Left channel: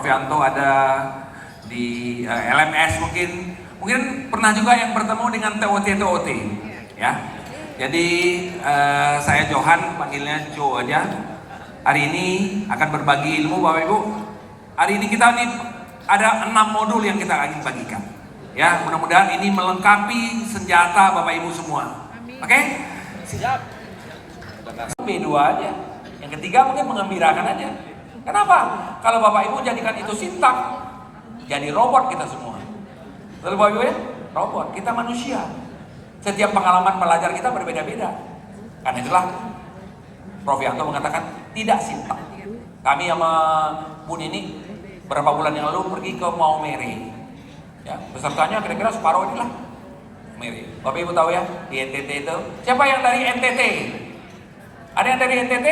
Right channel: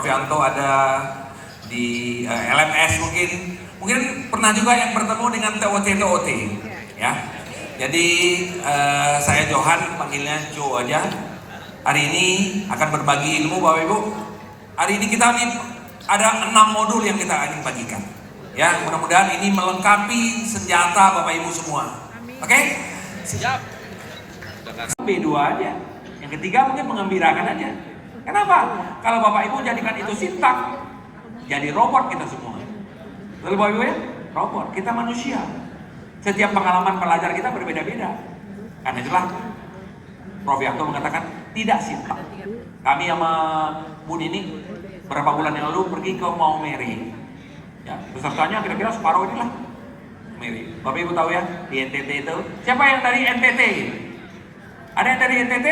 Prof Yanto ada di LMS mungkin pernah juga yang bertemu dengan TOT ya. Jadi saya Johan, panggilnya Jo aja. Hari ini akan berbagi ilmu Bapak Ibu. Hari ini kita ada 6 modul yang kita ingin bagikan. Ya, mudah-mudahan ini melengkapi senjata Bapak Ibu semua. Oke? Siap. B2 aja. Yang ketiga mungkin mengembirakan aja. Kenapa? Kalau Bapak Ibu jadikan itu sintak, jadi robot kita semua. Lalu Bapak Ibu ya, robot. Kita manusia. Setiap pengalaman belajar kita berbeda-beda. Karena itulah Prof Yanto mengatakan tidak sintak. Kami sama Bu Nini beberapa bulan yang lalu pergi ke Maumere. Ya, pesertanya kira-kira separuh inilah Maumere. Bapak Ibu tahu ya, di NTT itu. Siapa yang dari NTT? Ada yang dari NTT?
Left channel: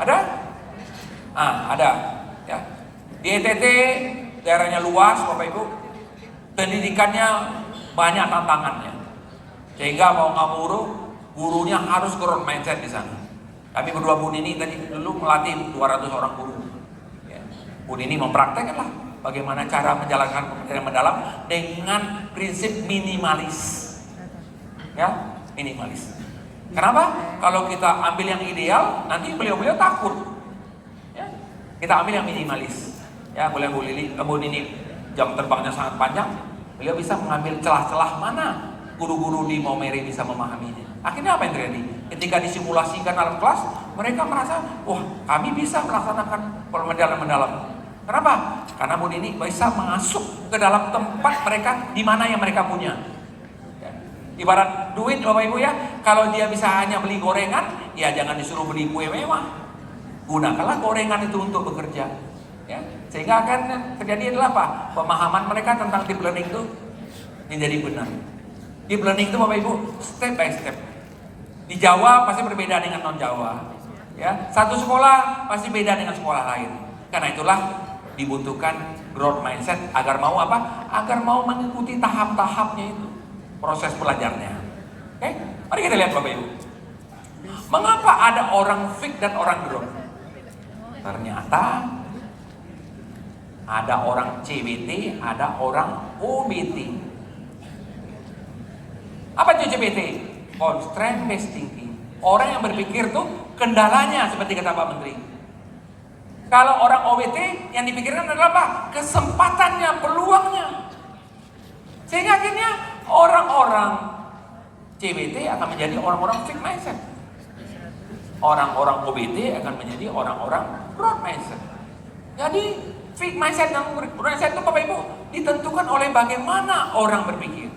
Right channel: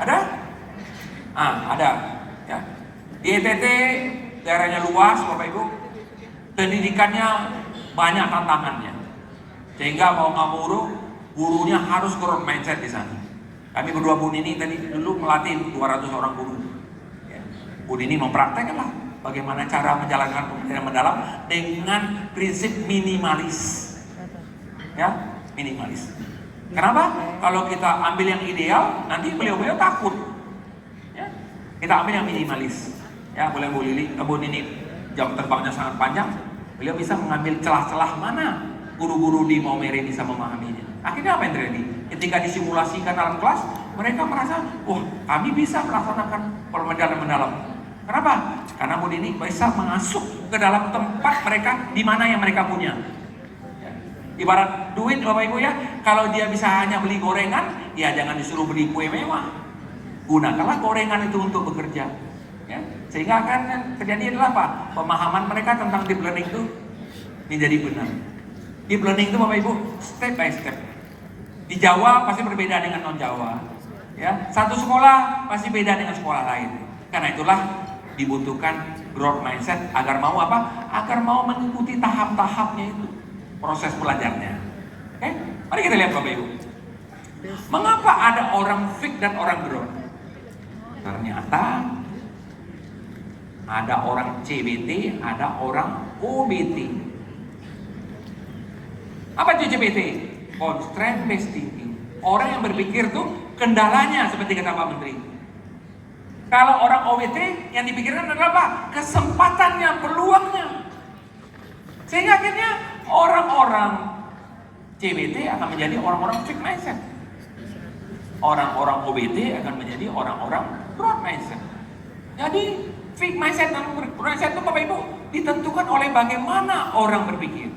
Ada? Ada. Ya. Di NTT daerahnya luas, Bapak Ibu. Pendidikannya banyak tantangannya. Sehingga mau nggak mau gurunya harus growth mindset di sana. Kami berdua Bu Nini tadi dulu melatih 200 orang guru. Ya. Bu Nini mempraktekkan lah bagaimana cara menjalankan pembelajaran mendalam dengan prinsip minimalis. Ya, minimalis. Kenapa? Kalau kita ambil yang ideal, nanti beliau-beliau takut. Ya, kita ambil yang minimalis. Ya, boleh Bu Nini jam terbangnya sangat panjang, beliau bisa mengambil celah-celah mana guru-guru di Maumere bisa memahaminya. Akhirnya apa yang terjadi? Ketika disimulasikan dalam kelas, mereka merasa, wah kami bisa melaksanakan pembelajaran mendalam. Kenapa? Karena Bu Nini bisa masuk ke dalam tempat mereka di mana yang mereka punya. Ya. Ibarat duit Bapak Ibu ya, kalau dia bisa hanya beli gorengan, ya jangan disuruh beli kue mewah. Gunakanlah gorengan itu untuk bekerja. Ya. Sehingga akan terjadi adalah apa? Pemahaman mereka tentang deep learning itu menjadi benar. Deep learning itu Bapak Ibu step by step. Di Jawa pasti berbeda dengan non Jawa. Ya, satu sekolah pasti beda dengan sekolah lain. Karena itulah dibutuhkan growth mindset agar mau apa? Agar mau mengikuti tahap-tahapnya itu proses belajarnya. Oke, mari kita lihat Bapak Ibu. Mengapa ada orang fix dan orang growth? Ternyata ada orang CBT, ada orang OBT. Apa itu CBT? Constraint based thinking. Orang yang berpikir tuh kendalanya seperti kata Pak Menteri. Kalau orang OBT yang dipikirkan adalah apa? Kesempatannya, peluangnya. Sehingga akhirnya orang-orang CBT akan menjadi orang-orang fixed mindset. Orang-orang OBT akan menjadi orang-orang growth mindset. Jadi fixed mindset dan growth mindset itu Bapak Ibu ditentukan oleh bagaimana orang berpikir.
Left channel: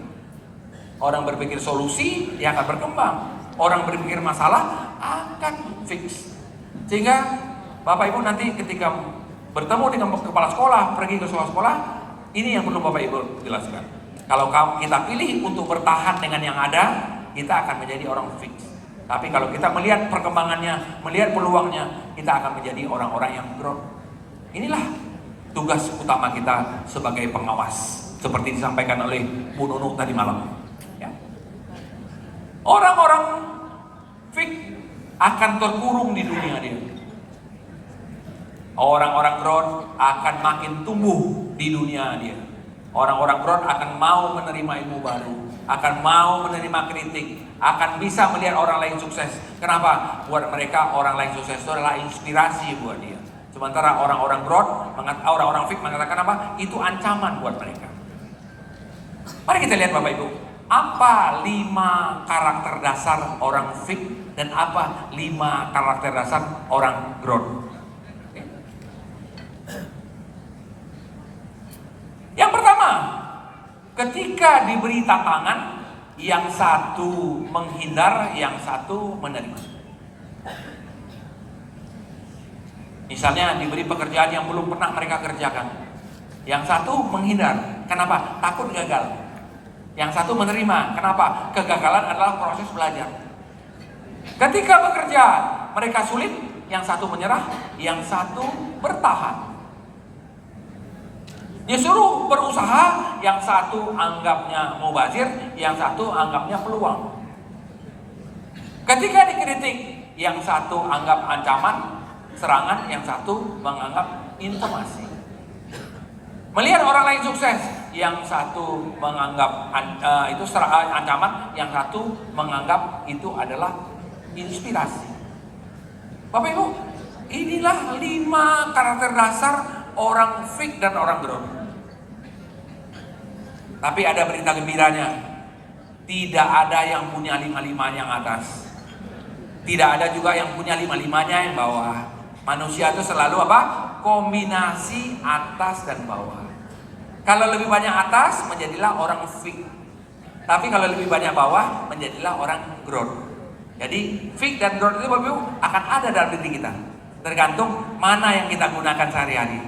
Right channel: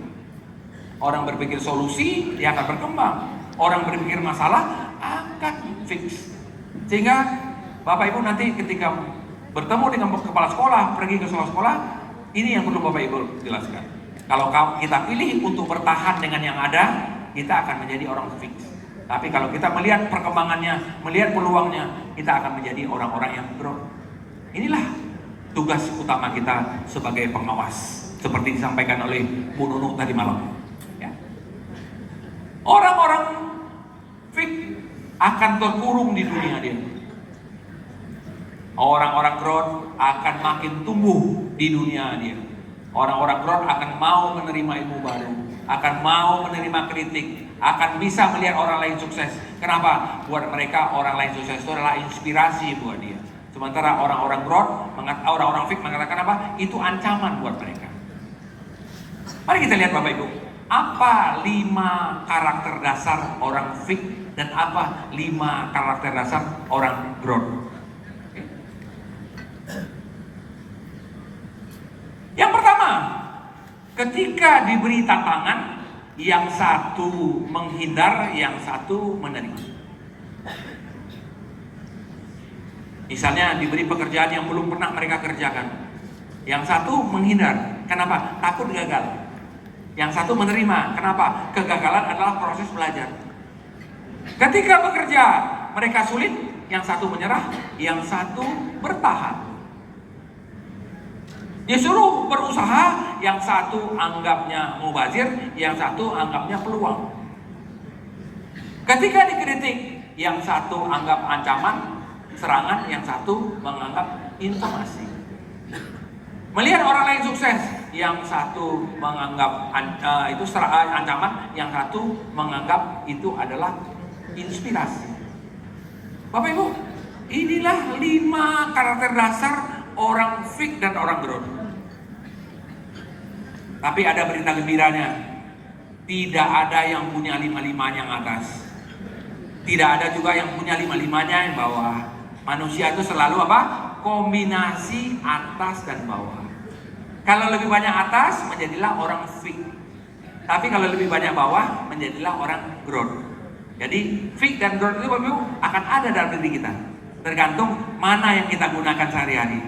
Orang berpikir solusi, dia akan berkembang. Orang berpikir masalah akan fix. Sehingga Bapak Ibu nanti ketika bertemu dengan kepala sekolah, pergi ke sekolah, ini yang perlu Bapak Ibu jelaskan. Kalau kita pilih untuk bertahan dengan yang ada, kita akan menjadi orang fix. Tapi kalau kita melihat perkembangannya, melihat peluangnya, kita akan menjadi orang-orang yang growth. Inilah tugas utama kita sebagai pengawas, seperti disampaikan oleh Bu Nunu tadi malam. Orang-orang fix akan terkurung di dunia dia. Orang-orang growth akan makin tumbuh di dunia dia. Orang-orang growth akan mau menerima ilmu baru, akan mau menerima kritik, akan bisa melihat orang lain sukses. Kenapa? Buat mereka orang lain sukses itu adalah inspirasi buat dia. Sementara orang-orang growth, orang-orang fix mengatakan apa? Itu ancaman buat mereka. Mari kita lihat Bapak Ibu. Apa 5 karakter dasar orang fix dan apa 5 karakter dasar orang growth? Okay. Yang pertama, ketika diberi tantangan, yang satu menghindar, yang satu menerima. Misalnya diberi pekerjaan yang belum pernah mereka kerjakan, yang satu menghindar. Kenapa? Takut gagal. Yang satu menerima. Kenapa? Kegagalan adalah proses belajar. Ketika bekerja mereka sulit, yang satu menyerah, yang satu bertahan. Disuruh berusaha, yang satu anggapnya mubazir, yang satu anggapnya peluang. Ketika dikritik, yang satu anggap ancaman, serangan, yang satu menganggap informasi. Melihat orang lain sukses, yang satu menganggap itu ancaman, yang satu menganggap itu adalah inspirasi. Bapak Ibu, inilah 5 karakter dasar orang fake dan orang growth. Tapi ada berita gembiranya, tidak ada yang punya 5-5 yang atas. Tidak ada juga yang punya 5-5-nya yang bawah. Manusia itu selalu apa? Kombinasi atas dan bawah. Kalau lebih banyak atas, menjadilah orang fake. Tapi kalau lebih banyak bawah, menjadilah orang growth. Jadi fake dan growth itu Bapak Ibu akan ada dalam diri kita. Tergantung mana yang kita gunakan sehari-hari.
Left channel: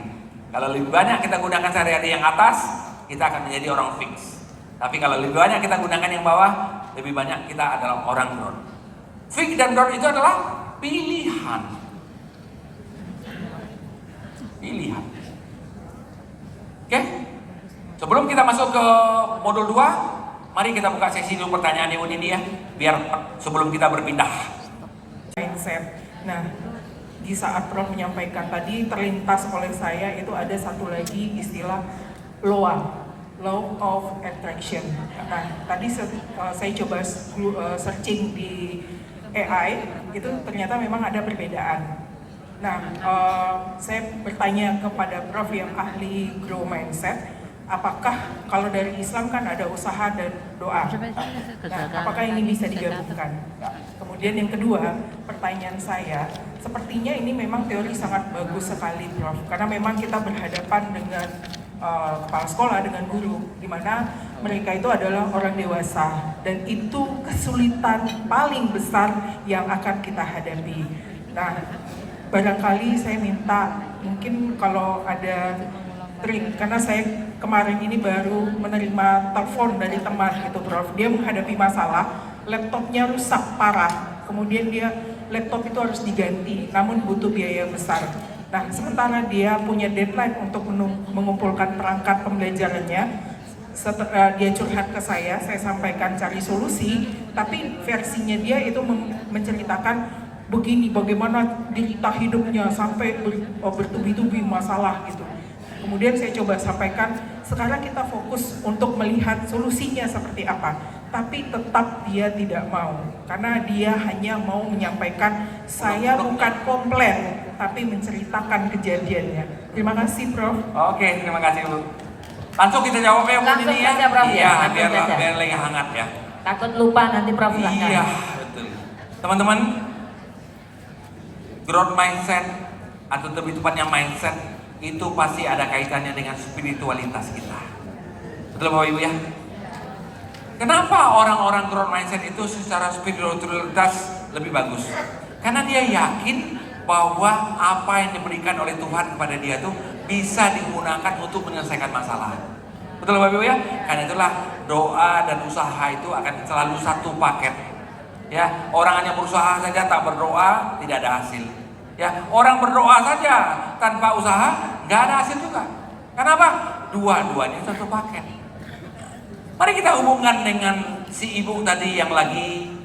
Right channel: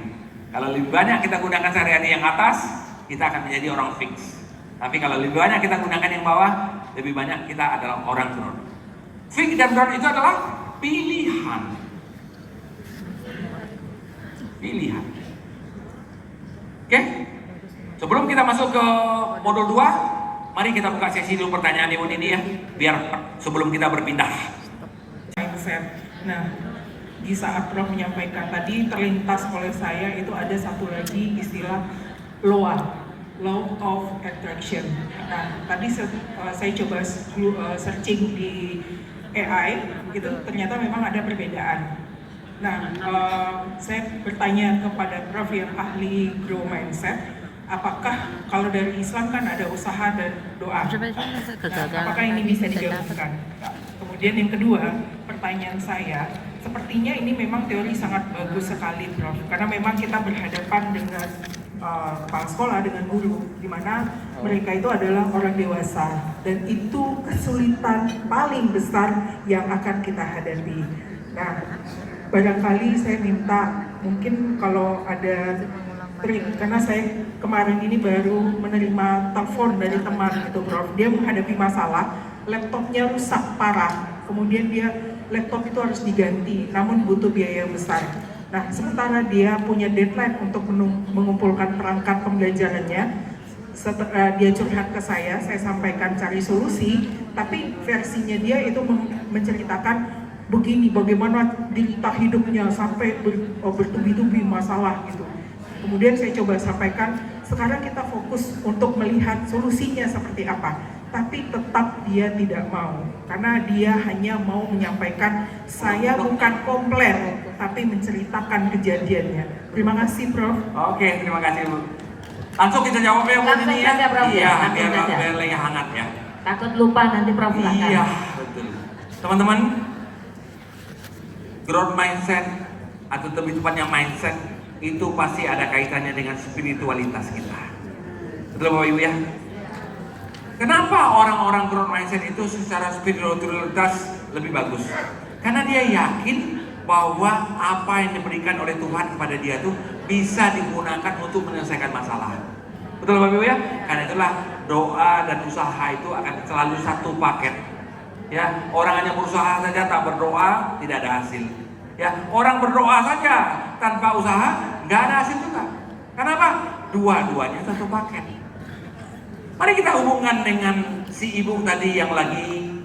Kalau lebih banyak kita gunakan sehari-hari yang atas, kita akan menjadi orang fix. Tapi kalau lebih banyak kita gunakan yang bawah, lebih banyak kita adalah orang growth. Fake dan growth itu adalah pilihan. Pilihan. Oke? Sebelum kita masuk ke modul 2, mari kita buka sesi dulu pertanyaan Ibu Nini ya, biar sebelum kita berpindah. Mindset. Nah, di saat Prof menyampaikan tadi terlintas oleh saya itu ada satu lagi istilah law of attraction. Nah, tadi saya coba searching di AI, itu ternyata memang ada perbedaan. Nah, saya bertanya kepada Prof yang ahli grow mindset, apakah kalau dari Islam kan ada usaha dan doa? Nah, apakah ini bisa digabungkan? Kemudian yang kedua, pertanyaan saya, sepertinya ini memang teori sangat bagus sekali, Prof. Karena memang kita berhadapan dengan kepala sekolah, dengan guru, di mana mereka itu adalah orang dewasa, dan itu kesulitan paling besar yang akan kita hadapi. Nah, barangkali saya minta mungkin kalau ada trik, karena saya kemarin ini baru menerima telepon dari teman itu, Prof. Dia menghadapi masalah, laptopnya rusak parah, kemudian laptop itu harus diganti, namun butuh biaya besar. Nah, sementara dia punya deadline untuk mengumpulkan perangkat pembelajarannya, dia curhat ke saya sampaikan cari solusi, tapi versinya dia itu menceritakan begini, bagaimana derita hidupnya sampai bertubi-tubi masalah gitu. Kemudian saya coba sampaikan, sekarang kita fokus untuk melihat solusinya seperti apa. Tapi tetap dia tidak mau, karena dia hanya mau menyampaikan, saya bukan komplain, tapi menceritakan kejadiannya. Terima kasih, Prof. Oke, terima kasih Bu. Langsung kita jawab ya Bu ini ya. Iya, biar lagi hangat ya. Takut lupa nanti Prof. Iya, betul. Teman-teman, growth mindset atau lebih tepatnya mindset itu pasti ada kaitannya dengan spiritualitas kita. Betul Bapak Ibu ya? Kenapa orang-orang growth mindset itu secara spiritualitas lebih bagus? Karena dia yakin bahwa apa yang diberikan oleh Tuhan kepada dia tuh bisa digunakan untuk menyelesaikan masalah. Betul Bapak Ibu ya? Karena itulah doa dan usaha itu akan selalu satu paket. Ya, orang hanya berusaha saja tak berdoa tidak ada hasil. Ya, orang berdoa saja tanpa usaha nggak ada hasil juga. Kenapa? Dua-duanya satu paket. Mari kita hubungkan dengan si ibu tadi yang lagi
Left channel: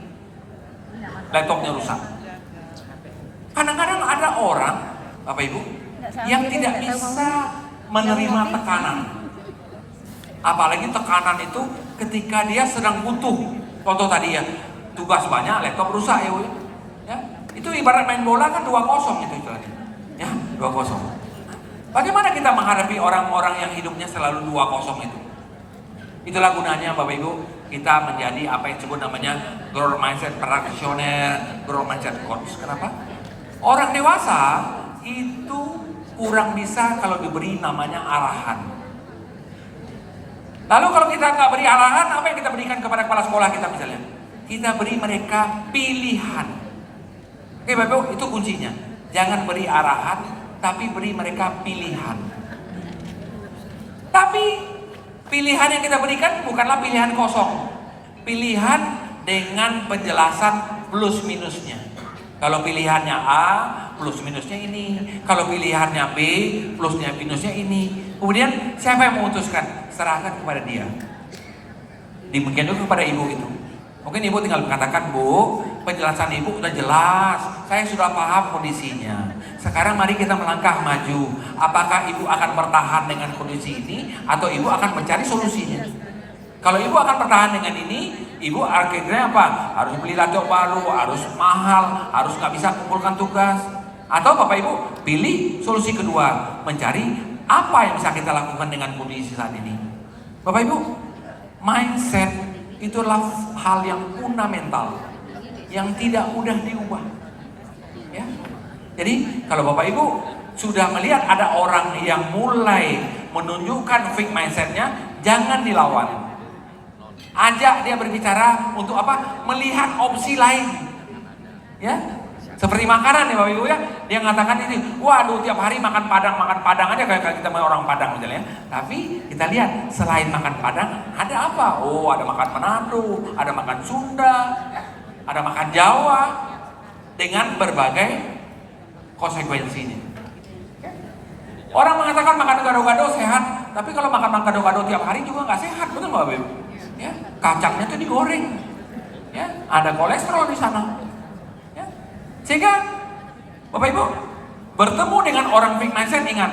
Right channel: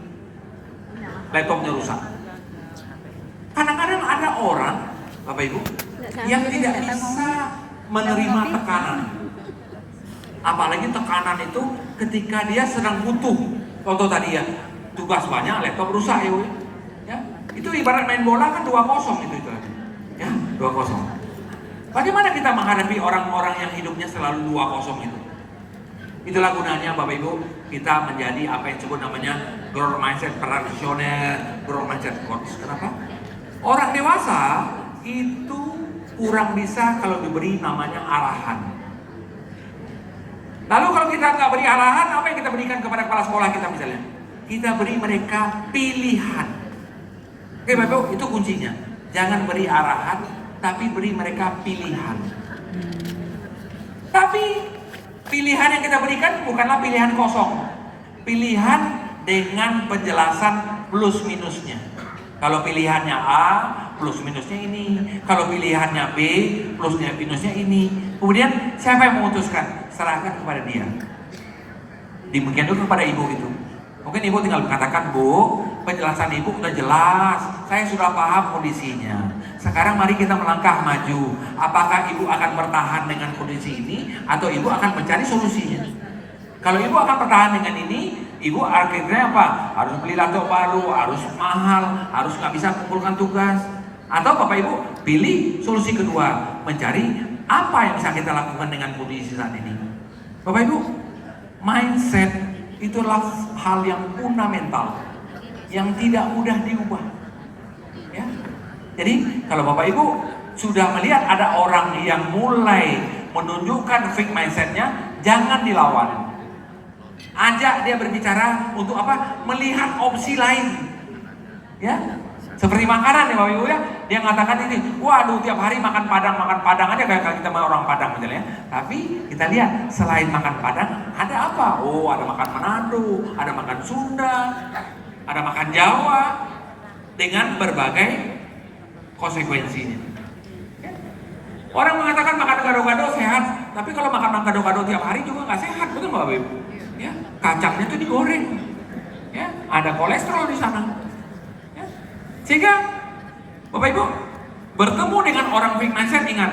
laptopnya rusak. Kadang-kadang ada orang, Bapak Ibu, yang tidak bisa menerima tekanan. Apalagi tekanan itu ketika dia sedang butuh. Contoh tadi ya, tugas banyak, laptop rusak ya Bu. Ya, itu ibarat main bola kan 2-0 itu tadi. Ya, 2-0. Bagaimana kita menghadapi orang-orang yang hidupnya selalu 2-0 itu? Itulah gunanya Bapak Ibu, kita menjadi apa yang disebut namanya growth mindset practitioner, growth mindset coach. Kenapa? Orang dewasa itu kurang bisa kalau diberi namanya arahan. Lalu kalau kita nggak beri arahan, apa yang kita berikan kepada kepala sekolah kita misalnya? Kita beri mereka pilihan. Oke Bapak Ibu, itu kuncinya. Jangan beri arahan, tapi beri mereka pilihan. Tapi pilihan yang kita berikan bukanlah pilihan kosong. Pilihan dengan penjelasan plus minusnya. Kalau pilihannya A, plus minusnya ini. Kalau pilihannya B, plusnya minusnya ini. Kemudian siapa yang memutuskan? Serahkan kepada dia. Demikian juga kepada ibu itu. Mungkin ibu tinggal mengatakan, Bu, penjelasan ibu udah jelas. Saya sudah paham kondisinya. Sekarang mari kita melangkah maju. Apakah ibu akan bertahan dengan kondisi ini atau ibu akan mencari solusinya? Kalau ibu akan bertahan dengan ini, ibu akhirnya apa? Harus beli laptop baru, harus mahal, harus nggak bisa kumpulkan tugas. Atau Bapak Ibu pilih solusi kedua, mencari apa yang bisa kita lakukan dengan kondisi saat ini. Bapak Ibu, mindset itulah hal yang fundamental, yang tidak mudah diubah. Ya. Jadi kalau Bapak Ibu sudah melihat ada orang yang mulai menunjukkan fixed mindsetnya, jangan dilawan. Ajak dia berbicara untuk apa? Melihat opsi lain. Ya, seperti makanan ya Bapak Ibu ya. Dia mengatakan ini, waduh tiap hari makan padang aja kayak kita orang Padang misalnya. Tapi kita lihat selain makan Padang ada apa? Oh, ada makan Manado, ada makan Sunda, ada makan Jawa dengan berbagai konsekuensinya. Orang mengatakan makan gado-gado sehat, tapi kalau makan gado-gado tiap hari juga nggak sehat, betul nggak Bapak Ibu? Ya, kacangnya tuh digoreng, ya, ada kolesterol di sana. Ya. Sehingga Bapak Ibu bertemu dengan orang fixed mindset, ingat,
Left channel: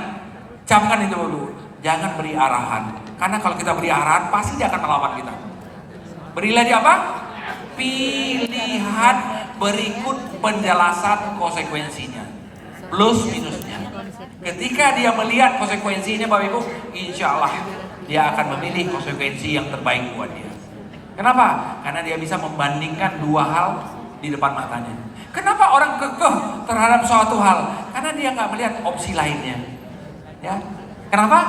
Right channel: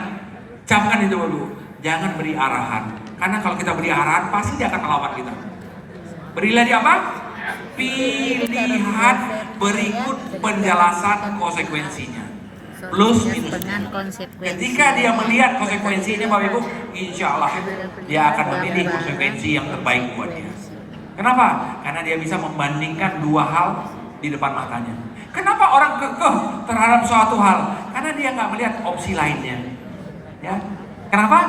camkan itu dulu, jangan beri arahan, karena kalau kita beri arahan pasti dia akan melawan kita. Berilah dia apa? Pilihan berikut penjelasan konsekuensinya. Plus minusnya. Ketika dia melihat konsekuensinya Bapak Ibu, insya Allah dia akan memilih konsekuensi yang terbaik buat dia. Kenapa? Karena dia bisa membandingkan dua hal di depan matanya. Kenapa orang kekeh terhadap suatu hal? Karena dia nggak melihat opsi lainnya. Ya. Kenapa?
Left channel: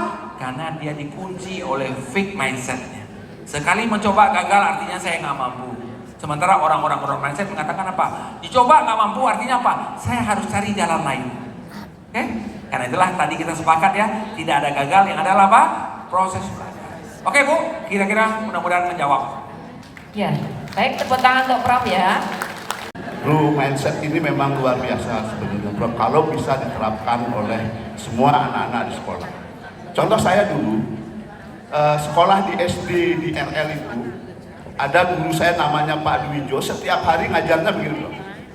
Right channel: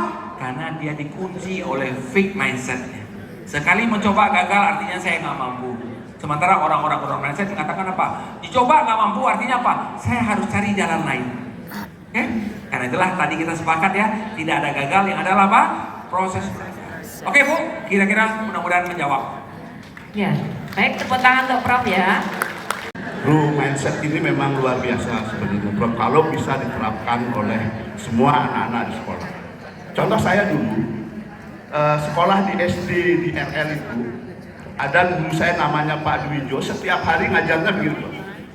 Karena dia dikunci oleh fixed mindsetnya. Sekali mencoba gagal artinya saya nggak mampu. Sementara orang-orang mindset mengatakan apa? Dicoba nggak mampu artinya apa? Saya harus cari jalan lain. Oke? Karena itulah tadi kita sepakat ya, tidak ada gagal, yang adalah apa? Proses. Oke Bu, kira-kira mudah-mudahan menjawab. Ya, baik, tepuk tangan untuk Prof ya. Bro, mindset ini memang luar biasa sebenarnya Bro, kalau bisa diterapkan oleh semua anak-anak di sekolah. Contoh saya dulu, sekolah di SD di RL itu, ada guru saya namanya Pak Dwijo, setiap hari ngajarnya begitu.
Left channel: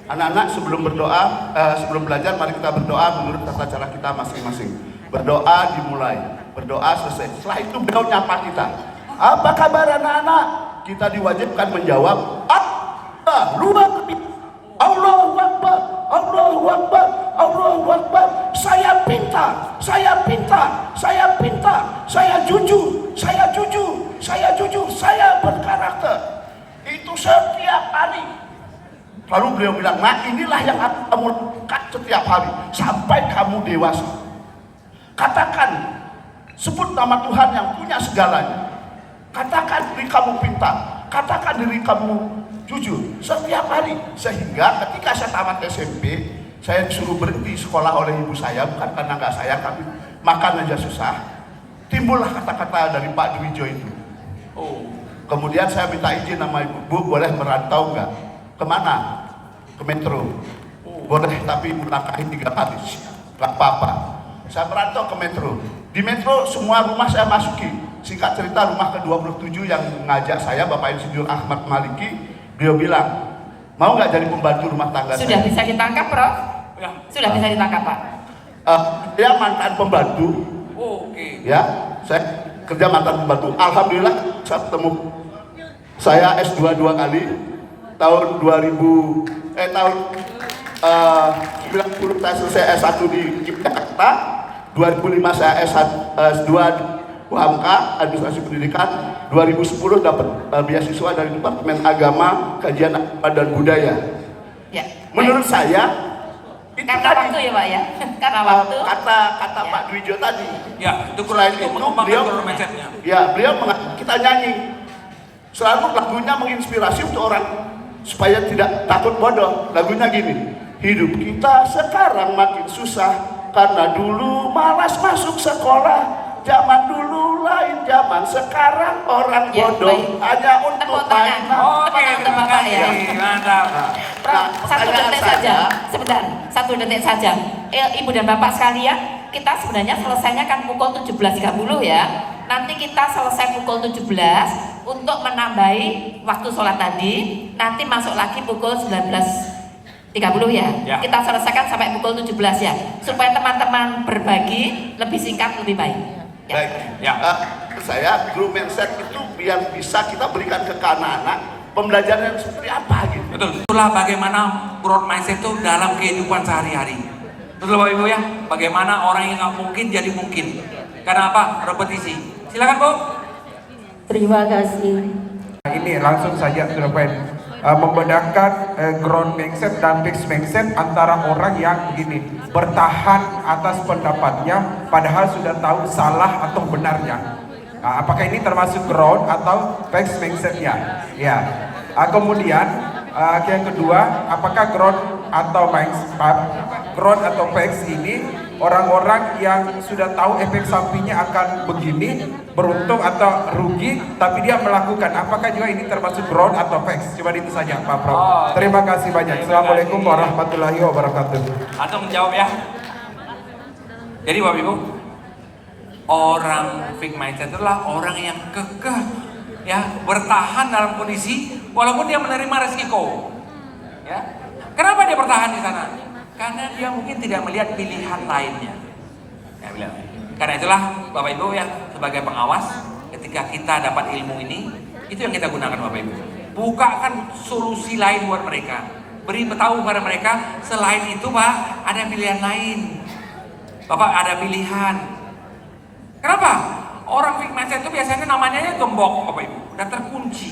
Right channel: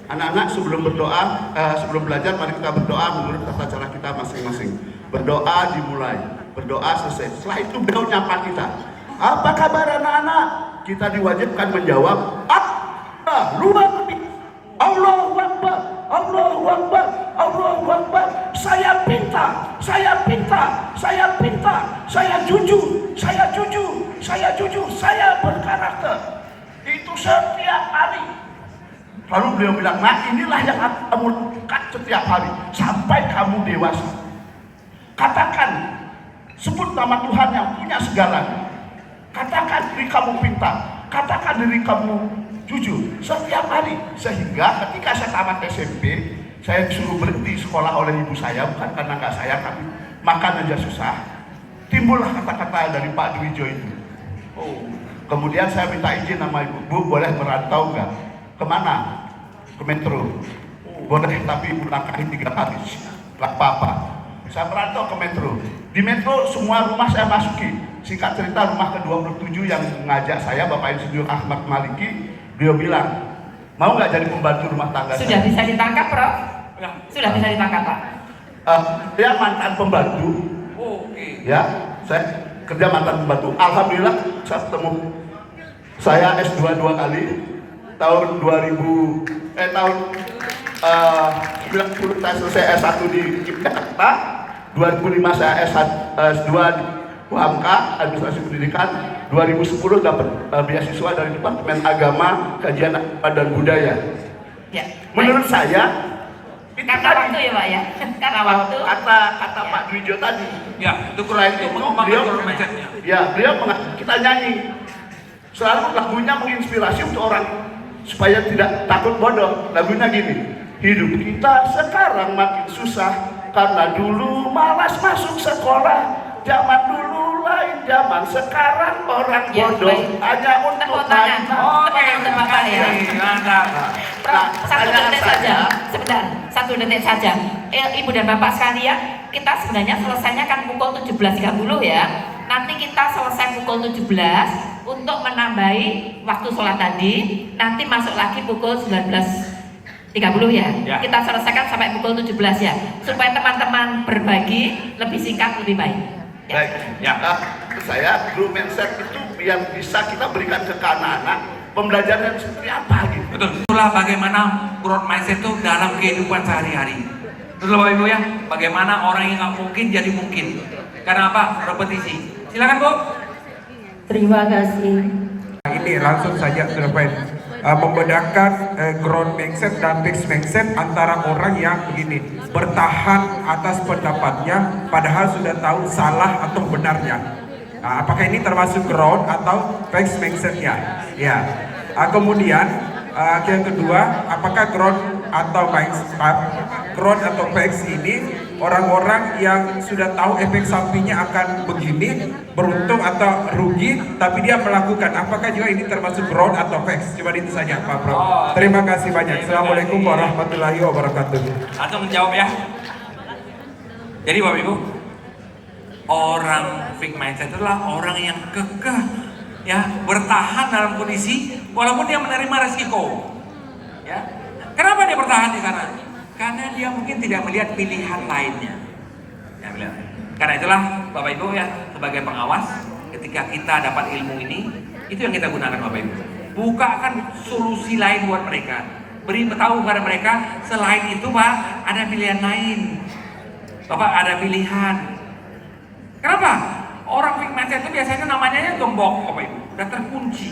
Anak-anak sebelum berdoa, sebelum belajar mari kita berdoa menurut tata cara kita masing-masing. Berdoa dimulai, berdoa selesai. Setelah itu beliau nyapa kita. Apa kabar anak-anak? Kita diwajibkan menjawab, luar biasa. Allahu Akbar, Allahu Akbar, Allahu Akbar. Saya pintar, saya pintar, saya pintar, saya jujur, saya jujur, saya jujur, saya berkarakter. Itu setiap hari. Lalu beliau bilang, nah inilah yang kamu lakukan setiap hari sampai kamu dewasa. Katakan, sebut nama Tuhan yang punya segalanya. Katakan diri kamu pintar, katakan diri kamu jujur setiap hari. Sehingga ketika saya tamat SMP, saya disuruh berhenti sekolah oleh ibu saya, bukan karena nggak sayang, tapi makan aja susah. Timbullah kata-kata dari Pak Dwijo itu. Oh, kemudian saya minta izin sama ibu, Bu boleh merantau nggak? Kemana? Ke Metro. Boleh, tapi melangkahi 3 kali. Nggak apa-apa. Saya merantau ke Metro. Di Metro semua rumah saya masuki. Singkat cerita, rumah ke-27 yang ngajak saya, Bapak Insinyur Ahmad Maliki, beliau bilang, mau nggak jadi pembantu rumah tangga Sudah saya? bisa ditangkap Prof? Ya. Sudah bisa ditangkap Pak? Dia mantan pembantu. Oke. Ya, saya kerja mantan pembantu. Alhamdulillah saya ketemu. Saya S2 2 kali. Tahun 90 saya selesai S1 di Jakarta. 2005 saya S2 di UHAMKA, Administrasi Pendidikan. 2010 dapat beasiswa dari Departemen Agama, Kajian Agama dan Budaya. Ya. Menurut saya itu Karena tadi, waktu ya Pak ya? Karena waktu. kata Ya. Pak Dwijo tadi. Ya, itu Selain itu beliau mindsetnya. ya beliau kita nyanyi. Selalu lagunya menginspirasi untuk orang supaya tidak takut bodoh. Lagunya gini, hidup kita sekarang makin susah karena dulu malas masuk sekolah. Zaman dulu lain, zaman sekarang orang Ya, bodoh baik. hanya untuk Tepuk tangan. mainan. Oke, Tepuk tangan untuk terima Bapak ya. kasih. Mantap. Prof, 1 pertanyaan detik saya- saja, sebentar, 1 detik saja. Ibu dan Bapak sekalian, kita sebenarnya selesainya kan pukul 17.30 ya. Nanti kita selesai pukul 17 untuk menambahi waktu sholat tadi. Nanti masuk lagi pukul 19 ya. Ya. Kita selesaikan sampai pukul 17 ya. Supaya teman-teman berbagi lebih singkat lebih baik. Ya. Baik, Ya. saya growth mindset itu yang bisa kita berikan ke anak-anak pembelajaran seperti apa gitu. Betul. Itulah bagaimana growth mindset itu dalam kehidupan sehari-hari. Betul Bapak Ibu ya. Bagaimana orang yang nggak mungkin jadi mungkin. Karena apa? Repetisi. Silakan Bu. Terima kasih. Ini langsung saja membedakan growth mindset dan fixed mindset antara orang yang begini bertahan atas pendapatnya padahal sudah tahu salah atau benarnya. Nah, apakah ini termasuk growth atau fixed mindsetnya? Ya. Kemudian yang kedua, apakah growth atau fixed ini orang-orang yang sudah tahu efek sampingnya akan begini, beruntung atau rugi, tapi dia melakukan. Apakah juga ini termasuk growth atau fixed? Cuma itu saja Pak Prof. Terima kasih banyak. Assalamualaikum warahmatullahi wabarakatuh. Langsung menjawab ya. Jadi Bapak Ibu, orang fixed mindset adalah orang yang kekeh, ya, bertahan dalam kondisi walaupun dia menerima resiko. Ya. Kenapa dia bertahan di sana? Karena dia mungkin tidak melihat pilihan lainnya. Ya, bilang. Karena itulah Bapak Ibu ya, sebagai pengawas, ketika kita dapat ilmu ini, itu yang kita gunakan Bapak Ibu. Bukakan solusi lain buat mereka. Beri tahu kepada mereka, selain itu Pak, ada pilihan lain. Bapak ada pilihan. Kenapa? Orang fixed mindset itu biasanya namanya gembok Bapak Ibu, udah terkunci.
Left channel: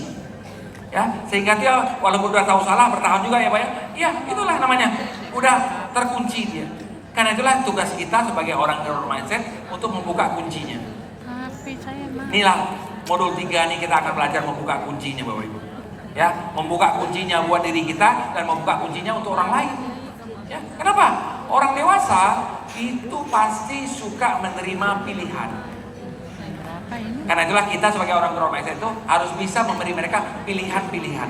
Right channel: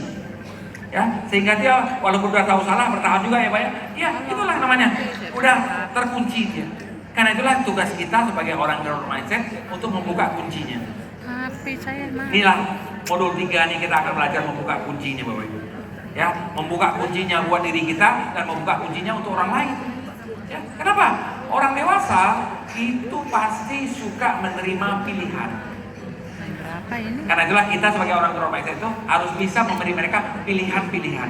Ya, sehingga dia walaupun udah tahu salah bertahan juga ya Pak ya. Iya, itulah namanya. Udah terkunci dia. Karena itulah tugas kita sebagai orang growth mindset untuk membuka kuncinya. HP saya mah. Inilah modul 3 nih kita akan belajar membuka kuncinya Bapak Ibu. Ya, membuka kuncinya buat diri kita dan membuka kuncinya untuk orang lain. Ya, kenapa? Orang dewasa itu pasti suka menerima pilihan. Berapa ini? Karena itulah kita sebagai orang growth mindset itu harus bisa memberi mereka pilihan-pilihan.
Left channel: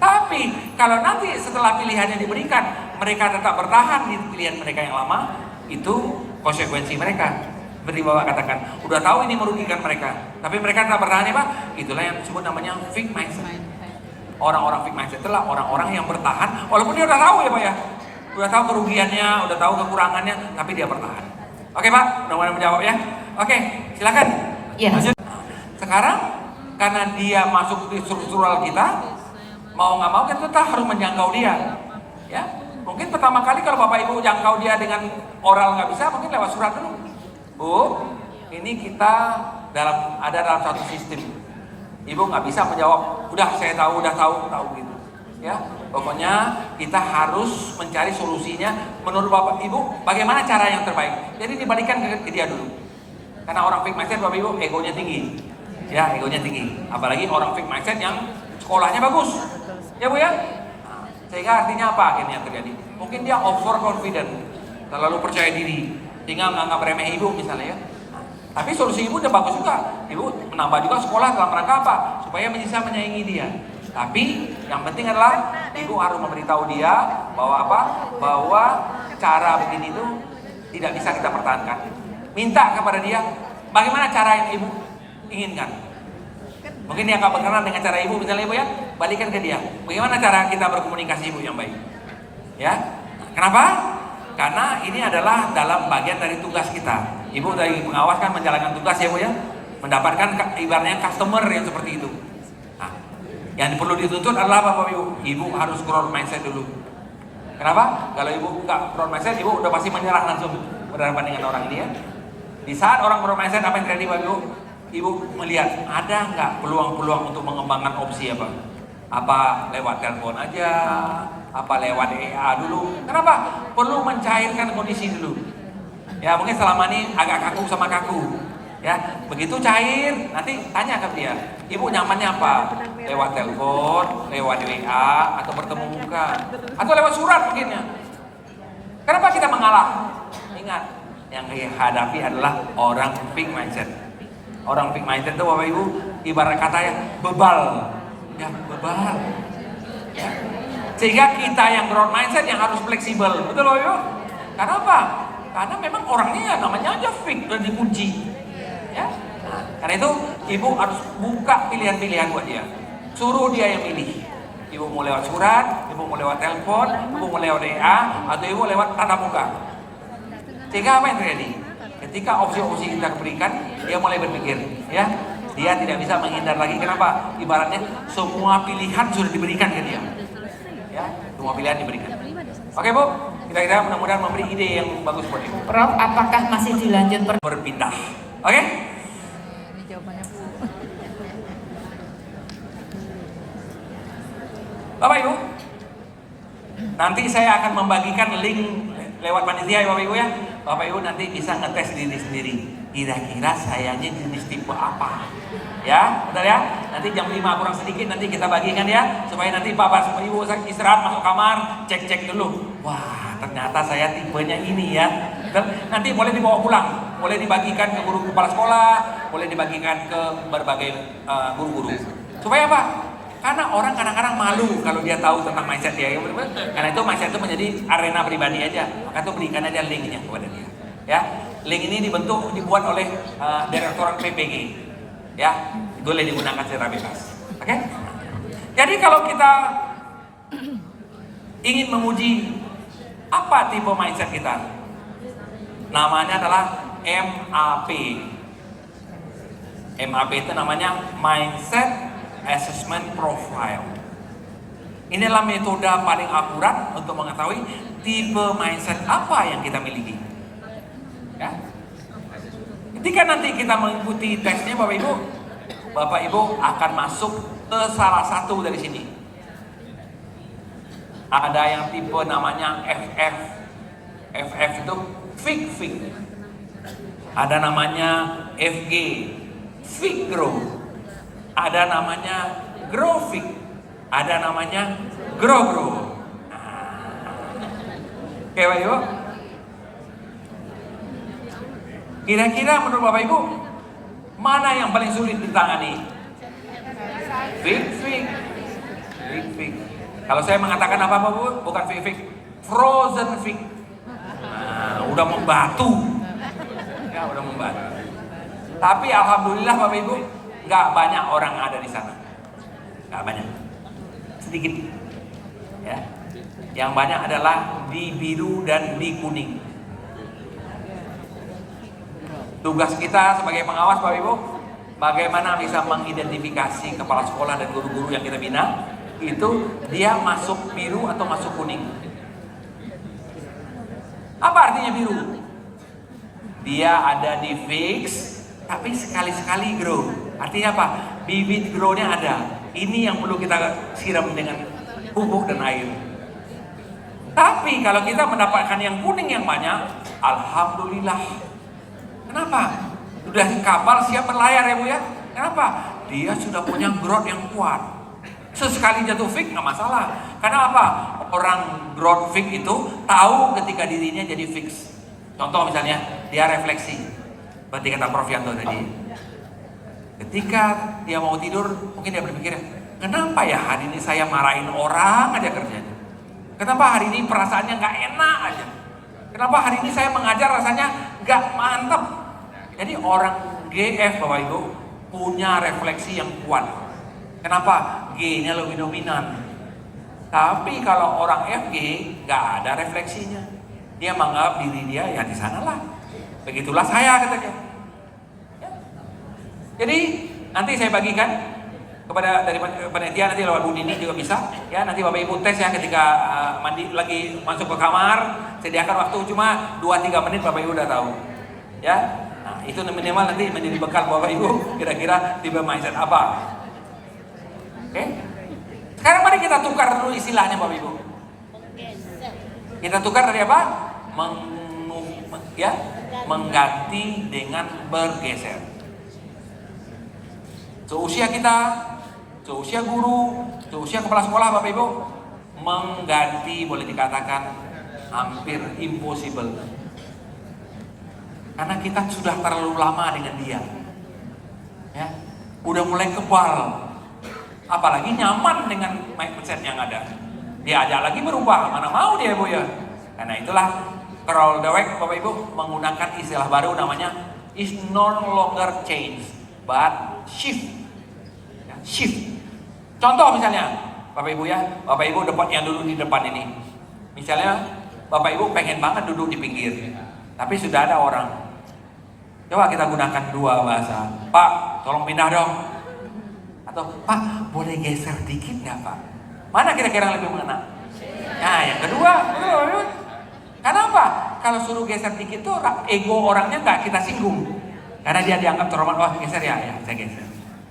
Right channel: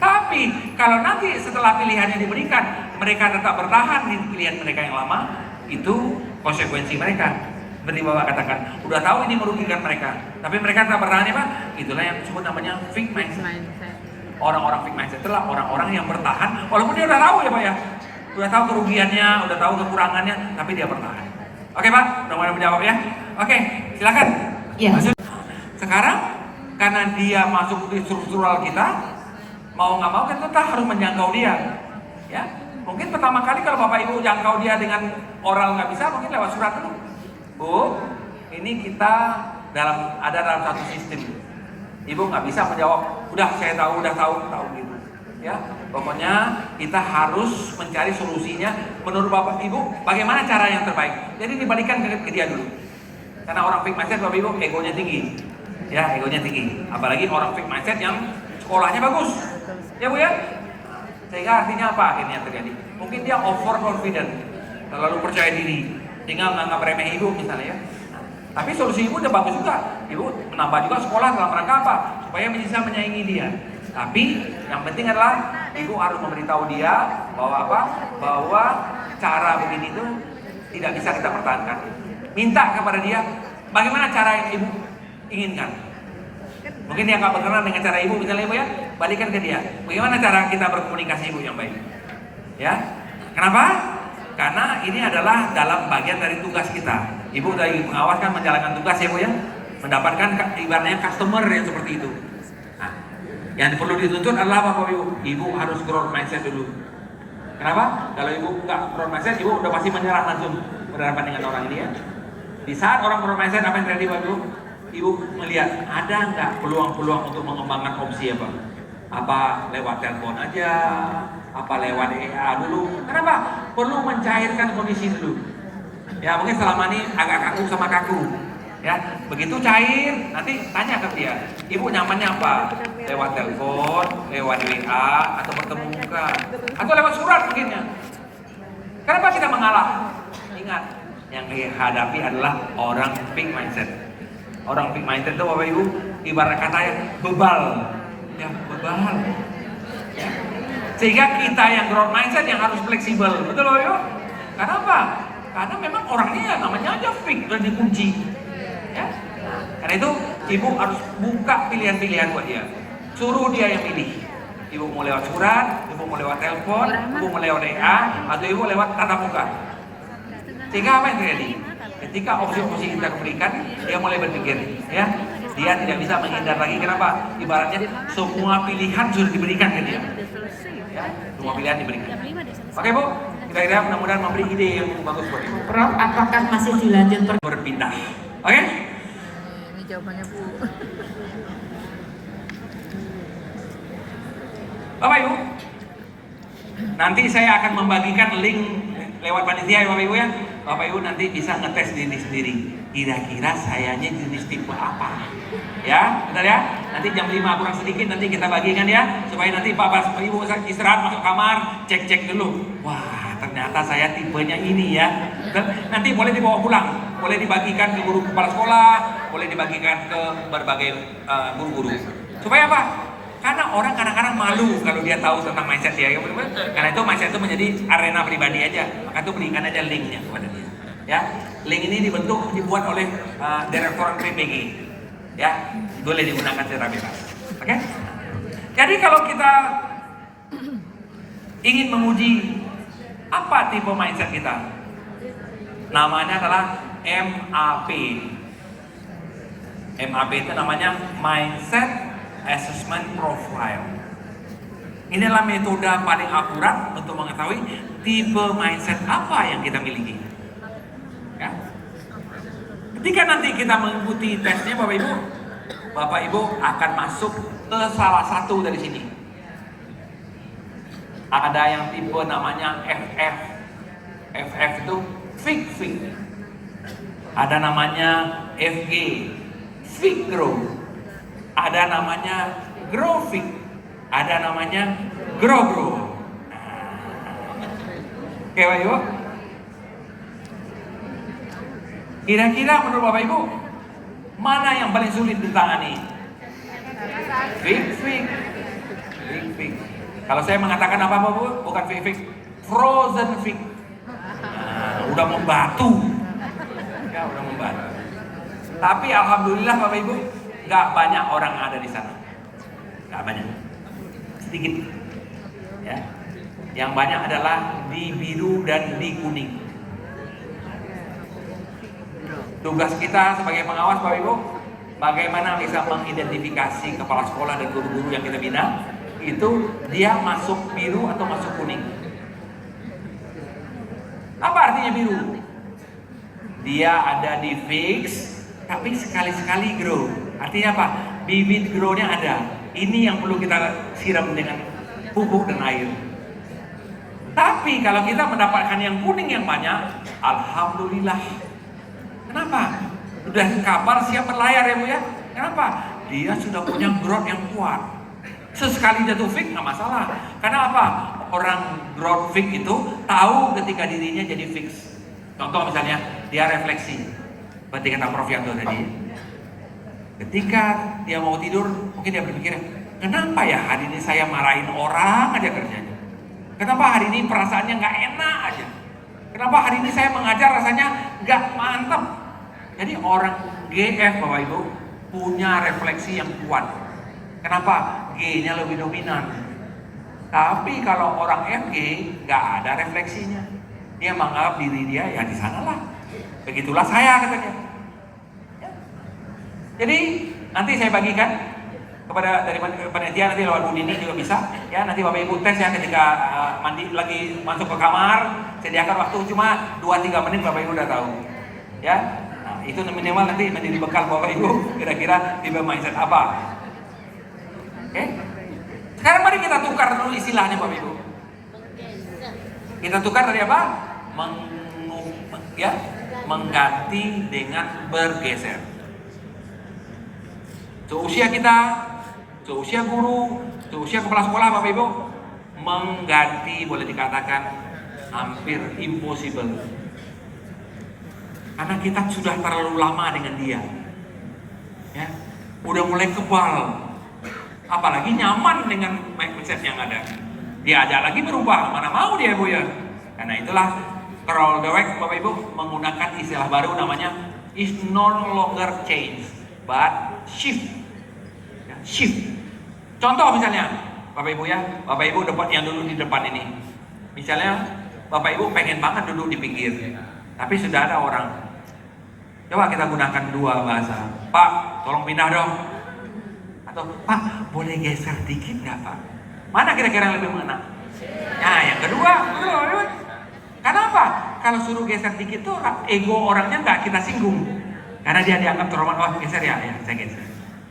Tapi kalau nanti setelah pilihannya diberikan, mereka tetap bertahan di pilihan mereka yang lama, itu konsekuensi mereka. Seperti Bapak katakan, udah tahu ini merugikan mereka, tapi mereka tetap bertahan ya Pak. Itulah yang disebut namanya fixed mindset. Orang-orang fixed mindset itulah orang-orang yang bertahan, walaupun dia udah tahu ya Pak ya, udah tahu kerugiannya, udah tahu kekurangannya, tapi dia bertahan. Oke Pak, mudah-mudahan menjawab ya. Oke, silakan. Ya. Lanjut. Sekarang karena dia masuk di struktural kita, mau nggak mau kita harus menjangkau dia. Ya, mungkin pertama kali kalau Bapak Ibu jangkau dia dengan oral nggak bisa, mungkin lewat surat dulu. Bu, ini kita ada dalam satu sistem. Ibu nggak bisa menjawab, udah saya tahu gitu. Ya, pokoknya kita harus mencari solusinya menurut Bapak Ibu bagaimana cara yang terbaik. Jadi dibalikan ke dia dulu. Karena orang fixed mindset Bapak Ibu egonya tinggi. Ya, egonya tinggi. Apalagi orang fixed mindset yang sekolahnya bagus. Ya Bu ya? Nah, sehingga artinya apa akhirnya terjadi? Mungkin dia overconfident, terlalu percaya diri, sehingga menganggap remeh ibu misalnya ya. Nah, tapi solusi ibu udah bagus juga. Ibu menambah juga sekolah dalam rangka apa? Supaya bisa menyaingi dia. Tapi yang penting adalah ibu harus memberitahu dia bahwa apa? Bahwa cara begini itu tidak bisa kita pertahankan. Minta kepada dia bagaimana cara yang ibu inginkan. Mungkin dia nggak berkenan dengan cara ibu, misalnya ibu ya, balikan ke dia. Bagaimana cara kita berkomunikasi ibu yang baik? Ya, kenapa? Karena ini adalah dalam bagian dari tugas kita. Ibu dari pengawas kan menjalankan tugas ya bu ya, mendapatkan ibaratnya customer yang seperti itu. Nah, yang perlu dituntut adalah apa ibu? Ibu harus growth mindset dulu. Kenapa? Kalau ibu nggak growth mindset, ibu udah pasti menyerah langsung berhadapan dengan orang ini ya. Di saat orang growth mindset apa yang terjadi pak ibu? Ibu melihat ada nggak peluang-peluang untuk mengembangkan opsi apa? Apa lewat telepon aja? Apa lewat EA dulu? Kenapa? Perlu mencairkan kondisi dulu. Ya mungkin selama ini agak kaku sama kaku. Ya begitu cair, nanti tanya ke dia. Ibu nyamannya apa? Lewat telepon, lewat WA, atau bertemu muka, atau lewat surat mungkin ya. Kenapa kita mengalah? Ingat, yang dihadapi adalah orang fixed mindset. Orang fixed mindset itu Bapak Ibu ibarat kata ya bebal. Ya bebal. Ya. Sehingga kita yang growth mindset yang harus fleksibel. Betul loh Ibu? Karena apa? Karena memang orangnya ya namanya aja fix dan dikunci. Ya. Nah, karena itu Ibu harus buka pilihan-pilihan buat dia. Suruh dia yang pilih. Ibu mau lewat surat, ibu mau lewat telepon, ibu mau lewat WA, atau ibu lewat tatap muka. Sehingga apa yang terjadi? Ketika opsi-opsi kita berikan, dia mulai berpikir, ya, dia tidak bisa menghindar lagi. Kenapa? Ibaratnya semua pilihan sudah diberikan ke dia. Ya, semua pilihan diberikan. Oke Bu, kira-kira mudah-mudahan memberi ide yang bagus buat Ibu. Prof, apakah masih dilanjut Berpindah. Oke? Ini jawabannya Bu. Bapak Ibu, nanti saya akan membagikan link lewat panitia ya Bapak Ibu ya. Bapak Ibu nanti bisa ngetes diri sendiri. Kira-kira sayanya jenis tipe apa? Ya, bentar ya. Nanti jam 5 kurang sedikit nanti kita bagikan ya. Supaya nanti Bapak sama Ibu istirahat masuk kamar, cek-cek dulu. Wah, ternyata saya tipenya ini ya. Dan nanti boleh dibawa pulang. Boleh dibagikan ke guru kepala sekolah, boleh dibagikan ke berbagai guru-guru. Supaya apa? Karena orang kadang-kadang malu kalau dia tahu tentang mindset dia. Karena itu mindset itu menjadi arena pribadi aja. Maka itu berikan aja linknya kepada dia. Ya, link ini dibuat oleh Direktorat PPG. Ya, boleh digunakan secara bebas. Oke? Jadi kalau kita ingin menguji apa tipe mindset kita, namanya adalah MAP. MAP itu namanya Mindset Assessment Profile. Inilah metode paling akurat untuk mengetahui tipe mindset apa yang kita miliki. Ya. Ketika nanti kita mengikuti tesnya Bapak Ibu akan masuk ke salah satu dari sini. Ada yang tipe namanya FF. FF itu Fig. Ada namanya FG, Fig-Grow. Ada namanya Grow-Fig. Ada namanya Grow-Grow. Oke Bapak Ibu. Kira-kira menurut Bapak Ibu, mana yang paling sulit ditangani? Fig. Kalau saya mengatakan apa Bu? Bukan fig, frozen fig. Udah membatu. Ya, udah membatu. Tapi alhamdulillah Bapak Ibu, nggak banyak orang ada di sana. Nggak banyak. Sedikit. Ya. Yang banyak adalah di biru dan di kuning. Tugas kita sebagai pengawas Bapak Ibu, bagaimana bisa mengidentifikasi kepala sekolah dan guru-guru yang kita bina, itu dia masuk biru atau masuk kuning. Apa artinya biru? Dia ada di fix, tapi sekali-sekali grow. Artinya apa? Bibit grow-nya ada. Ini yang perlu kita siram dengan pupuk dan air. Tapi kalau kita mendapatkan yang kuning yang banyak, alhamdulillah. Kenapa? Sudah kapal siap berlayar ya Bu ya. Kenapa? Dia sudah punya growth yang kuat. Sesekali jatuh fix nggak masalah. Karena apa? Orang growth fix itu tahu ketika dirinya jadi fix. Contoh misalnya dia refleksi. Berarti kata Prof Yanto tadi. Ketika dia mau tidur, mungkin dia berpikir, kenapa ya hari ini saya marahin orang aja kerjanya? Kenapa hari ini perasaannya nggak enak aja? Kenapa hari ini saya mengajar rasanya nggak mantap? Jadi orang GF Bapak Ibu punya refleksi yang kuat. Kenapa? G-nya lebih dominan. Tapi kalau orang FG nggak ada refleksinya. Dia menganggap diri dia ya di sanalah. Begitulah saya katanya. Ya. Jadi nanti saya bagikan kepada dari panitia nanti lewat Bu Dini juga bisa. Ya nanti Bapak Ibu tes ya ketika mandi lagi masuk ke kamar, sediakan waktu cuma 2-3 menit Bapak Ibu udah tahu. Ya. Nah, itu minimal nanti menjadi bekal Bapak Ibu kira-kira tipe mindset apa. Oke? Sekarang mari kita tukar dulu istilahnya Bapak Ibu. Kita tukar dari apa? Mengganti dengan bergeser. Seusia kita, seusia guru, seusia kepala sekolah Bapak Ibu, mengganti boleh dikatakan hampir impossible. Karena kita sudah terlalu lama dengan dia. Ya, udah mulai kebal. Apalagi nyaman dengan mindset yang ada. Dia ada lagi berubah, mana mau dia Bu ya. Karena itulah Carol Dweck Bapak Ibu menggunakan istilah baru namanya is no longer change but shift. Ya, shift. Contoh misalnya, Bapak Ibu ya, Bapak Ibu yang duduk di depan ini. Misalnya Bapak Ibu pengen banget duduk di pinggir, tapi sudah ada orang. Coba kita gunakan dua bahasa. Pak, tolong pindah dong. Atau Pak, boleh geser dikit nggak Pak? Mana kira-kira yang lebih mengena? Nah, yang kedua, betul. Kenapa? Kalau suruh geser dikit tuh ego orangnya nggak kita singgung, karena dia dianggap terhormat. Oh geser ya, saya geser.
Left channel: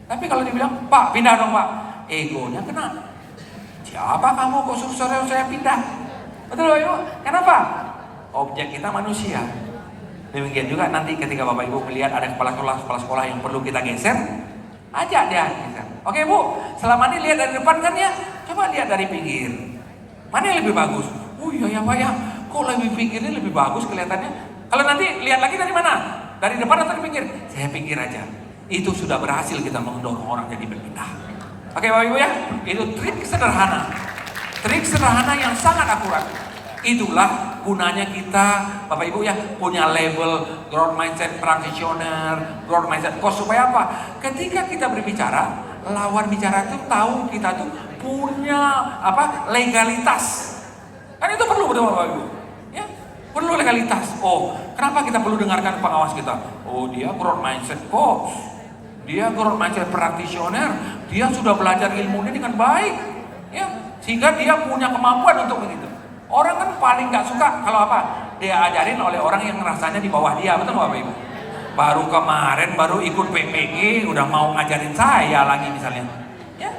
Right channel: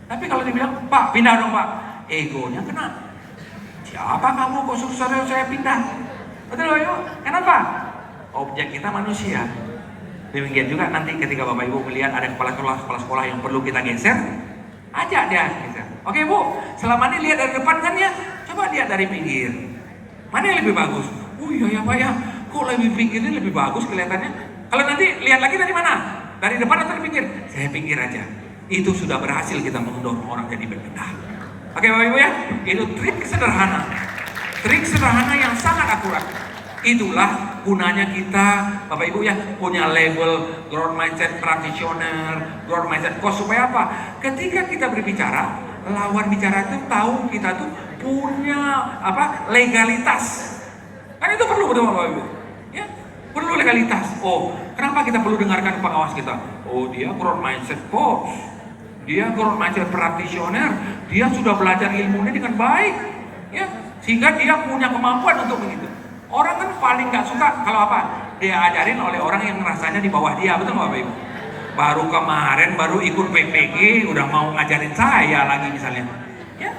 Tapi kalau dibilang Pak, pindah dong Pak, egonya kena. Siapa kamu kok suruh saya pindah? Betul Ibu? Kenapa? Objek kita manusia. Demikian juga nanti ketika Bapak Ibu melihat ada kepala sekolah yang perlu kita geser, ajak dia geser. Oke Bu, selama ini lihat dari depan kan ya, coba lihat dari pinggir. Mana yang lebih bagus? Oh iya ya Pak ya, kok lebih pinggirnya lebih bagus kelihatannya. Kalau nanti lihat lagi dari mana? Dari depan atau dari pinggir? Saya pinggir aja. Itu sudah berhasil kita mendorong orang jadi berpindah. Oke Bapak Ibu ya, itu trik sederhana. Trik sederhana yang sangat akurat. Itulah gunanya kita Bapak Ibu ya punya label growth mindset practitioner, growth mindset coach, supaya apa? Ketika kita berbicara, lawan bicara itu tahu kita tuh punya legalitas. Kan itu perlu betul Bapak Ibu. Ya, perlu legalitas. Oh, kenapa kita perlu dengarkan pengawas kita? Oh, dia growth mindset coach. Dia growth mindset practitioner. Dia sudah belajar ilmunya dengan baik. Ya, sehingga dia punya kemampuan untuk begitu. Orang kan paling nggak suka kalau apa? Dia ajarin oleh orang yang rasanya di bawah dia, betul Bapak Ibu? Baru kemarin ikut PPG udah mau ngajarin saya lagi misalnya. Ya,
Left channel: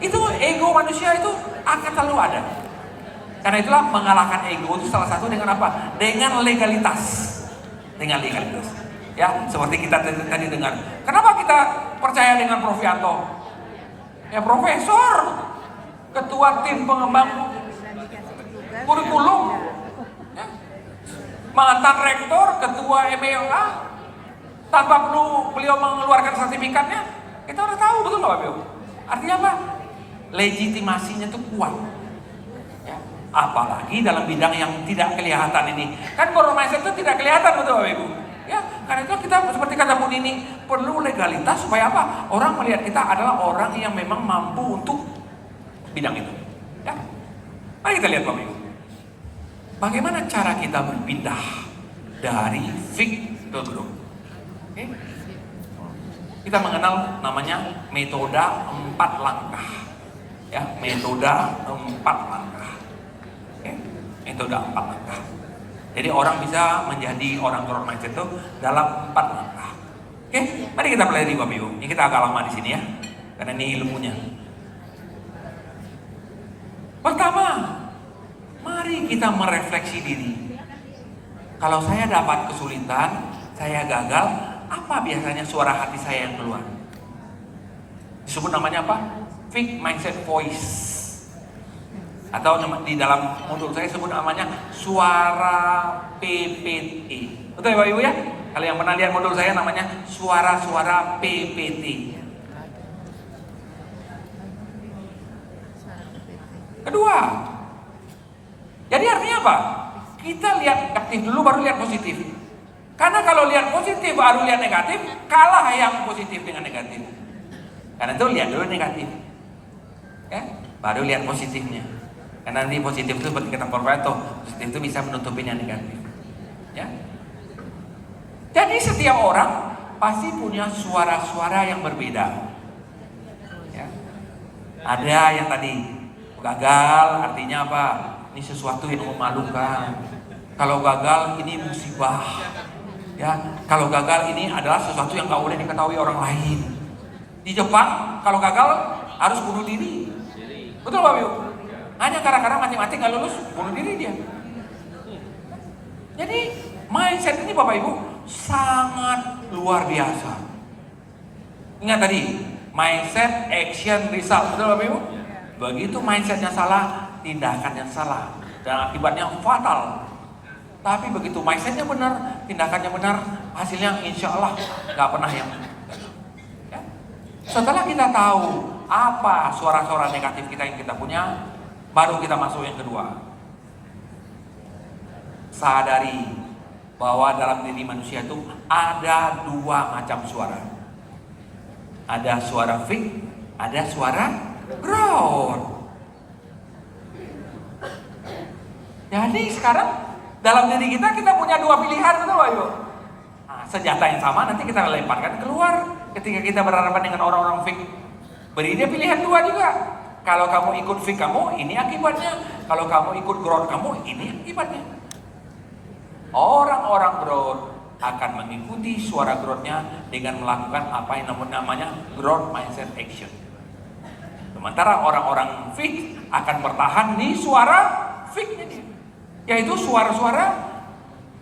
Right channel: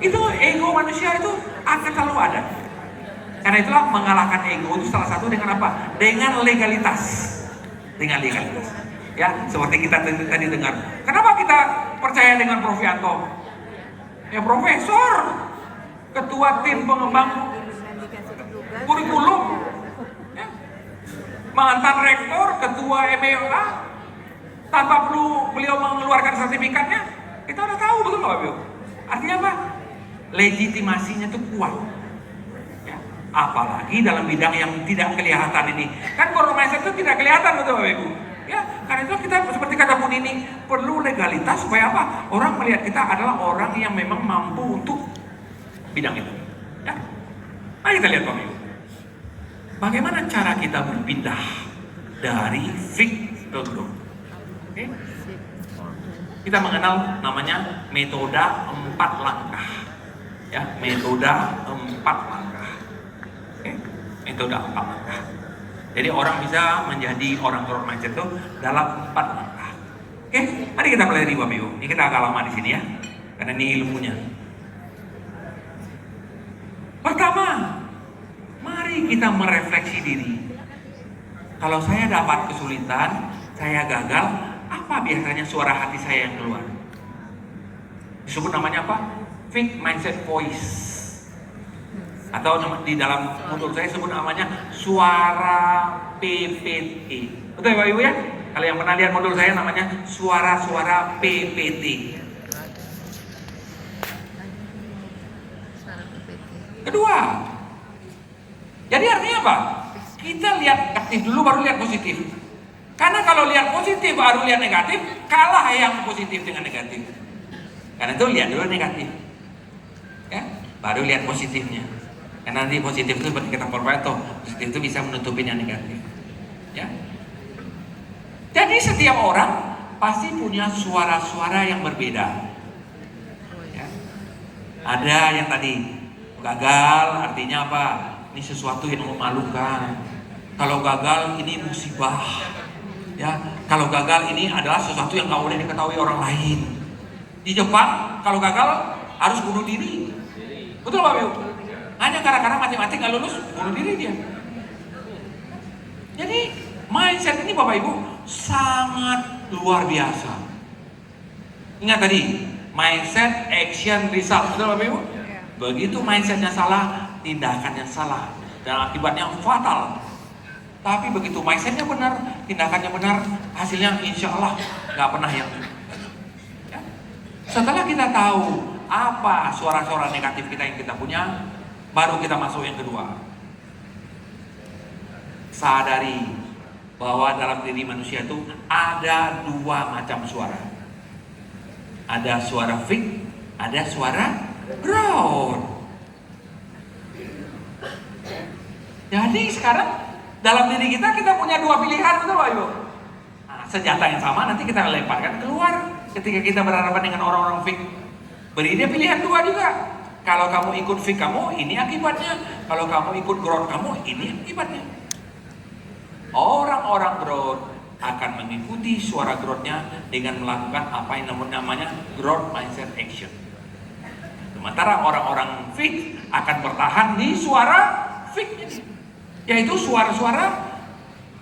itu ego manusia itu akan selalu ada. Karena itulah mengalahkan ego itu salah satu dengan apa? Dengan legalitas. Dengan legalitas. Ya, seperti kita tadi dengar. Kenapa kita percaya dengan Prof Yanto? Ya profesor, ketua tim pengembang kurikulum, ya. Mantan rektor, ketua MEOA, tanpa perlu beliau mengeluarkan sertifikatnya, kita udah tahu betul Bapak Ibu. Artinya apa? Legitimasinya itu kuat. Ya. Apalagi dalam bidang yang tidak kelihatan ini. Kan growth mindset itu tidak kelihatan betul Bapak Ibu. Ya, karena itu kita seperti kata Bu Nini, perlu legalitas supaya apa? Orang melihat kita adalah orang yang memang mampu untuk bidang itu. Ya. Mari kita lihat Bapak Ibu. Bagaimana cara kita berpindah dari fix ke growth? Okay. Kita mengenal namanya metode 4 langkah. Ya, metode 4 langkah. Okay. Metode 4 langkah. Jadi orang bisa menjadi orang growth mindset itu dalam 4 langkah. Oke, mari kita pelajari Bapak Ibu. Ini kita agak lama di sini ya, karena ini ilmunya. Pertama, mari kita merefleksi diri. Kalau saya dapat kesulitan, saya gagal, apa biasanya suara hati saya yang keluar? Disebut namanya apa? Fixed mindset voice. Atau di dalam modul saya sebut namanya suara PPT. Betul ya Bapak Ibu ya? Kalau yang pernah lihat modul saya namanya suara-suara PPT. Kedua, jadi artinya apa? Kita lihat negatif dulu baru lihat positif. Karena kalau lihat positif baru lihat negatif, kalah yang positif dengan negatif. Karena itu lihat dulu negatif, ya, baru lihat positifnya. Karena nanti positif itu seperti kata Porpato, positif itu bisa menutupi yang negatif. Ya. Jadi setiap orang pasti punya suara-suara yang berbeda. Ya. Ada yang tadi gagal, artinya apa? Ini sesuatu yang memalukan. Kalau gagal ini musibah. Ya, kalau gagal ini adalah sesuatu yang gak boleh diketahui orang lain. Di Jepang kalau gagal harus bunuh diri. Betul Bapak Ibu? Hanya gara-gara mati-mati gak lulus, bunuh diri dia. Jadi mindset ini Bapak Ibu sangat luar biasa. Ingat tadi, mindset, action, result. Betul Bapak Ibu? Begitu mindsetnya salah, tindakannya salah, dan akibatnya fatal. Tapi begitu mindsetnya benar, tindakannya benar, hasilnya insya Allah gak pernah yang. Ya. Setelah kita tahu apa suara-suara negatif kita yang kita punya, baru kita masuk yang kedua. Sadari bahwa dalam diri manusia itu ada 2 macam suara. Ada suara fixed, ada suara growth. Jadi sekarang dalam diri kita punya dua pilihan, betul Pak Ibu? Nah, senjata yang sama nanti kita lemparkan keluar ketika kita berhadapan dengan orang-orang fake. Beri dia pilihan dua juga. Kalau kamu ikut fake kamu, ini akibatnya. Kalau kamu ikut growth kamu, ini akibatnya. Orang-orang growth akan mengikuti suara growth-nya dengan melakukan apa yang namanya growth mindset action. Sementara orang-orang fake akan bertahan di suara fake-nya, yaitu suara-suara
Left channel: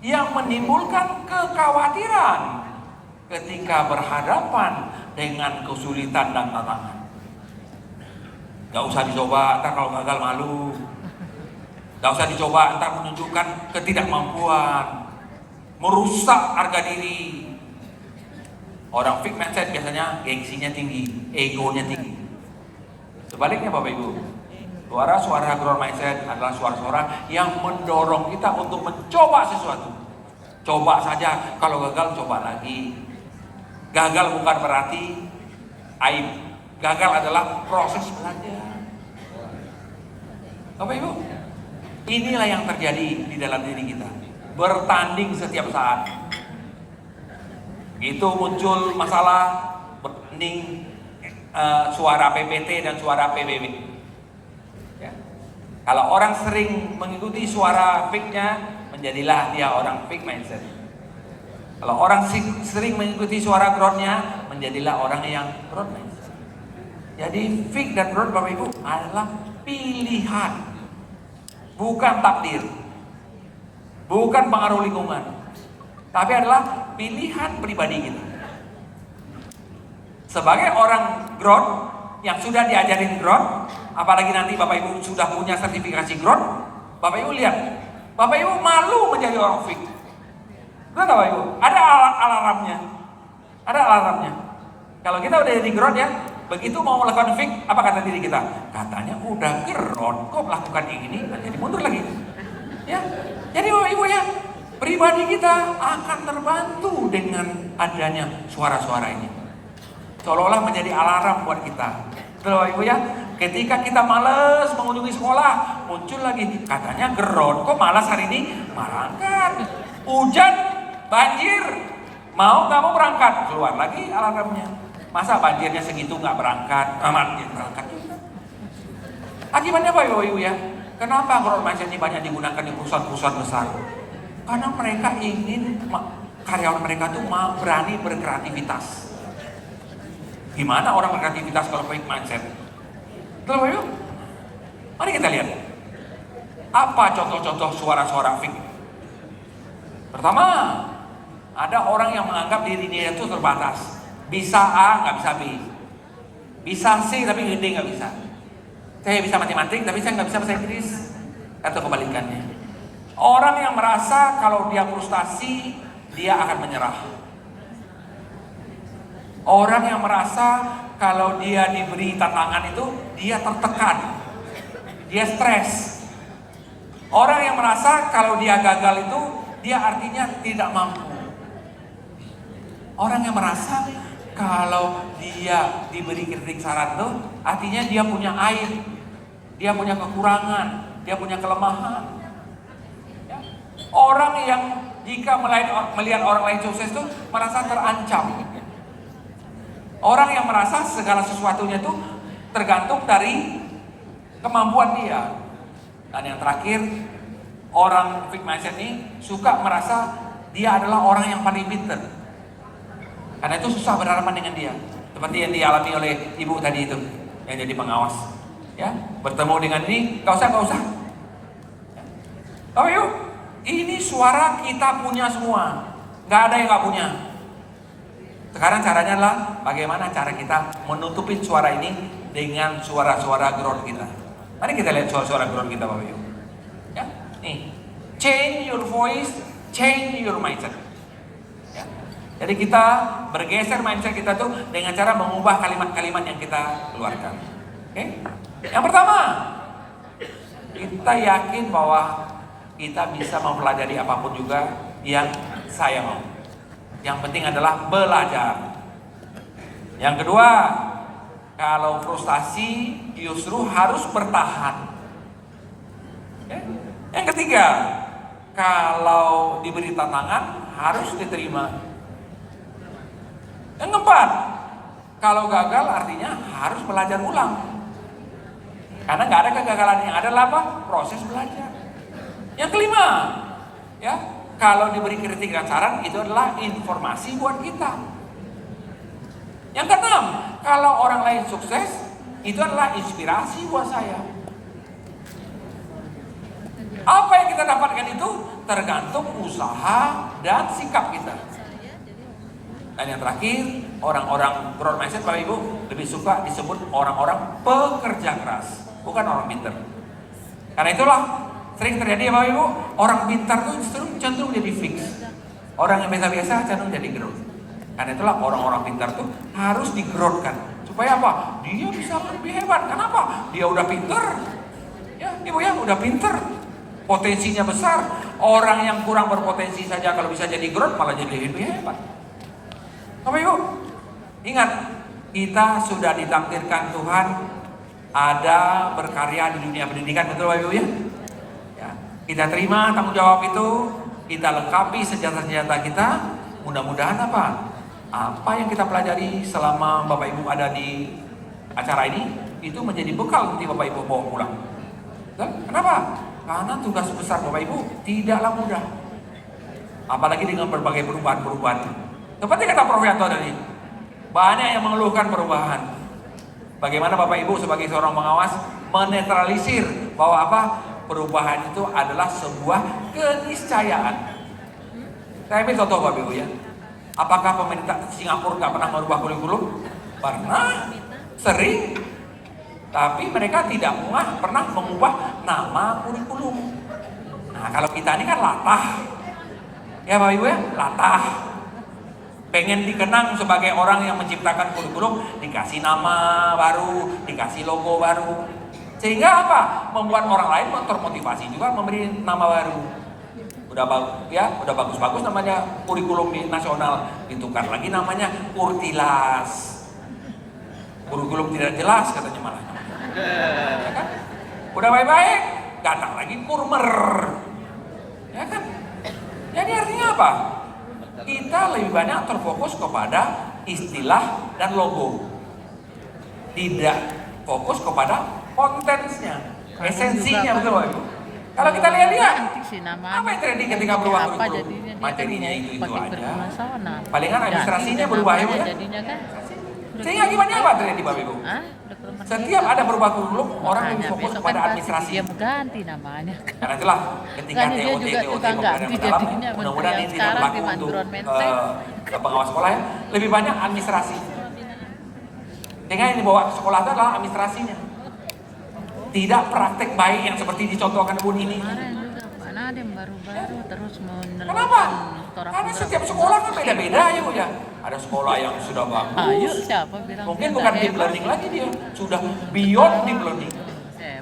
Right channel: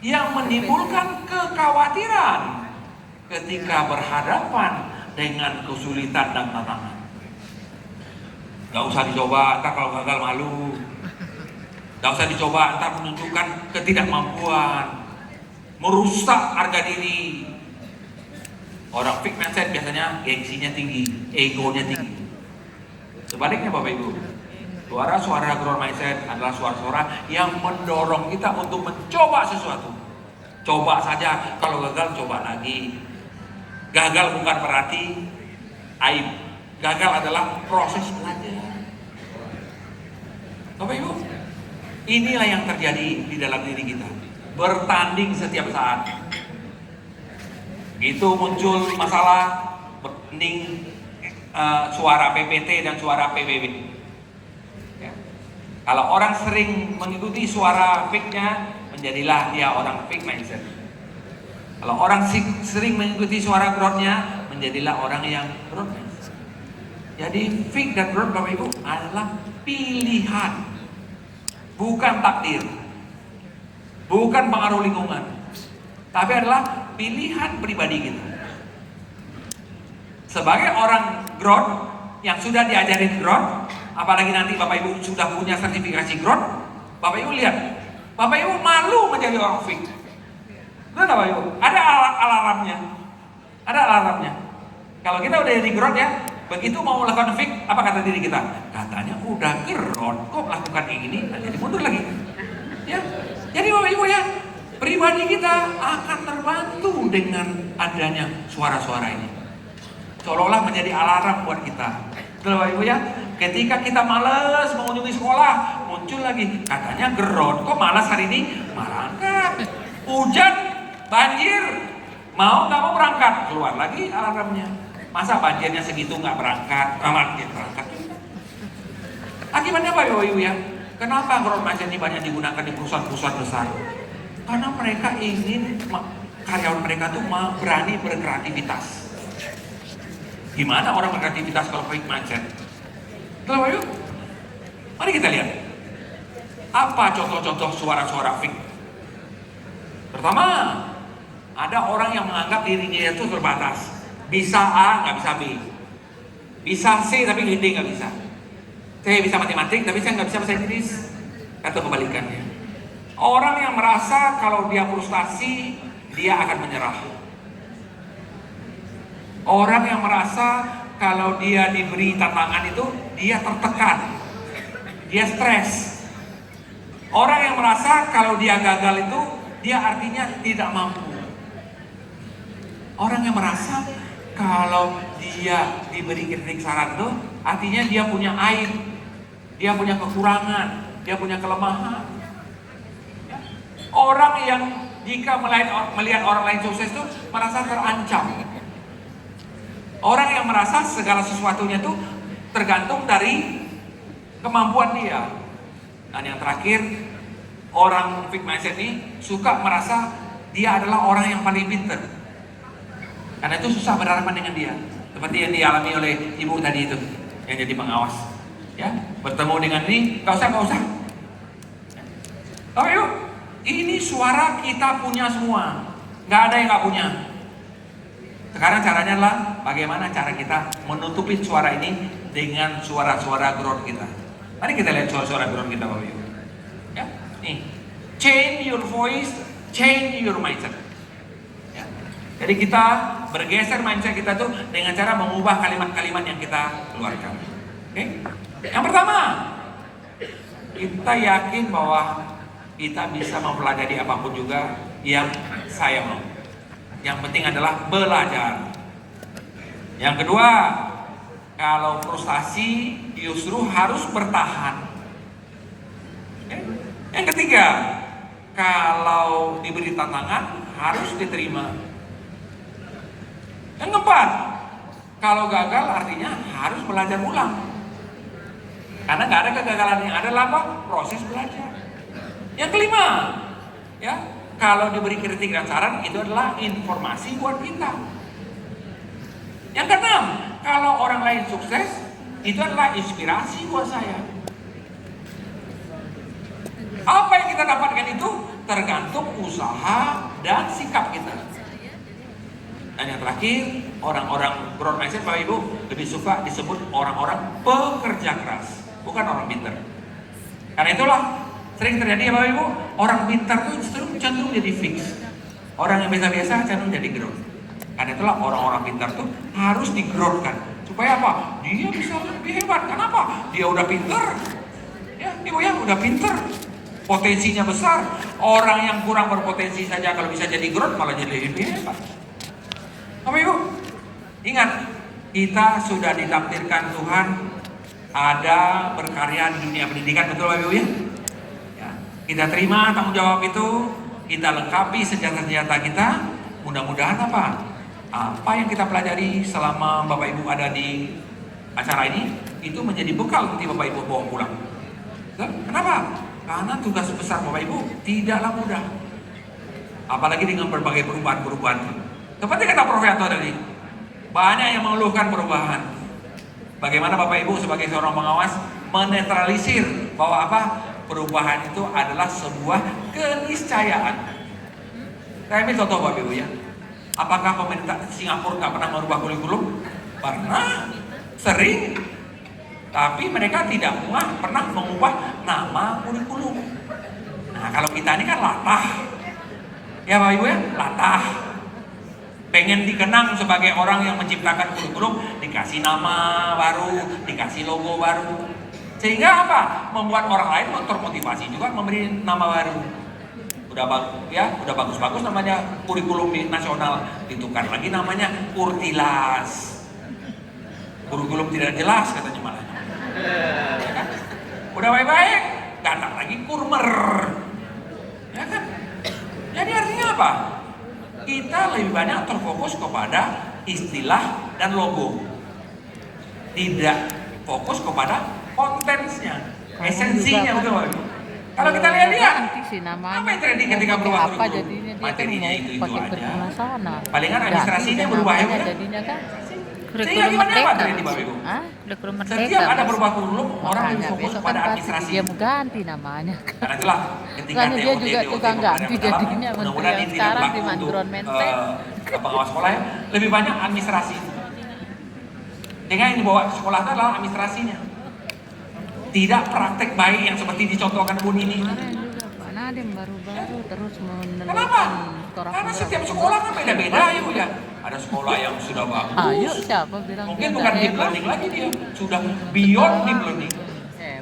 yang menimbulkan kekhawatiran ketika berhadapan dengan kesulitan dan tantangan. Gak usah dicoba, ntar kalau gagal malu. Gak usah dicoba, ntar menunjukkan ketidakmampuan, merusak harga diri. Orang fixed mindset biasanya gengsinya tinggi, egonya tinggi. Sebaliknya Bapak Ibu, suara-suara growth mindset adalah suara-suara yang mendorong kita untuk mencoba sesuatu. Coba saja, kalau gagal coba lagi. Gagal bukan berarti aib. Gagal adalah proses belajar. Bapak Ibu, inilah yang terjadi di dalam diri kita. Bertanding setiap saat. Itu muncul masalah bertanding suara PPT dan suara PBB. Ya. Kalau orang sering mengikuti suara fake-nya, menjadilah dia orang fake mindset. Kalau orang sering mengikuti suara growth-nya, menjadilah orang yang growth mindset. Jadi fake dan growth Bapak Ibu adalah pilihan, bukan takdir, bukan pengaruh lingkungan, tapi adalah pilihan pribadi kita. Sebagai orang growth yang sudah diajarin growth, apalagi nanti Bapak Ibu sudah punya sertifikasi growth, Bapak Ibu lihat, Bapak Ibu malu menjadi orang fake. Betul Bapak Ibu? Ada alarmnya. Ada alarmnya. Kalau kita udah jadi growth ya, begitu mau melakukan fake, apa kata diri kita? Katanya udah growth, kok melakukan ini, jadi mundur lagi. Ya, jadi Bapak Ibu ya, pribadi kita akan terbantu dengan adanya suara-suara ini. Seolah-olah menjadi alarm buat kita. Betul Bapak Ibu ya? Ketika kita malas mengunjungi sekolah, muncul lagi katanya growth, kok malas hari ini? Berangkat. Hujan, banjir, mau nggak mau berangkat, keluar lagi alarmnya. Masa banjirnya segitu nggak berangkat? Berangkat. Akibatnya apa Bapak Ibu ya? Kenapa growth mindset ini banyak digunakan di perusahaan-perusahaan besar? Karena mereka ingin karyawan mereka tuh mau berani berkreativitas. Gimana orang berkreativitas kalau fixed mindset? Bapak Ibu, mari kita lihat. Apa contoh-contoh suara-suara fake? Pertama, ada orang yang menganggap dirinya itu terbatas. Bisa A, nggak bisa B. Bisa C, tapi D nggak bisa. Saya bisa matematik, tapi saya nggak bisa bahasa Inggris. Atau kebalikannya. Orang yang merasa kalau dia frustasi, dia akan menyerah. Orang yang merasa kalau dia diberi tantangan itu, dia tertekan. Dia stres. Orang yang merasa kalau dia gagal itu, dia artinya tidak mampu. Orang yang merasa kalau dia diberi kritik saran itu, artinya dia punya aib, dia punya kekurangan, dia punya kelemahan. Orang yang jika melihat orang lain sukses itu merasa terancam. Orang yang merasa segala sesuatunya itu tergantung dari kemampuan dia. Dan yang terakhir, orang fixed mindset ini suka merasa dia adalah orang yang paling pintar. Karena itu susah berhadapan dengan dia. Seperti yang dialami oleh ibu tadi itu, yang jadi pengawas. Ya, bertemu dengan ini, gak usah. Oke yuk, ini suara kita punya semua. Gak ada yang gak punya. Sekarang caranya adalah bagaimana cara kita menutupin suara ini dengan suara-suara growth kita. Mari kita lihat suara-suara growth kita Bapak Ibu. Ya, nih, change your voice, change your mindset. Ya. Jadi kita bergeser mindset kita tuh dengan cara mengubah kalimat-kalimat yang kita keluarkan. Oke? Yang pertama, kita yakin bahwa kita bisa mempelajari apapun juga yang saya mau. Yang penting adalah belajar. Yang kedua, kalau frustasi justru harus bertahan. Okay? Yang ketiga, kalau diberi tantangan harus diterima. Yang keempat, kalau gagal artinya harus belajar ulang. Karena nggak ada kegagalan, yang ada apa? Proses belajar. Yang kelima, ya, kalau diberi kritik dan saran itu adalah informasi buat kita. Yang keenam, kalau orang lain sukses itu adalah inspirasi buat saya. Apa yang kita dapatkan itu tergantung usaha dan sikap kita. Dan yang terakhir, orang-orang growth mindset Bapak Ibu lebih suka disebut orang-orang pekerja keras, bukan orang pintar. Karena itulah sering terjadi ya Bapak Ibu, orang pintar itu justru cenderung jadi fix. Orang yang biasa-biasa cenderung jadi growth. Karena itulah orang-orang pintar itu harus di-growth-kan. Supaya apa? Dia bisa lebih hebat. Kenapa? Dia udah pintar. Ya, Ibu ya, udah pintar. Potensinya besar. Orang yang kurang berpotensi saja kalau bisa jadi growth malah jadi lebih hebat. Bapak Ibu, ingat, kita sudah ditakdirkan Tuhan ada berkarya di dunia pendidikan, betul Bapak Ibu ya? Ya, kita terima tanggung jawab itu, kita lengkapi senjata-senjata kita. Mudah-mudahan apa? Apa yang kita pelajari selama Bapak Ibu ada di acara ini itu menjadi bekal nanti Bapak Ibu bawa pulang. Kenapa? Karena tugas besar Bapak Ibu tidaklah mudah. Apalagi dengan berbagai perubahan-perubahan. Seperti kata Prof. Yanto tadi, banyak yang mengeluhkan perubahan. Bagaimana Bapak Ibu sebagai seorang pengawas menetralisir bahwa apa? Perubahan itu adalah sebuah keniscayaan. Saya ambil contoh Bapak Ibu ya. Apakah pemerintah Singapura nggak pernah merubah kurikulum? Pernah, sering. Tapi mereka tidak pernah mengubah nama kurikulum. Nah kalau kita ini kan latah. Ya Bapak Ibu ya, latah. Pengen dikenang sebagai orang yang menciptakan kurikulum, dikasih nama baru, dikasih logo baru. Sehingga apa? Membuat orang lain termotivasi juga memberi nama baru. Udah bagus-bagus namanya kurikulum nasional, ditukar lagi namanya Kurtilas. Kurikulum tidak jelas katanya malah. Ya kan? Udah baik-baik, datang lagi Kurmer. Ya kan? Jadi artinya apa? Kita lebih banyak terfokus kepada istilah dan logo, tidak fokus kepada kontennya, esensinya, betul. Kalau kita lihat apa yang terjadi ketika berubah kurikulum? Materinya itu aja. Palingan administrasinya berubah ya, sehingga gimana apa terjadi Bapak Ibu? Setiap ada berubah kurikulum, orang lebih fokus pada administrasi. Dia mengganti namanya. Karena itulah ketika Dia juga tukang ganti jadinya mudah-mudahan ini tidak berlaku untuk pengawas sekolah ya, lebih banyak administrasi. Sehingga yang dibawa ke sekolah itu adalah administrasinya. Tidak praktek baik yang seperti dicontohkan Bu Nini. Mana ada yang baru-baru terus meneruskan. Kenapa? Karena setiap sekolah kan beda-beda ya Bu ya. Ada sekolah yang sudah bagus. Ayo siapa bilang mungkin bukan deep learning lagi dia, sudah beyond deep learning.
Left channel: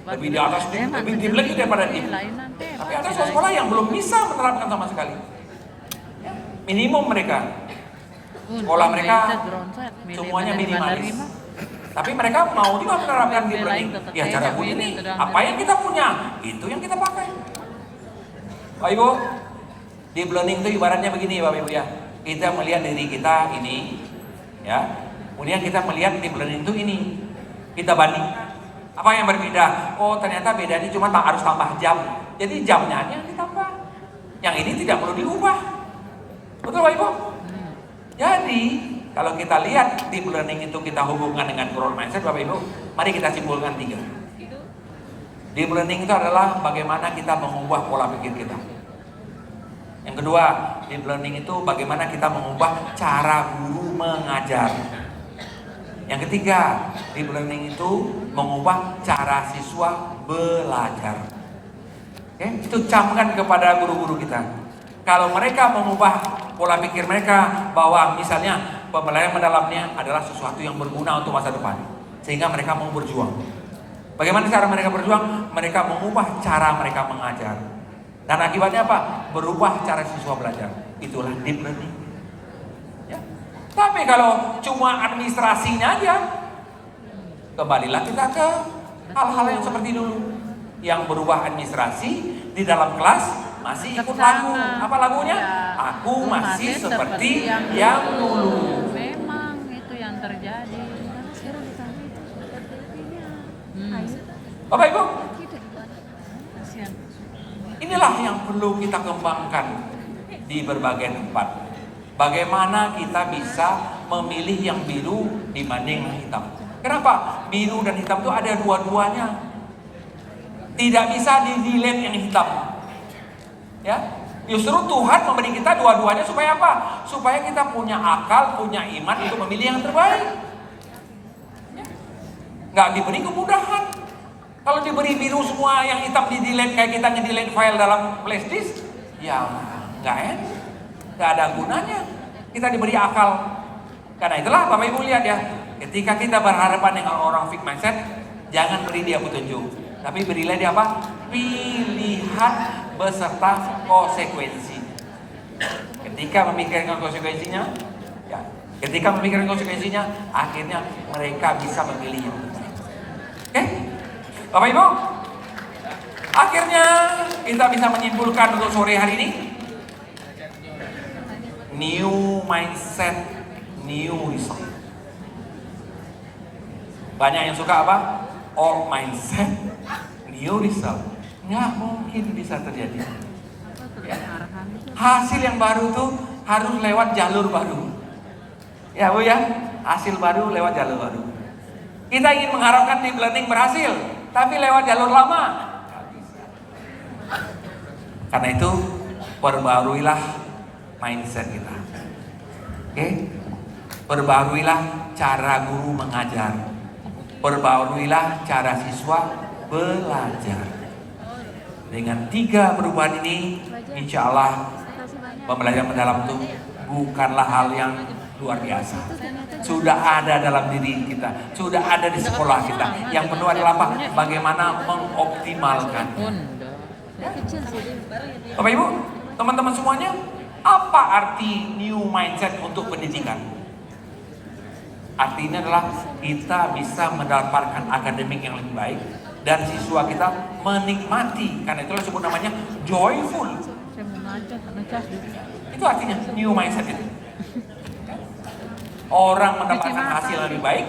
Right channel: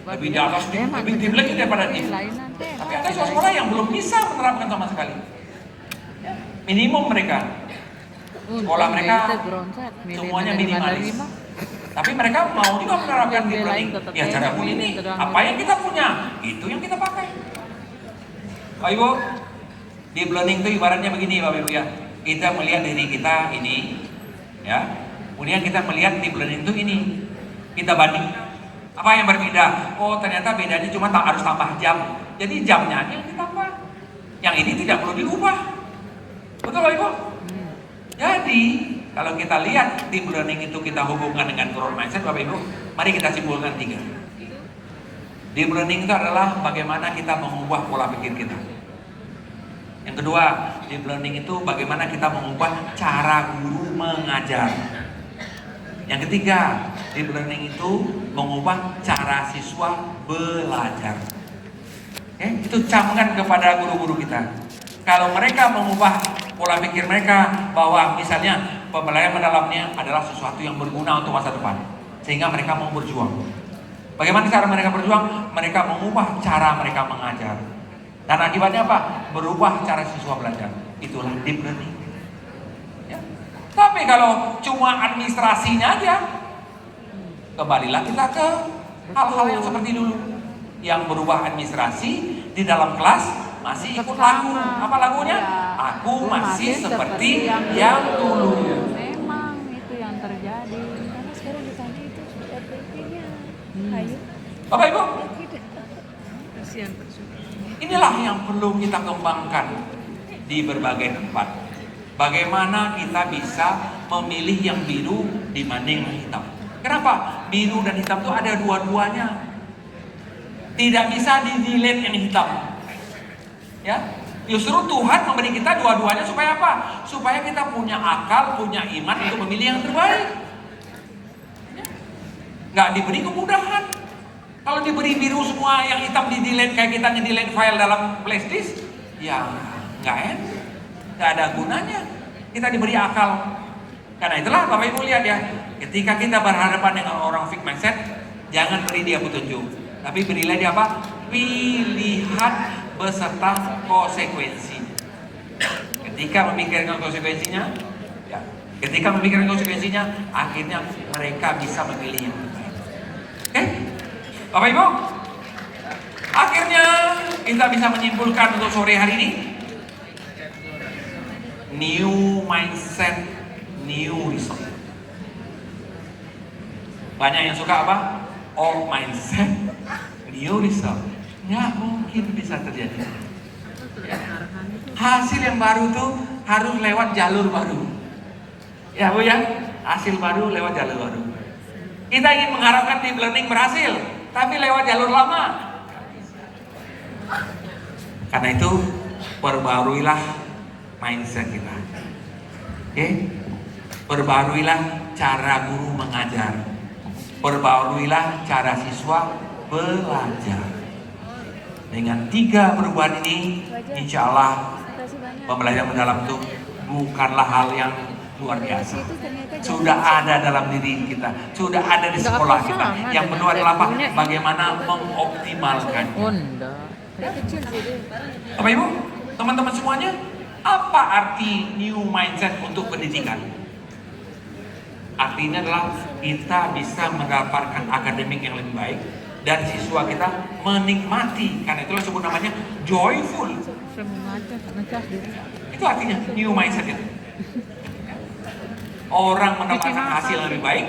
Lebih di atas, lebih deep lagi daripada deep. Tapi ada sekolah yang belum bisa menerapkan sama sekali. Minimum mereka. Sekolah mereka semuanya minimalis. Tapi mereka mau juga menerapkan deep learning. Ya cara Bu ini, apa yang kita punya, itu yang kita pakai. Bapak Ibu, deep learning itu ibaratnya begini Bapak Ibu ya. Kita melihat diri kita ini, ya. Kemudian kita melihat deep learning itu ini. Kita banding. Apa yang berbeda? Oh ternyata bedanya cuma harus tambah jam. Jadi jamnya aja yang ditambah. Yang ini tidak perlu diubah. Betul Bapak Ibu? Jadi kalau kita lihat deep learning itu kita hubungkan dengan growth mindset Bapak Ibu, mari kita simpulkan 3. Deep learning itu adalah bagaimana kita mengubah pola pikir kita. Yang kedua, deep learning itu bagaimana kita mengubah cara guru mengajar. Yang ketiga, deep learning itu mengubah cara siswa belajar. Oke, itu camkan kepada guru-guru kita. Kalau mereka mengubah pola pikir mereka bahwa misalnya pembelajaran mendalamnya adalah sesuatu yang berguna untuk masa depan, sehingga mereka mau berjuang. Bagaimana cara mereka berjuang? Mereka mengubah cara mereka mengajar. Dan akibatnya apa? Berubah cara siswa belajar. Itulah deep learning. Ya. Tapi kalau cuma administrasinya aja, kembalilah kita ke hal-hal yang seperti dulu. Yang berubah administrasi, di dalam kelas masih ikut lagu. Apa lagunya? Ya, Aku masih seperti yang yang dulu. Memang itu yang terjadi. Karena sekarang ditanya itu sepertinya. Ayo. Bapak Ibu, Kasihan. inilah yang perlu kita kembangkan di berbagai tempat. Bagaimana kita bisa memilih yang biru dibanding yang hitam. Kenapa? Biru dan hitam itu ada dua-duanya. Tidak bisa di-delete yang hitam. Ya, justru Tuhan memberi kita dua-duanya supaya apa? Supaya kita punya akal, punya iman untuk memilih yang terbaik. Nggak diberi kemudahan. Kalau diberi biru semua, yang hitam di-delete kayak kita nge-delete file dalam flash disk, ya nggak enak, nggak ada gunanya. Kita diberi akal. Karena itulah Bapak Ibu lihat ya, ketika kita berhadapan dengan orang fixed mindset, jangan beri dia petunjuk, tapi berilah dia apa? Pilihan beserta konsekuensi. Ketika memikirkan konsekuensinya, ya, ketika memikirkan konsekuensinya, akhirnya mereka bisa memilih yang terbaik. Oke? Bapak Ibu, akhirnya kita bisa menyimpulkan untuk sore hari ini, new mindset, new result. Banyak yang suka apa? Old mindset, new result. Nggak mungkin bisa terjadi. Hasil yang baru tuh harus lewat jalur baru. Ya Bu ya, hasil baru lewat jalur baru. Kita ingin mengharapkan deep learning berhasil, tapi lewat jalur lama. Karena itu perbaruilah mindset kita. Oke? Perbaruilah cara guru mengajar. Perbaruilah cara siswa belajar. Dengan 3 perubahan ini, insya Allah pembelajaran mendalam itu bukanlah hal yang luar biasa. Sudah ada dalam diri kita, sudah ada di sekolah kita. Yang perlu adalah apa? Bagaimana mengoptimalkannya. Honda. Kecil sih. Bapak Ibu, teman-teman semuanya, apa arti new mindset untuk pendidikan? Artinya adalah kita bisa mendapatkan akademik yang lebih baik dan siswa kita menikmati. Karena itulah sebut namanya joyful. Saya mau ngajak dulu. Itu artinya new mindset itu. Orang mendapatkan hasil yang lebih baik,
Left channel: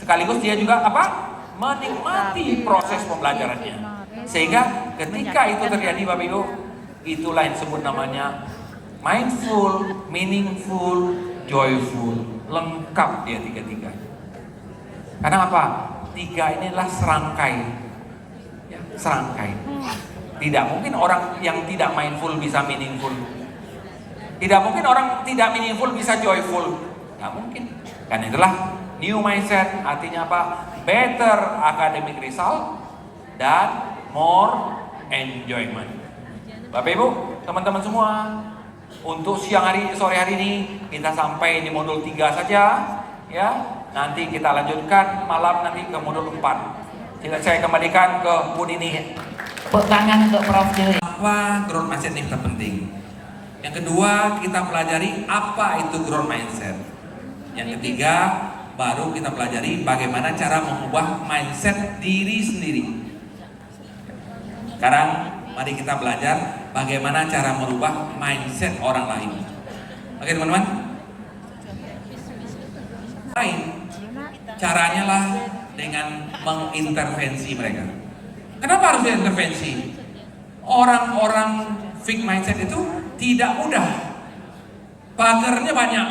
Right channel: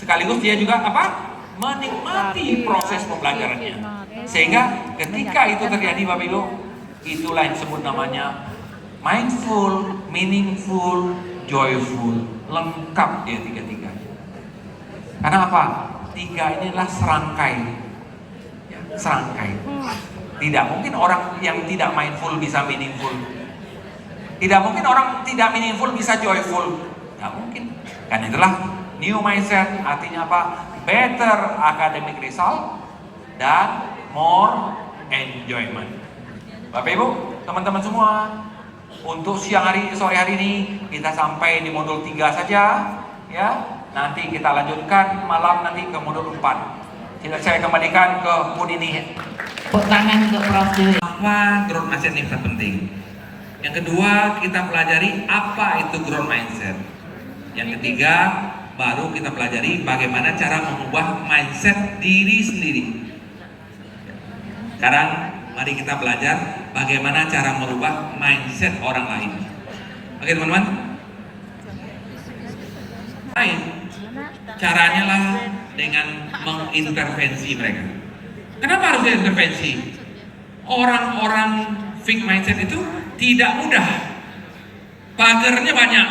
sekaligus dia juga apa? Menikmati proses pembelajarannya. Sehingga ketika itu terjadi Bapak Ibu, itulah yang disebut namanya mindful, meaningful, joyful. Lengkap dia 3-3. Karena apa? 3 ini adalah serangkai. Ya, serangkai. Tidak mungkin orang yang tidak mindful bisa meaningful. Tidak mungkin orang tidak meaningful bisa joyful. Tidak mungkin. Karena itulah new mindset artinya apa? Better academic result dan more enjoyment. Bapak Ibu, teman-teman semua, untuk sore hari ini kita sampai di modul 3 saja, ya. Nanti kita lanjutkan malam nanti ke modul 4. Saya kembalikan ke Bu Dini. Tepuk tangan untuk Prof. Dewi. Apa growth mindset ini terpenting? Yang kedua, kita pelajari apa itu growth mindset. Yang ketiga, baru kita pelajari bagaimana cara mengubah mindset diri sendiri. Sekarang mari kita belajar bagaimana cara merubah mindset orang lain. Oke teman-teman? Lain, caranya lah dengan mengintervensi mereka. Kenapa harus diintervensi? Orang-orang fixed mindset itu tidak mudah. Pagernya banyak,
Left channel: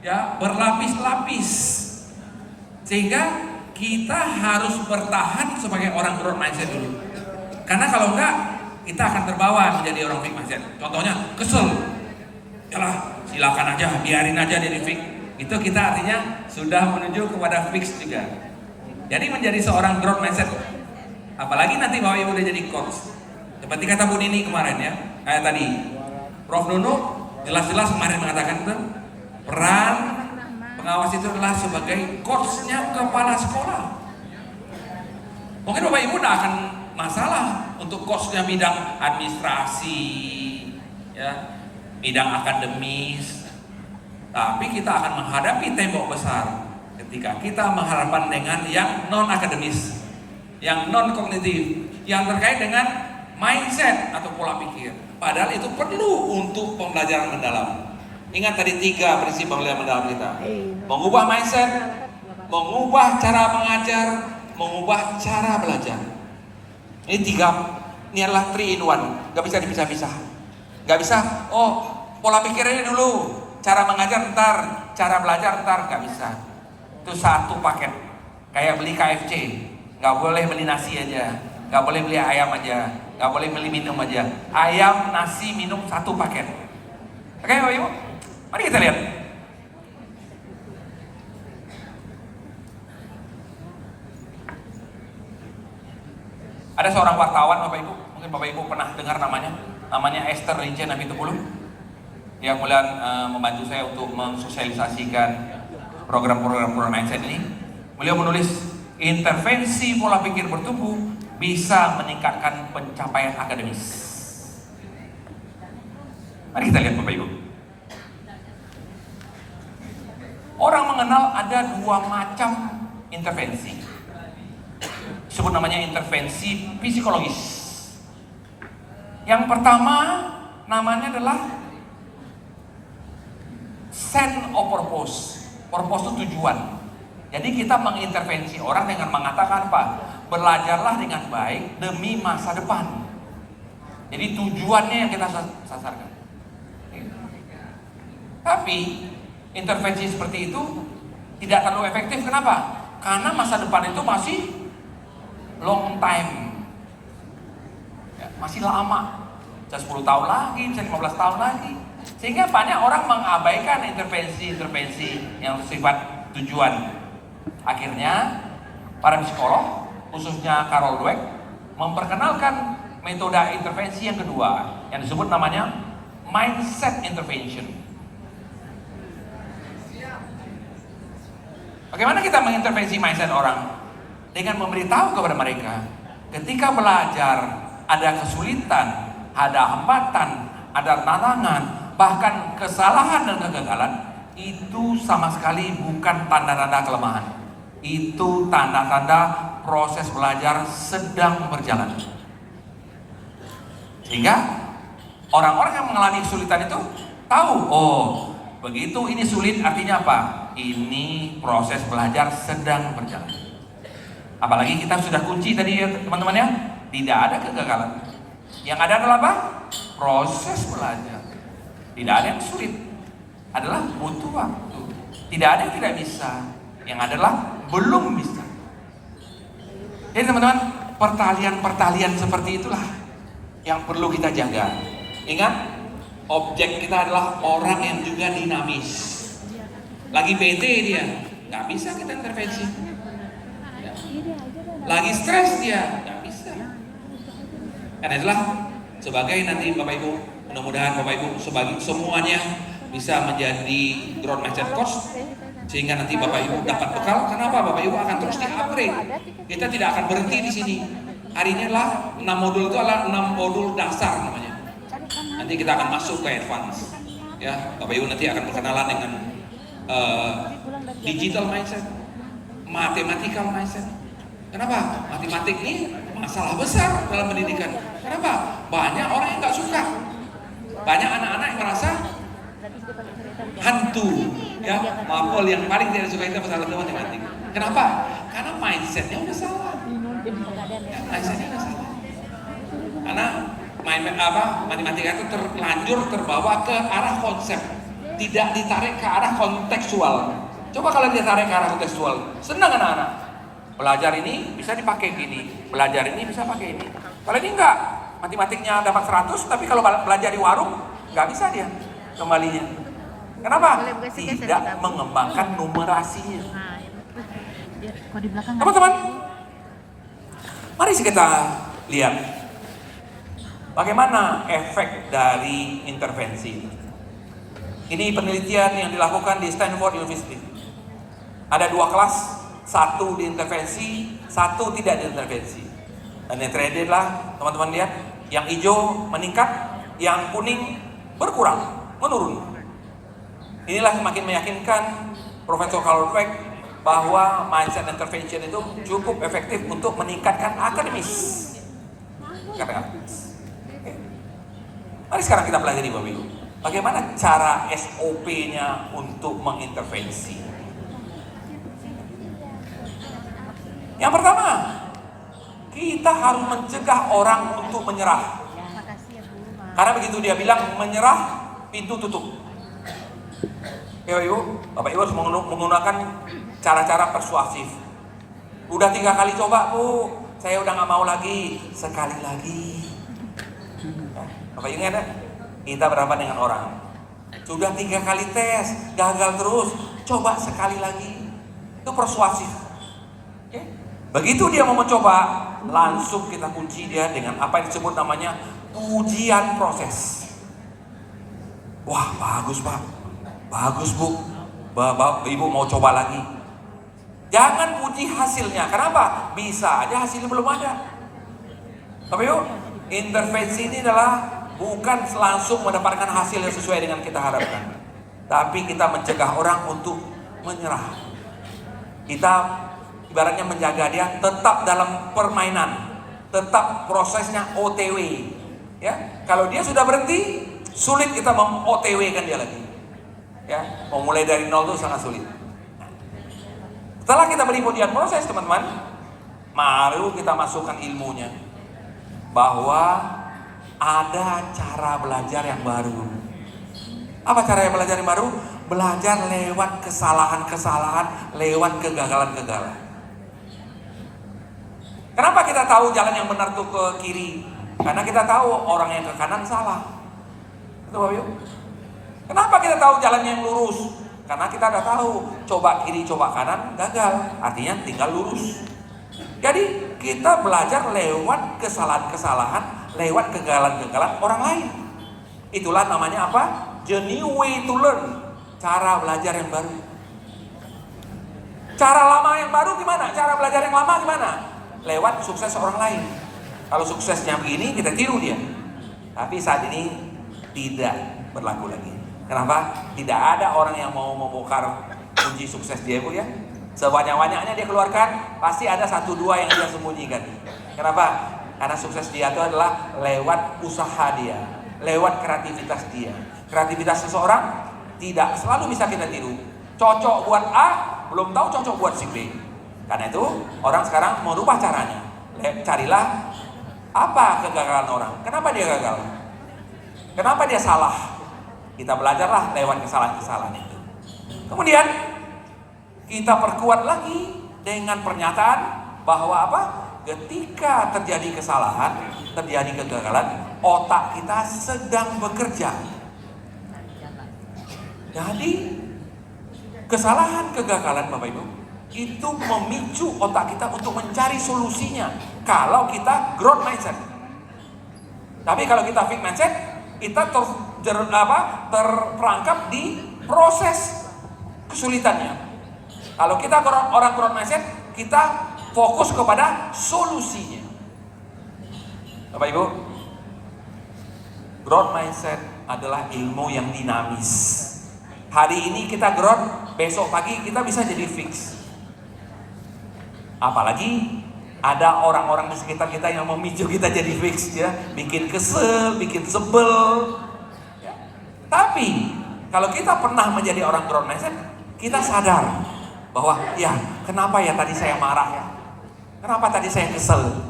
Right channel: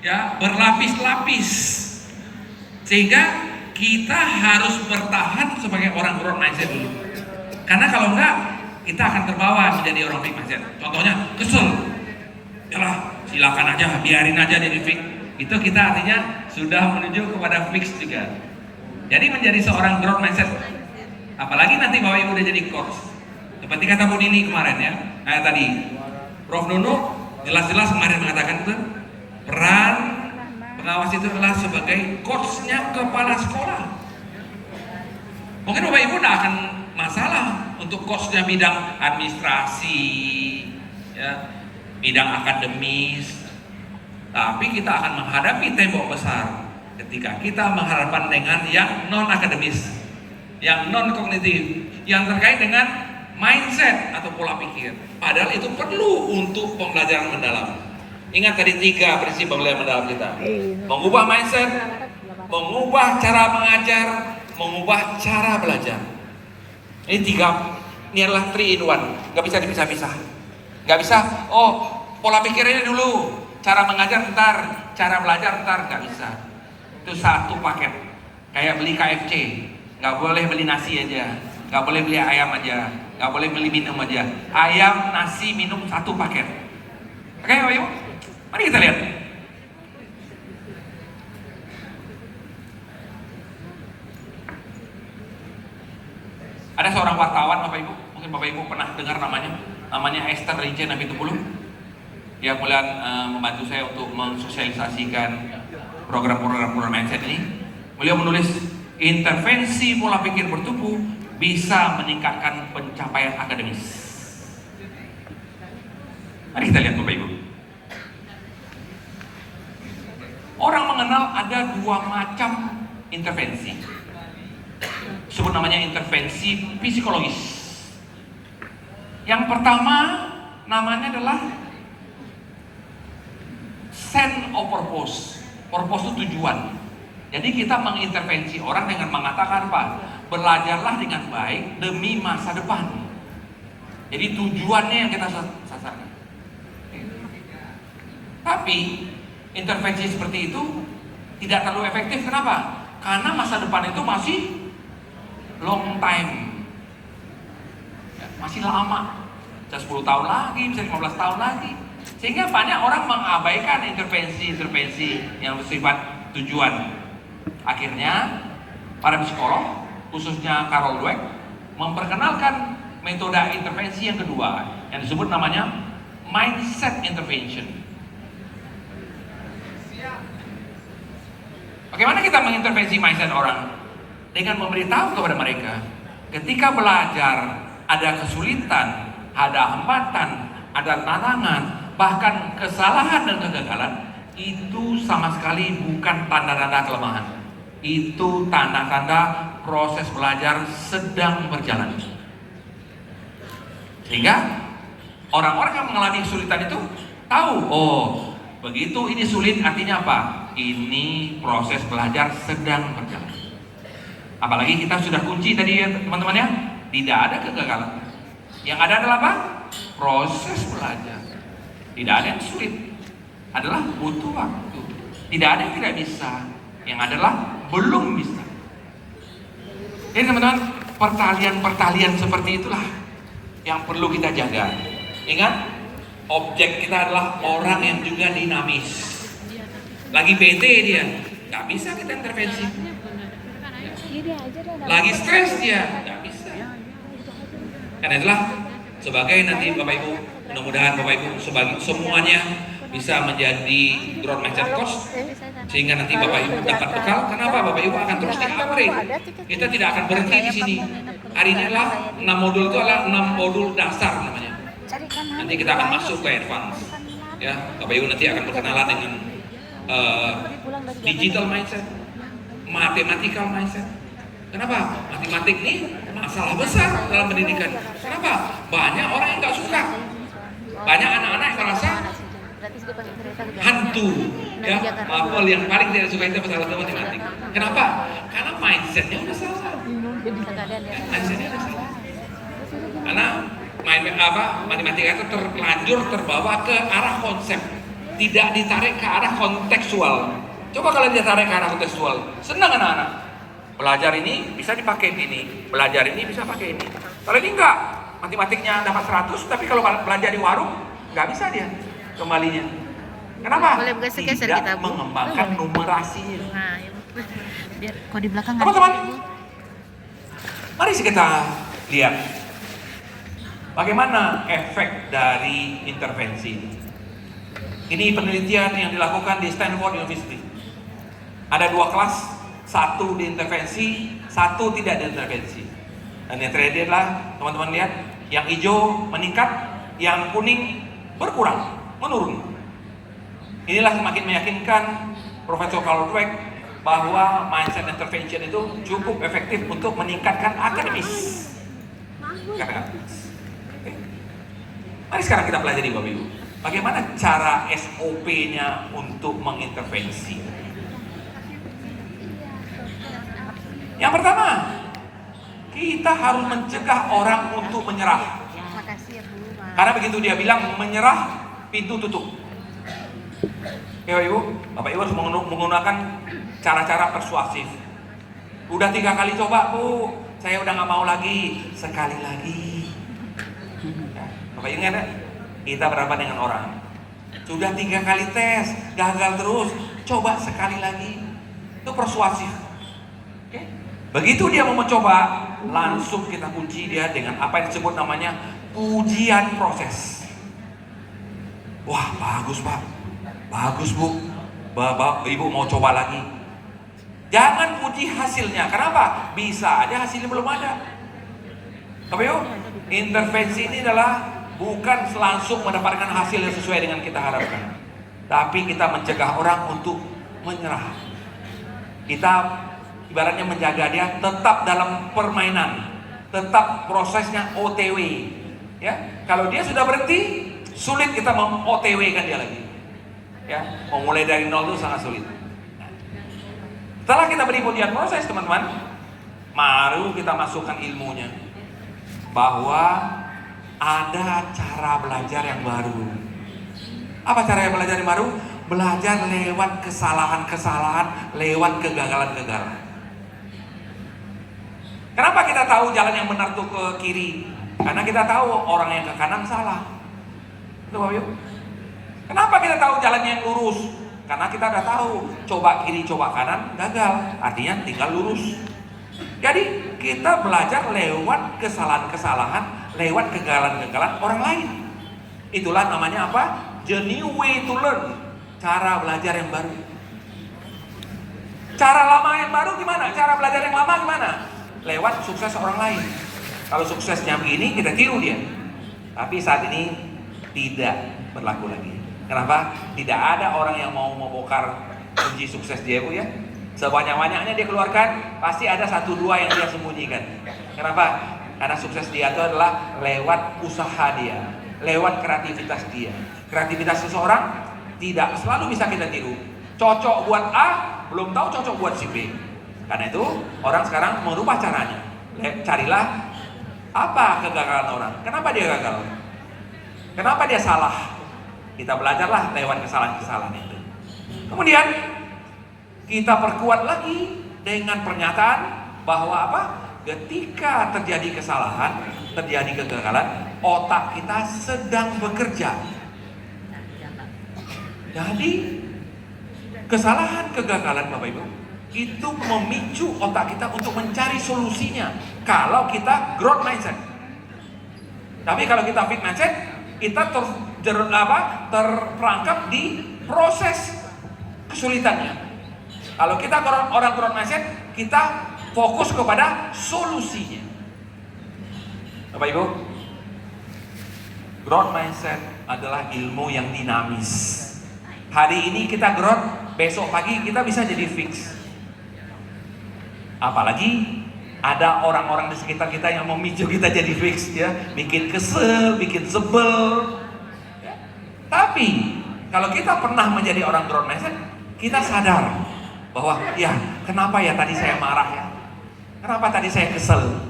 ya, berlapis-lapis. Sehingga kita harus bertahan sebagai orang growth mindset dulu. Karena kalau enggak, kita akan terbawa menjadi orang fixed mindset. Contohnya, kesel. Yalah, silakan aja, biarin aja jadi fixed. Itu kita artinya sudah menuju kepada fixed juga. Jadi menjadi seorang growth mindset. Apalagi nanti Bapak Ibu udah jadi coach. Seperti kata Bu Nini kemarin ya, kayak tadi Prof. Nunu jelas-jelas kemarin mengatakan itu peran pengawas itu adalah sebagai coachnya kepala sekolah. Mungkin Bapak Ibu tidak akan masalah untuk coachnya bidang administrasi, ya, bidang akademis, tapi kita akan menghadapi tembok besar ketika kita menghadapkan dengan yang non akademis, yang non kognitif, yang terkait dengan mindset atau pola pikir. Padahal itu perlu untuk pembelajaran mendalam. Ingat tadi 3 prinsip pembelajaran mendalam kita. Mengubah mindset, mengubah cara mengajar, mengubah cara belajar. Ini 3, ini adalah 3 in 1. Gak bisa dipisah-pisah. Gak bisa, oh pola pikirnya dulu, cara mengajar ntar, cara belajar ntar, gak bisa. Itu satu paket. Kayak beli KFC, gak boleh beli nasi aja, gak boleh beli ayam aja, gak boleh beli minum aja. Ayam, nasi, minum satu paket. Oke, ayo, mari kita lihat. Ada seorang wartawan, Bapak Ibu, mungkin Bapak Ibu pernah dengar namanya Esther Rince Nabitupulu. Dia kemudian membantu saya untuk mensosialisasikan program-program mindset ini. Beliau menulis, intervensi pola pikir bertumbuh bisa meningkatkan pencapaian akademis. Mari kita lihat Bapak Ibu. Orang mengenal ada 2 macam intervensi. Disebut namanya intervensi psikologis. Yang pertama namanya adalah sense of purpose. Purpose itu tujuan. Jadi kita mengintervensi orang dengan mengatakan apa? Belajarlah dengan baik demi masa depan. Jadi tujuannya yang kita sasarkan. Tapi intervensi seperti itu tidak terlalu efektif. Kenapa? Karena masa depan itu masih long time, ya, masih lama, bisa 10 tahun lagi, bisa 15 tahun lagi. Sehingga banyak orang mengabaikan intervensi-intervensi yang bersifat tujuan. Akhirnya para psikolog, khususnya Carol Dweck, memperkenalkan metode intervensi yang kedua yang disebut namanya mindset intervention. Bagaimana kita mengintervensi mindset orang? Dengan memberitahu kepada mereka, ketika belajar ada kesulitan, ada hambatan, ada tantangan, bahkan kesalahan dan kegagalan, itu sama sekali bukan tanda-tanda kelemahan. Itu tanda-tanda proses belajar sedang berjalan. Sehingga orang-orang yang mengalami kesulitan itu tahu, oh begitu ini sulit artinya apa? Ini proses belajar sedang berjalan. Apalagi kita sudah kunci tadi ya teman-teman ya, tidak ada kegagalan. Yang ada adalah apa? Proses belajar. Tidak ada yang sulit, adalah butuh waktu. Tidak ada yang tidak bisa, yang adalah belum bisa. Jadi teman-teman, pertalian-pertalian seperti itulah yang perlu kita jaga. Ingat, objek kita adalah orang yang juga dinamis. Lagi bete dia, nggak bisa kita intervensi. Lagi stres dia, nggak bisa. Karena itulah sebagai nanti Bapak Ibu, mudah-mudahan Bapak Ibu semuanya bisa menjadi growth mindset coach, sehingga nanti Bapak Ibu dapat bekal. Kenapa? Bapak Ibu akan terus di-upgrade. Kita tidak akan berhenti di sini. Hari ini adalah 6 modul, itu adalah 6 modul dasar namanya. Nanti kita akan masuk ke advance. Ya, Bapak Ibu nanti akan berkenalan dengan digital mindset, mathematical mindset. Kenapa? Matematik ini masalah besar dalam pendidikan. Kenapa? Banyak orang yang nggak suka. Banyak anak-anak yang merasa hantu. Ya, maaf, yang paling tidak suka itu masalah matematik. Kenapa? Karena mindsetnya udah salah. Ya, mindsetnya udah salah. Karena matematika itu terlanjur terbawa ke arah konsep, tidak ditarik ke arah kontekstual. Coba kalau ditarik ke arah kontekstual, senang anak-anak. Belajar ini bisa dipakai ini, belajar ini bisa pakai ini. Kalau ini enggak, matematiknya dapat 100, tapi kalau belajar di warung nggak bisa dia kembalinya. Kenapa? Tidak mengembangkan numerasinya. Teman-teman, mari kita lihat bagaimana efek dari intervensi. Ini penelitian yang dilakukan di Stanford University. Ada 2 kelas, 1 diintervensi, 1 tidak diintervensi. Dan yang terakhir adalah teman-teman lihat, yang hijau meningkat, yang kuning berkurang, menurun. Inilah semakin meyakinkan Profesor Carol Dweck bahwa mindset intervention itu cukup efektif untuk meningkatkan akademis. Mari sekarang kita pelajari Bapak Ibu. Bagaimana cara SOP-nya untuk mengintervensi? Yang pertama, kita harus mencegah orang untuk menyerah. Makasih ya Bu. Karena begitu dia bilang menyerah, pintu tutup. Ya Bapak Ibu harus menggunakan cara-cara persuasif. Udah 3 kali coba Bu, saya udah nggak mau lagi. Sekali lagi. Ya, Bapak ingat ya? Kita berapa dengan orang? Sudah 3 kali tes, gagal terus. Coba sekali lagi. Itu persuasif. Oke? Begitu dia mau mencoba, langsung kita kunci dia dengan apa yang disebut namanya ujian proses. Wah, bagus Pak, bagus Bu, Bapak Ibu mau coba lagi. Jangan puji hasilnya, kenapa? Bisa aja hasilnya belum ada. Tapi yuk, intervensi ini adalah bukan langsung mendapatkan hasil yang sesuai dengan kita harapkan, tapi kita mencegah orang untuk menyerah. Kita ibaratnya menjaga dia tetap dalam permainan, tetap prosesnya OTW. Ya, kalau dia sudah berhenti, sulit kita OTW kan dia lagi. Ya, mau mulai dari nol itu sangat sulit. Nah, setelah kita beri ujian proses teman-teman, mari kita masukkan ilmunya bahwa ada cara belajar yang baru. Apa cara belajar yang baru? Belajar lewat kesalahan-kesalahan, lewat kegagalan-kegagalan. Kenapa kita tahu jalan yang benar tuh ke kiri? Karena kita tahu orang yang ke kanan salah. Betul Bapak Ibu? Kenapa kita tahu jalan yang lurus? Karena kita udah tahu, coba kiri, coba kanan, gagal. Artinya tinggal lurus. Jadi kita belajar lewat kesalahan-kesalahan, lewat kegagalan-kegagalan orang lain. Itulah namanya apa? The new way to learn. Cara belajar yang baru. Cara lama yang baru gimana? Cara belajar yang lama gimana? Lewat sukses orang lain. Kalau suksesnya begini, kita tiru dia. Tapi saat ini tidak berlaku lagi. Kenapa? Tidak ada orang yang mau membongkar kunci sukses dia Bu ya. Sebanyak-banyaknya dia keluarkan, pasti ada 1-2 yang dia sembunyikan. Kenapa? Karena sukses dia itu adalah lewat usaha dia, lewat kreativitas dia. Kreativitas seseorang tidak selalu bisa kita tiru. Cocok buat A, belum tahu cocok buat si B. Karena itu orang sekarang merubah caranya. Carilah apa kegagalan orang. Kenapa dia gagal? Kenapa dia salah? Kita belajarlah lewat kesalahan-kesalahan itu. Kemudian kita perkuat lagi dengan pernyataan bahwa apa? Ketika terjadi kesalahan, terjadi kegagalan, otak kita sedang bekerja. Jadi kesalahan, kegagalan Bapak Ibu itu memicu otak kita untuk mencari solusinya. Kalau kita growth mindset. Tapi kalau kita fixed mindset, kita terperangkap di proses kesulitannya. Kalau kita orang growth mindset, kita fokus kepada solusinya. Bapak Ibu, growth mindset adalah ilmu yang dinamis. Hari ini kita growth, besok pagi kita bisa jadi fix. Apalagi ada orang-orang di sekitar kita yang memicu kita jadi fix ya, bikin kesel, bikin sebel. Ya. Tapi kalau kita pernah menjadi orang growth mindset, kita sadar bahwa ya kenapa ya tadi saya marah ya, kenapa tadi saya kesel,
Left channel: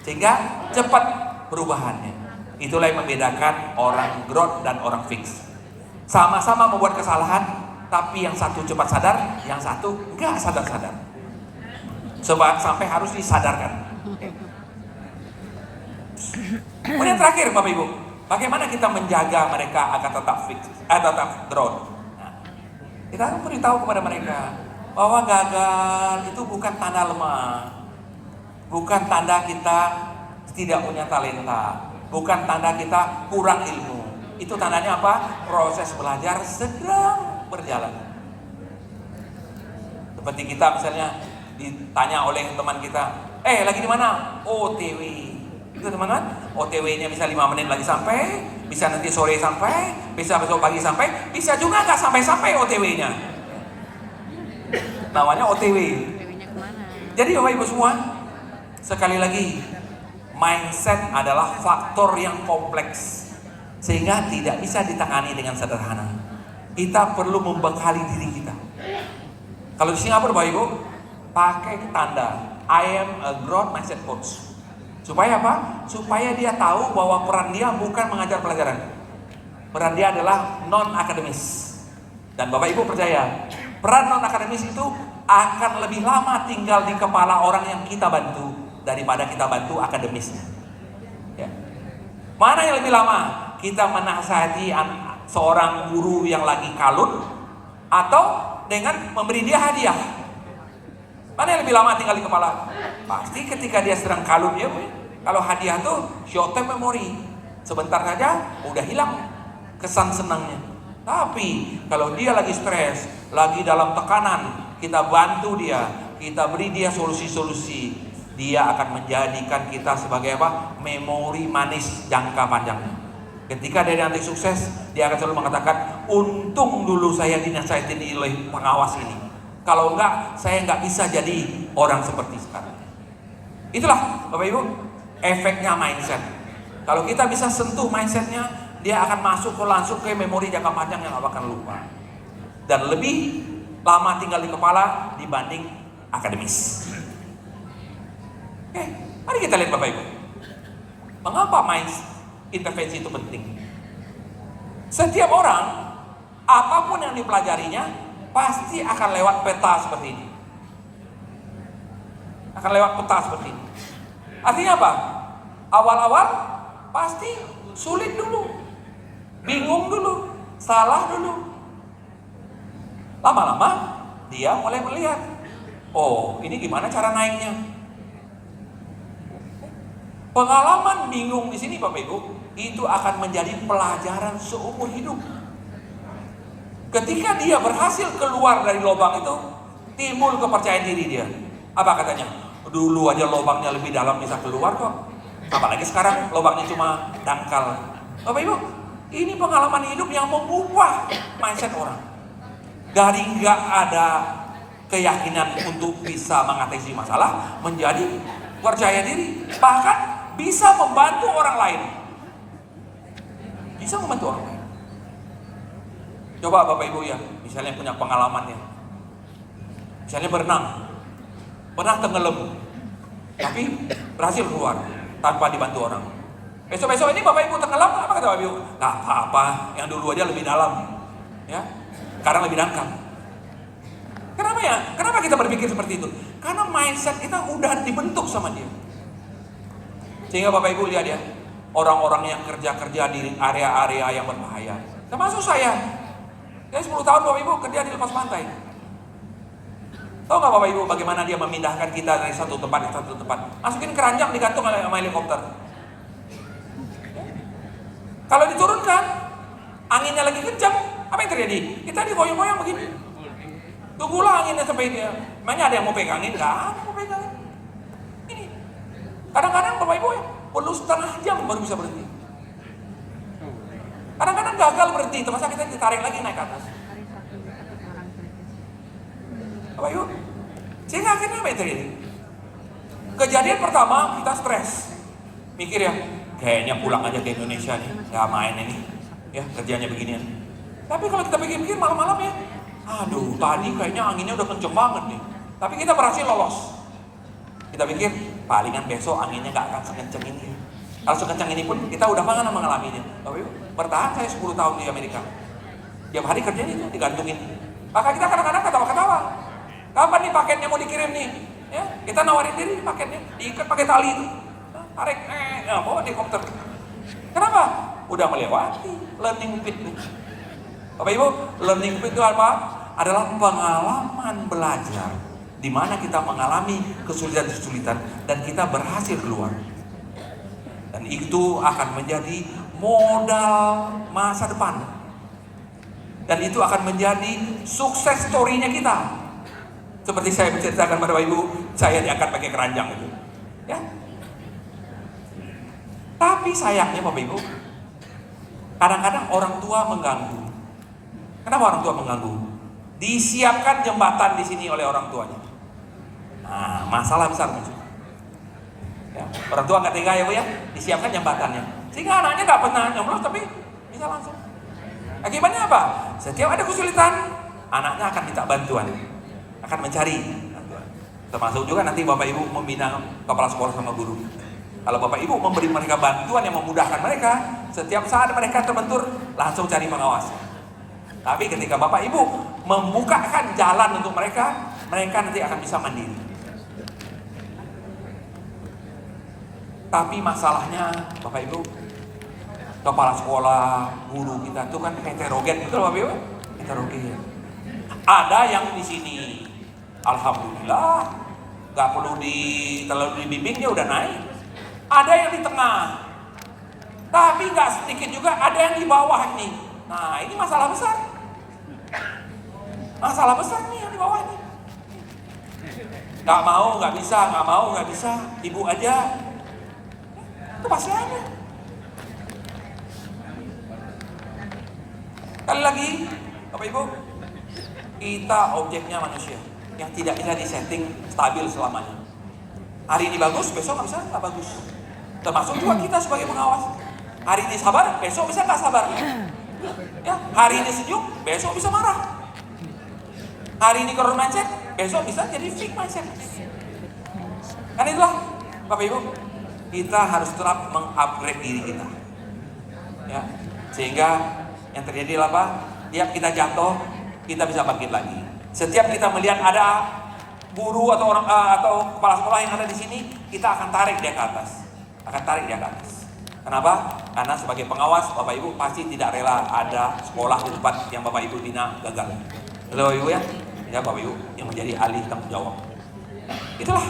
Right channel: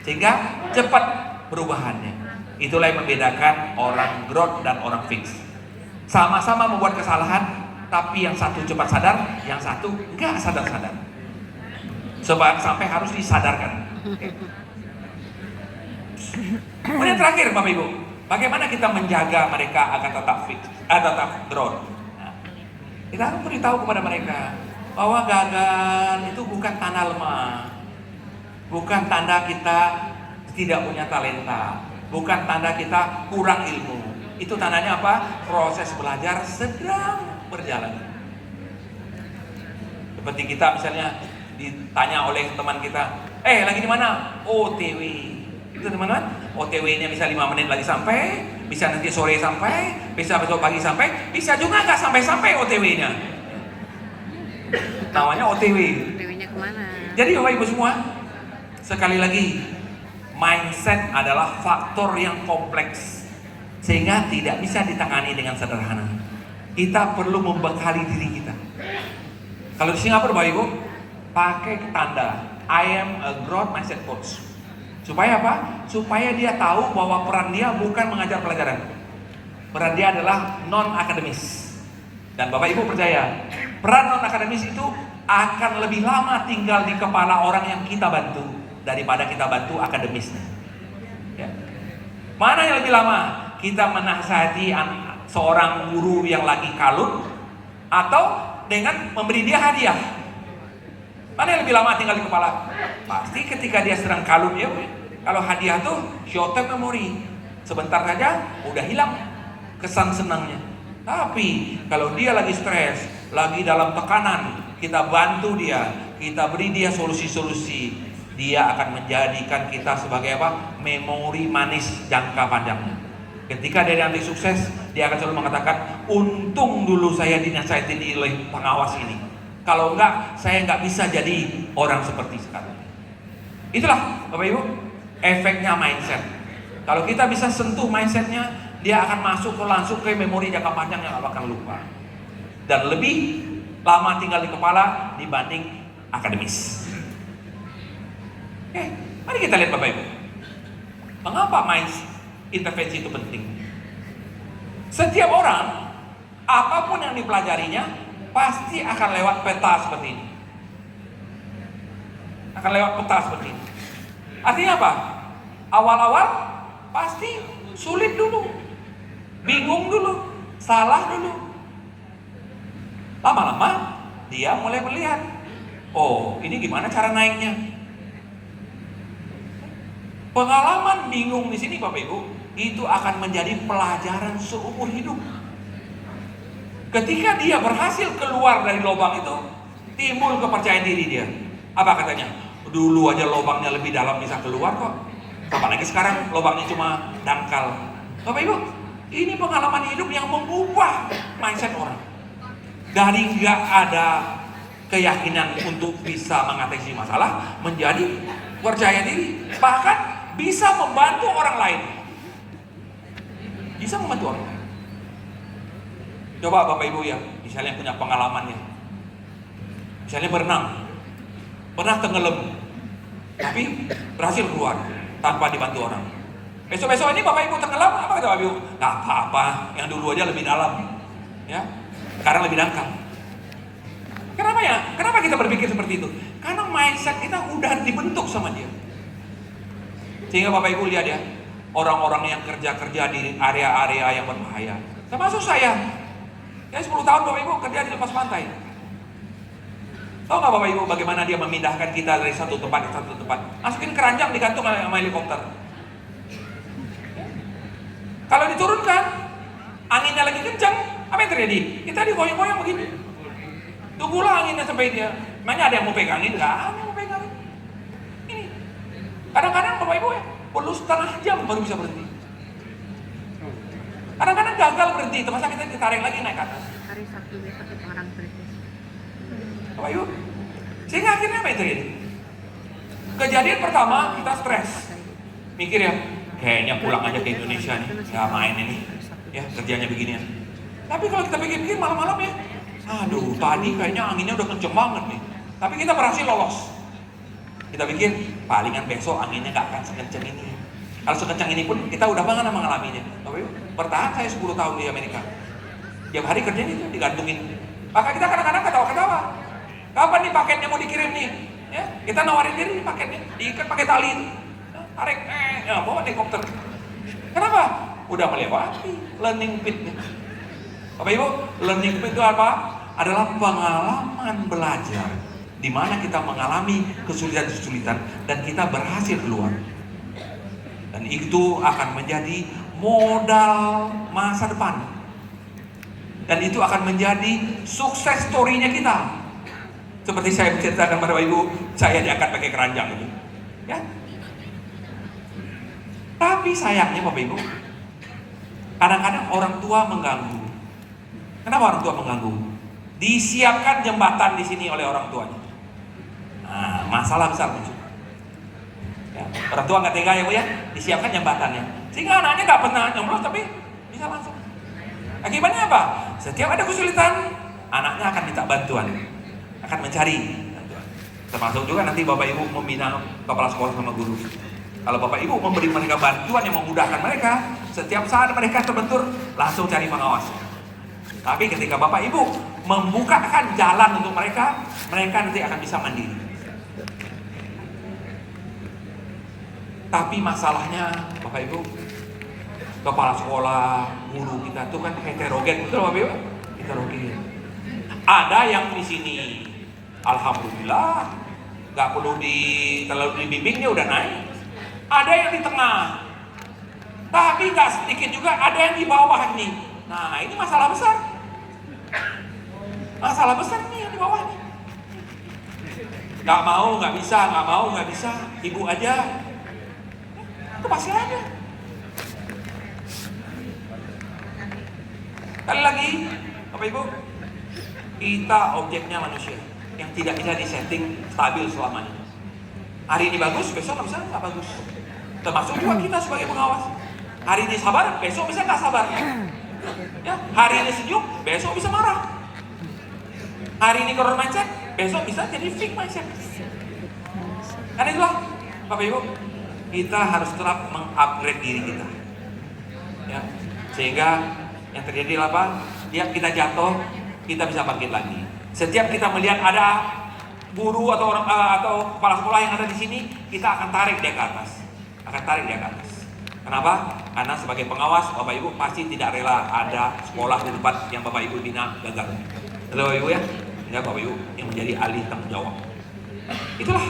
sehingga cepat perubahannya. Itulah yang membedakan orang growth dan orang fix. Sama-sama membuat kesalahan, tapi yang satu cepat sadar, yang satu enggak sadar-sadar. Sebab sampai harus disadarkan. Kemudian terakhir Bapak Ibu, bagaimana kita menjaga mereka agar tetap fix, tetap growth? Nah, kita beritahu kepada mereka bahwa gagal itu bukan tanda lemah, bukan tanda kita tidak punya talenta, bukan tanda kita kurang ilmu. Itu tandanya apa? Proses belajar sedang berjalan. Seperti kita misalnya ditanya oleh teman kita, lagi di mana? OTW. Itu teman-teman, OTW-nya bisa 5 menit lagi sampai, bisa nanti sore sampai, bisa besok pagi sampai, bisa juga nggak sampai-sampai OTW-nya. Namanya OTW. OTW-nya kemana? Jadi Bapak Ibu semua, sekali lagi, mindset adalah faktor yang kompleks. sehingga tidak bisa ditangani dengan sederhana. Kita perlu membekali diri kita. Kalau di Singapura Bapak Ibu, pakai tanda I am a growth mindset coach. Supaya apa? Supaya dia tahu bahwa peran dia bukan mengajar pelajaran. Peran dia adalah non-akademis. Dan Bapak Ibu percaya, peran non-akademis itu akan lebih lama tinggal di kepala orang yang kita bantu daripada kita bantu akademisnya. Ya. Mana yang lebih lama? Kita menasihati seorang guru yang lagi kalut atau dengan memberi dia hadiah? Mana yang lebih lama tinggal di kepala? Pasti ketika dia sedang kalut ya. Kalau hadiah tuh short term memory, sebentar saja udah hilang kesan senangnya. Tapi kalau dia lagi stres, lagi dalam tekanan, kita bantu dia, kita beri dia solusi-solusi, dia akan menjadikan kita sebagai apa? Memori manis jangka panjang. Ketika dia nanti sukses, dia akan selalu mengatakan, untung dulu saya dinasihatin oleh pengawas ini. Kalau enggak, saya enggak bisa jadi orang seperti sekarang. Itulah Bapak Ibu, efeknya mindset. Kalau kita bisa sentuh mindsetnya, dia akan masuk langsung ke memori jangka panjang yang gak akan lupa. Dan lebih lama tinggal di kepala dibanding akademis. Oke, mari kita lihat Bapak Ibu. Mengapa intervensi itu penting? Setiap orang, apapun yang dipelajarinya, pasti akan lewat peta seperti ini. Akan lewat peta seperti ini. Artinya apa? Awal-awal pasti sulit dulu. Bingung dulu, salah dulu. Lama-lama dia mulai melihat, oh ini gimana cara naiknya. Pengalaman bingung di sini Bapak Ibu, itu akan menjadi pelajaran seumur hidup. Ketika dia berhasil keluar dari lubang itu, timbul kepercayaan diri dia. Apa katanya? Dulu aja lubangnya lebih dalam bisa keluar kok. Apalagi sekarang lubangnya cuma dangkal. Bapak Ibu, ini pengalaman hidup yang mengubah mindset orang. Dari nggak ada keyakinan untuk bisa mengatasi masalah, menjadi percaya diri, bahkan bisa membantu orang lain. Bisa membantu orang lain. Coba Bapak Ibu ya, misalnya punya pengalamannya, misalnya berenang, pernah tenggelam, tapi berhasil keluar tanpa dibantu orang. Besok-besok ini Bapak Ibu tenggelam, apa kata Bapak Ibu? Gak apa-apa, yang dulu aja lebih dalam, ya, sekarang lebih dangkal. Kenapa ya? Kenapa kita berpikir seperti itu? Karena mindset kita udah dibentuk sama dia. Sehingga Bapak Ibu lihat ya, orang-orang yang kerja-kerja di area-area yang berbahaya, termasuk saya. Ya 10 tahun Bapak Ibu kerja di lepas pantai. Tahu nggak Bapak Ibu bagaimana dia memindahkan kita dari satu tempat ke satu tempat? Masukin keranjang digantung sama helikopter. Kalau diturunkan, anginnya lagi kencang, apa yang terjadi? Kita digoyang-goyang begini. Tunggulah anginnya sampai dia. Emangnya ada yang mau pegangin? Nggak ada yang mau pegangin. Ini. Kadang-kadang Bapak Ibu ya, perlu setengah jam baru bisa berhenti. Kadang-kadang gagal berhenti, terpaksa kita ditarik lagi naik ke atas. Hari Sabtu besok kita orang kritis. Bapak Ibu, sehingga akhirnya apa yang terjadi? Kejadian pertama kita stres, mikir ya, kayaknya pulang aja ke Indonesia nih, ya main ini, ya kerjanya beginian. Tapi kalau kita pikir-pikir malam-malam ya, aduh tadi kayaknya anginnya udah kenceng banget nih, tapi kita berhasil lolos. Kita pikir palingan besok anginnya gak akan sekenceng ini. Kalau sekencang ini pun kita udah mengalaminya. Bapak Ibu, bertahan saya 10 tahun di Amerika. Tiap hari kerjanya itu digantungin. Maka kita kadang-kadang ketawa-ketawa. Kapan nih paketnya mau dikirim nih? Ya, kita nawarin diri paketnya, diikat pakai tali itu. Tarik, ya, bawa helikopter. Kenapa? Udah melewati learning pit nih. Bapak Ibu, learning pit itu apa? Adalah pengalaman belajar di mana kita mengalami kesulitan-kesulitan dan kita berhasil keluar. Dan itu akan menjadi modal masa depan. Dan itu akan menjadi sukses story-nya kita. Seperti saya menceritakan pada Bapak Ibu, saya diangkat pakai keranjang itu. Ya. Tapi sayangnya Bapak Ibu, kadang-kadang orang tua mengganggu. Kenapa orang tua mengganggu? Disiapkan jembatan di sini oleh orang tuanya. Nah, masalah besar muncul. Ya, orang tua nggak tega ya Bu ya, disiapkan jembatannya. Sehingga anaknya nggak pernah nyemplung tapi Bisa langsung. Akibatnya apa? Setiap ada kesulitan, anaknya akan minta bantuan, akan mencari bantuan. Termasuk juga nanti Bapak Ibu membina kepala sekolah sama guru. Kalau Bapak Ibu memberi mereka bantuan yang memudahkan mereka, setiap saat mereka terbentur, langsung cari pengawas. Tapi ketika Bapak Ibu membukakan jalan untuk mereka, mereka nanti akan bisa mandiri. Tapi masalahnya Bapak Ibu, kepala sekolah, guru kita itu kan heterogen, betul Bapak Ibu? Heterogen. Ada yang di sini, alhamdulillah, nggak perlu terlalu dibimbing dia udah naik. Ada yang di tengah, tapi nggak sedikit juga ada yang di bawah nih. Nah ini masalah besar. Masalah besar nih yang di bawah nih. Nggak mau, nggak bisa, nggak mau, nggak bisa. Ibu aja, itu pasti ada. Kali lagi, Bapak Ibu, kita objeknya manusia yang tidak bisa disetting stabil selamanya. Hari ini bagus, besok nggak bagus. Termasuk juga kita sebagai pengawas. Hari ini sabar, besok bisa nggak sabar. Ya, hari ini sejuk, besok bisa marah. Hari ini growth mindset, besok bisa jadi fixed mindset. Kan itulah, Bapak Ibu, kita harus tetap mengupgrade diri kita. Ya, sehingga yang terjadi apa? Tiap kita jatuh, kita bisa bangkit lagi. Setiap kita melihat ada guru atau orang atau kepala sekolah yang ada di sini, kita akan tarik dia ke atas. Kenapa? Karena sebagai pengawas, Bapak Ibu pasti tidak rela ada sekolah di tempat yang Bapak Ibu bina gagal. Betul Bapak Ibu ya? Ya Bapak Ibu yang menjadi ahli tanggung jawab. Itulah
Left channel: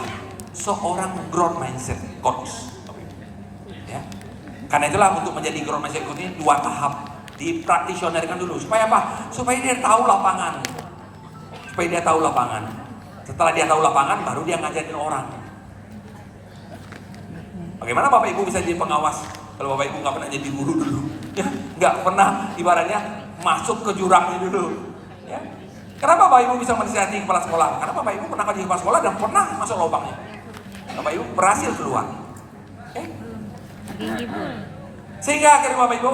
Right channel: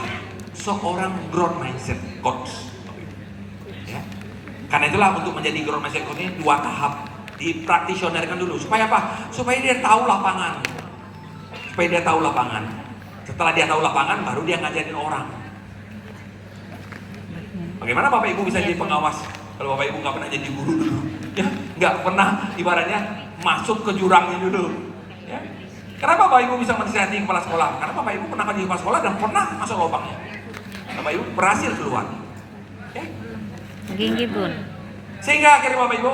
seorang growth mindset coach. Ya. Karena itulah untuk menjadi growth mindset coach ini 2 tahap. Dipraktisionerkan dulu. Supaya apa? Supaya dia tahu lapangan. Setelah dia tahu lapangan, baru dia ngajarin orang. Bagaimana Bapak Ibu bisa jadi pengawas kalau Bapak Ibu nggak pernah jadi guru dulu, ya, nggak pernah ibaratnya masuk ke jurang ini dulu. Ya. Kenapa Bapak Ibu bisa menasihati kepala sekolah? Karena Bapak Ibu pernah jadi kepala sekolah dan pernah masuk lubangnya. Bapak Ibu berhasil keluar. Ya. Sehingga akhirnya Bapak Ibu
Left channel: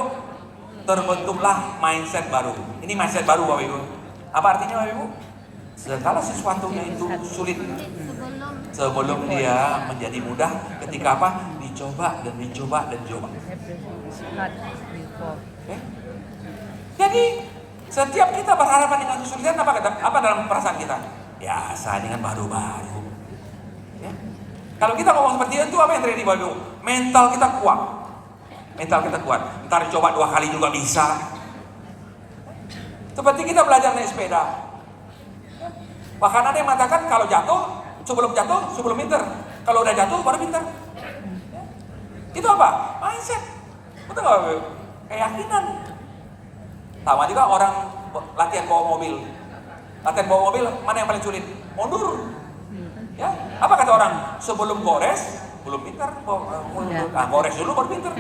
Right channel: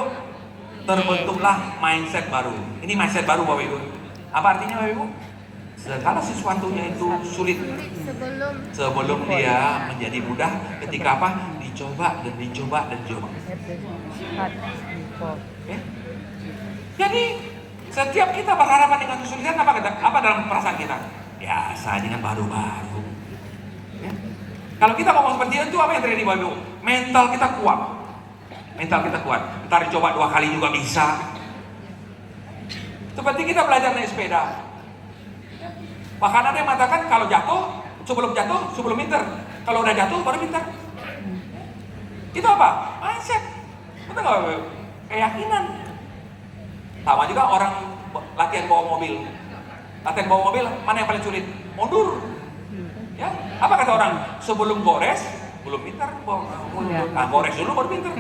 terbentuklah mindset baru. Ini mindset baru Bapak Ibu. Apa artinya Bapak Ibu? Segala sesuatunya itu sulit sebelum dia menjadi mudah ketika apa? Dicoba. Okay? Jadi setiap kita berhadapan dengan kesulitan apa dalam perasaan kita? Biasa dengan baru-baru. Ya? Kalau kita ngomong seperti itu apa yang terjadi Bapak Ibu? Mental kita kuat. Ntar coba 2 kali juga bisa. Seperti kita belajar naik sepeda. Bahkan ada yang mengatakan kalau jatuh, sebelum pinter. Kalau udah jatuh, baru pinter. Itu apa? Mindset. Betul nggak? Keyakinan. Sama juga orang latihan bawa mobil. Mana yang paling sulit? Mundur. Ya, apa kata orang? Sebelum gores, belum pinter. Gores dulu baru pinter.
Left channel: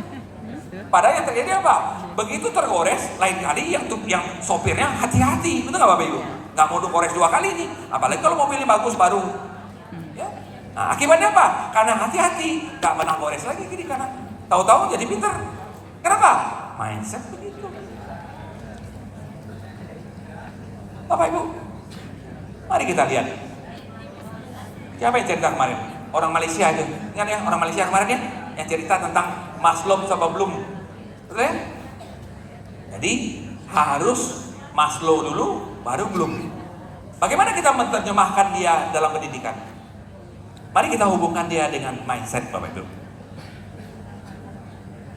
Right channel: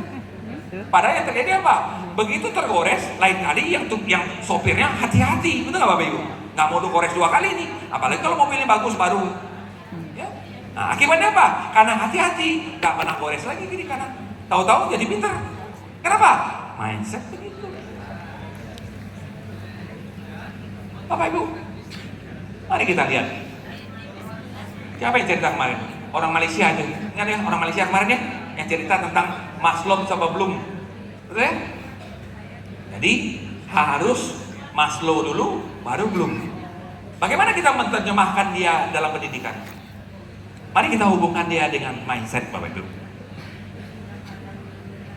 Padahal yang terjadi apa? Begitu tergores, lain kali yang sopirnya hati-hati. Betul nggak Bapak Ibu? Nggak mau gores 2 kali nih, apalagi kalau mobilnya bagus baru. Ya. Nah, akibatnya apa? Karena hati-hati, nggak pernah gores lagi kiri kanan. Tahu-tahu jadi pinter. Kenapa? Mindset begitu. Bapak Ibu, mari kita lihat. Siapa yang cerita kemarin? Orang Malaysia aja. Ingat ya, orang Malaysia kemarin ya, yang cerita tentang Maslow sama Bloom. Betul ya? Jadi harus Maslow dulu, baru Bloom. Bagaimana kita menerjemahkan dia dalam pendidikan? Mari kita hubungkan dia dengan mindset Bapak Ibu.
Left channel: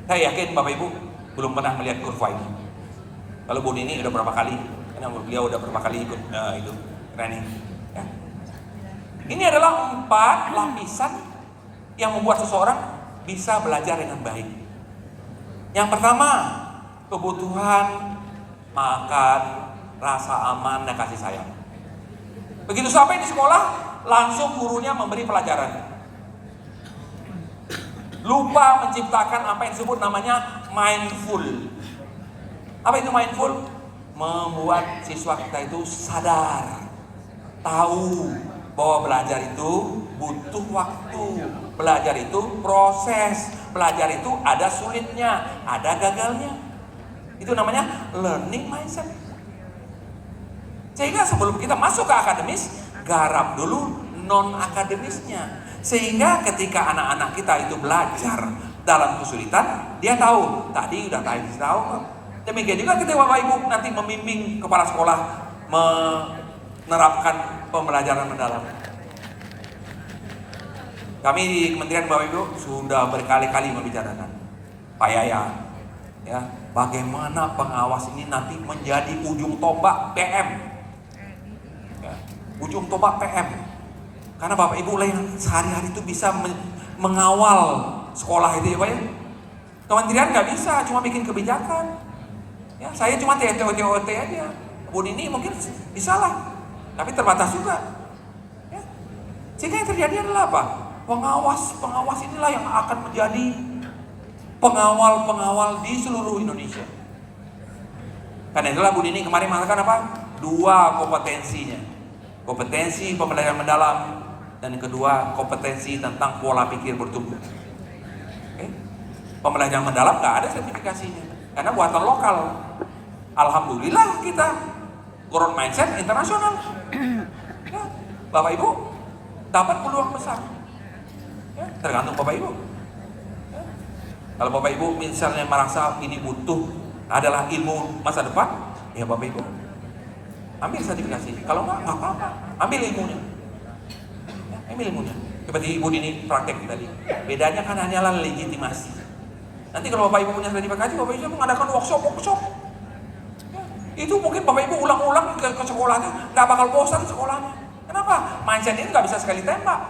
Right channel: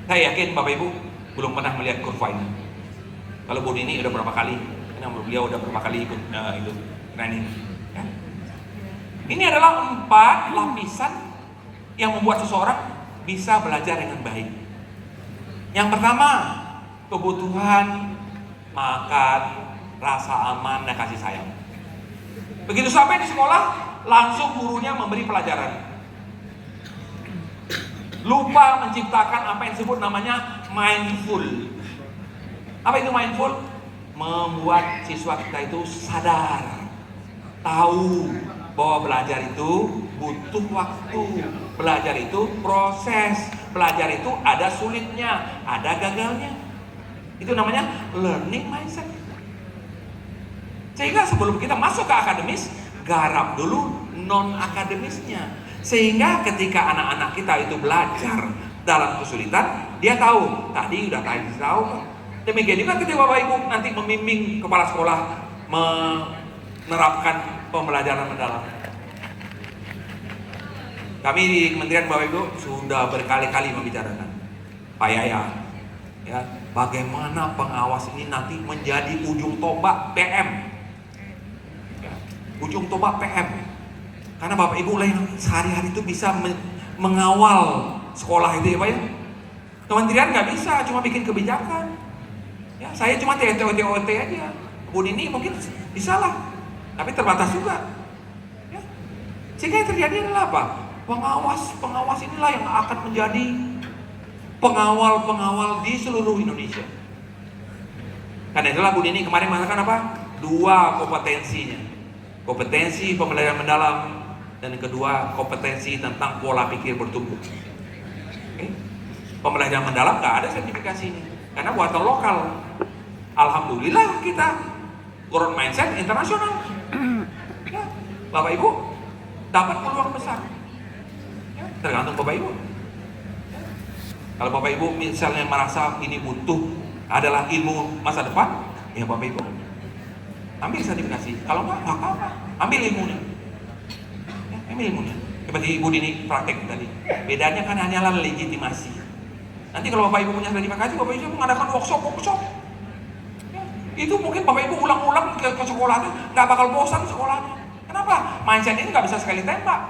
Saya yakin Bapak Ibu belum pernah melihat kurva ini. Kalau Bu Nini udah berapa kali? Karena beliau udah berapa kali ikut itu training. Ya. Ini adalah 4 lapisan yang membuat seseorang bisa belajar dengan baik. Yang pertama, kebutuhan makan, rasa aman, dan kasih sayang. Begitu sampai di sekolah, langsung gurunya memberi pelajaran. Lupa menciptakan apa yang disebut namanya mindful. Apa itu mindful? Membuat siswa kita itu sadar, tahu bahwa belajar itu butuh waktu, belajar itu proses, belajar itu ada sulitnya, ada gagalnya. Itu namanya learning mindset. Sehingga sebelum kita masuk ke akademis, garap dulu non-akademisnya. Sehingga ketika anak-anak kita itu belajar dalam kesulitan, dia tahu, tadi udah tahu. Demikian juga ketika Bapak Ibu nanti membimbing kepala sekolah menerapkan pembelajaran mendalam. Kami di Kementerian Bapak Ibu sudah berkali-kali membicarakan, Pak Yaya, ya, bagaimana pengawas ini nanti menjadi ujung tombak PM. Ya, ujung tombak PM. Karena Bapak Ibu lah yang sehari-hari itu bisa mengawal sekolah itu ya Pak ya. Kementerian nggak bisa, cuma bikin kebijakan. Ya, saya cuma TOT aja. Bu Nini mungkin bisa lah, tapi terbatas juga. Ya. Sehingga yang terjadi adalah apa? Pengawas inilah yang akan menjadi pengawal di seluruh Indonesia. Karena itulah Bu Nini kemarin mengatakan apa? 2 kompetensinya. Kompetensi pembelajaran mendalam dan yang kedua kompetensi tentang pola pikir bertumbuh. Okay? Pembelajaran mendalam nggak ada sertifikasinya karena buatan lokal. Alhamdulillah kita growth mindset internasional. Ya, Bapak Ibu dapat peluang besar. Ya, tergantung Bapak Ibu. Ya. Kalau Bapak Ibu misalnya merasa ini butuh adalah ilmu masa depan, ya Bapak Ibu ambil sertifikasi. Kalau nggak apa-apa, ambil ilmunya. Ya, ambil ilmunya. Seperti Ibu Dini praktek tadi. Bedanya kan hanyalah legitimasi. Nanti kalau Bapak Ibu punya sertifikasi, Bapak Ibu mengadakan workshop. Ya, itu mungkin Bapak Ibu ulang-ulang ke sekolahnya, nggak bakal bosan di sekolahnya. Kenapa? Mindset ini nggak bisa sekali tembak.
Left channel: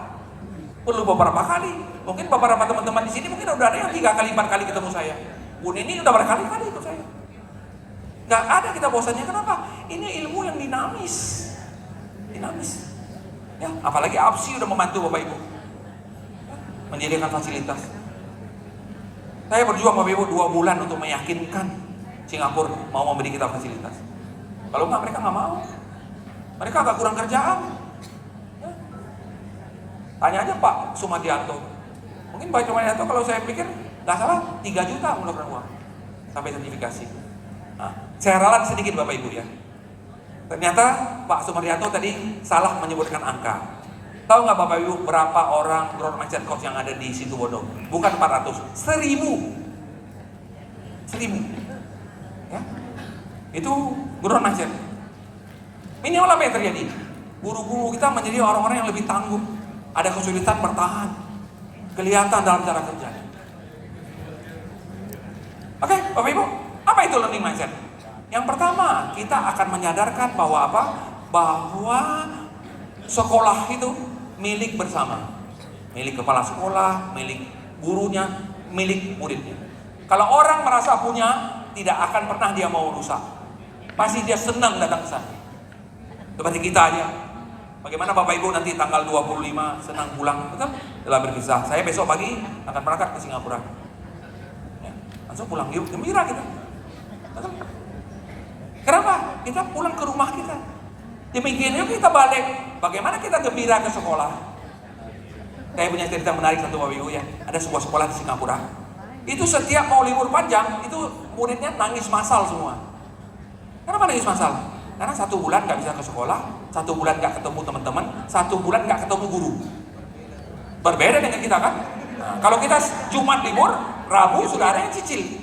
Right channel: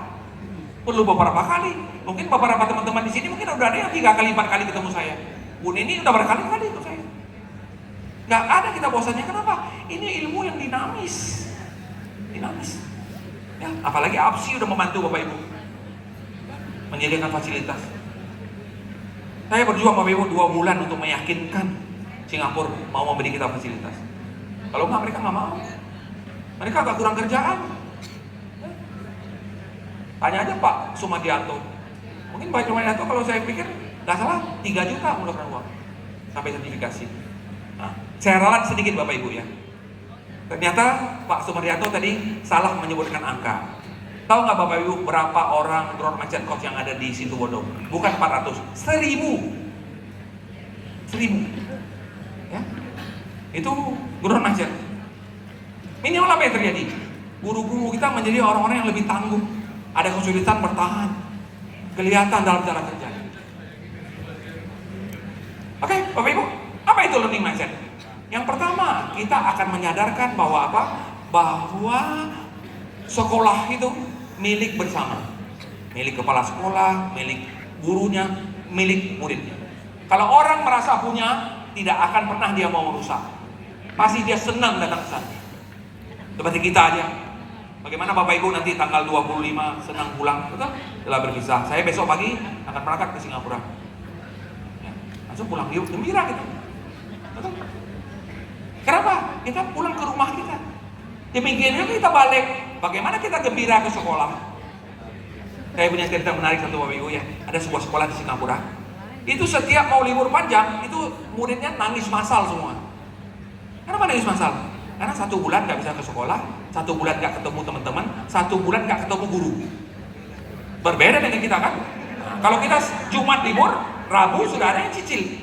Perlu beberapa kali. Mungkin beberapa teman-teman di sini mungkin udah ada yang 3 kali 4 kali ketemu saya. Bu Nini udah berkali-kali ikut saya. Nggak ada kita bosannya. Kenapa? Ini ilmu yang dinamis. Ya, apalagi APSI udah membantu Bapak Ibu menyediakan fasilitas. Saya berjuang Bapak Ibu 2 bulan untuk meyakinkan Singapura mau memberi kita fasilitas. Kalau nggak, mereka nggak mau. Mereka agak kurang kerjaan. Ya. Tanya aja Pak Sumadianto. Mungkin Pak Sumadianto kalau saya pikir nggak salah 3 juta mengeluarkan uang sampai sertifikasi. Nah, saya ralat sedikit Bapak Ibu ya. Ternyata Pak Sumaryanto tadi salah menyebutkan angka. Tahu nggak Bapak Ibu berapa orang growth mindset coach yang ada di Situbondo? Bukan 400, 1000. Ya. Itu growth mindset. Minimal apa yang terjadi? Guru-guru kita menjadi orang-orang yang lebih tangguh. Ada kesulitan bertahan. Kelihatan dalam cara kerja. Oke, Bapak Ibu, apa itu learning mindset? Yang pertama, kita akan menyadarkan bahwa apa? Bahwa sekolah itu milik bersama. Milik kepala sekolah, milik gurunya, milik muridnya. Kalau orang merasa punya, tidak akan pernah dia mau rusak. Pasti dia senang datang ke sana. Seperti kita aja. Bagaimana Bapak Ibu nanti tanggal 25 senang pulang, betul? Setelah berpisah. Saya besok pagi akan berangkat ke Singapura. Ya, langsung pulang, gembira kita. Betul? Kenapa? Kita pulang ke rumah kita. Demikian kita balik. Bagaimana kita gembira ke sekolah? Saya punya cerita menarik satu Bapak Ibu ya. Ada sebuah sekolah di Singapura. Itu setiap mau libur panjang, itu muridnya nangis massal semua. Kenapa nangis massal? Karena 1 bulan nggak bisa ke sekolah, 1 bulan nggak ketemu teman-teman, 1 bulan nggak ketemu guru. Berbeda dengan kita kan? Nah, kalau kita Jumat libur, Rabu sudah ada yang cicil.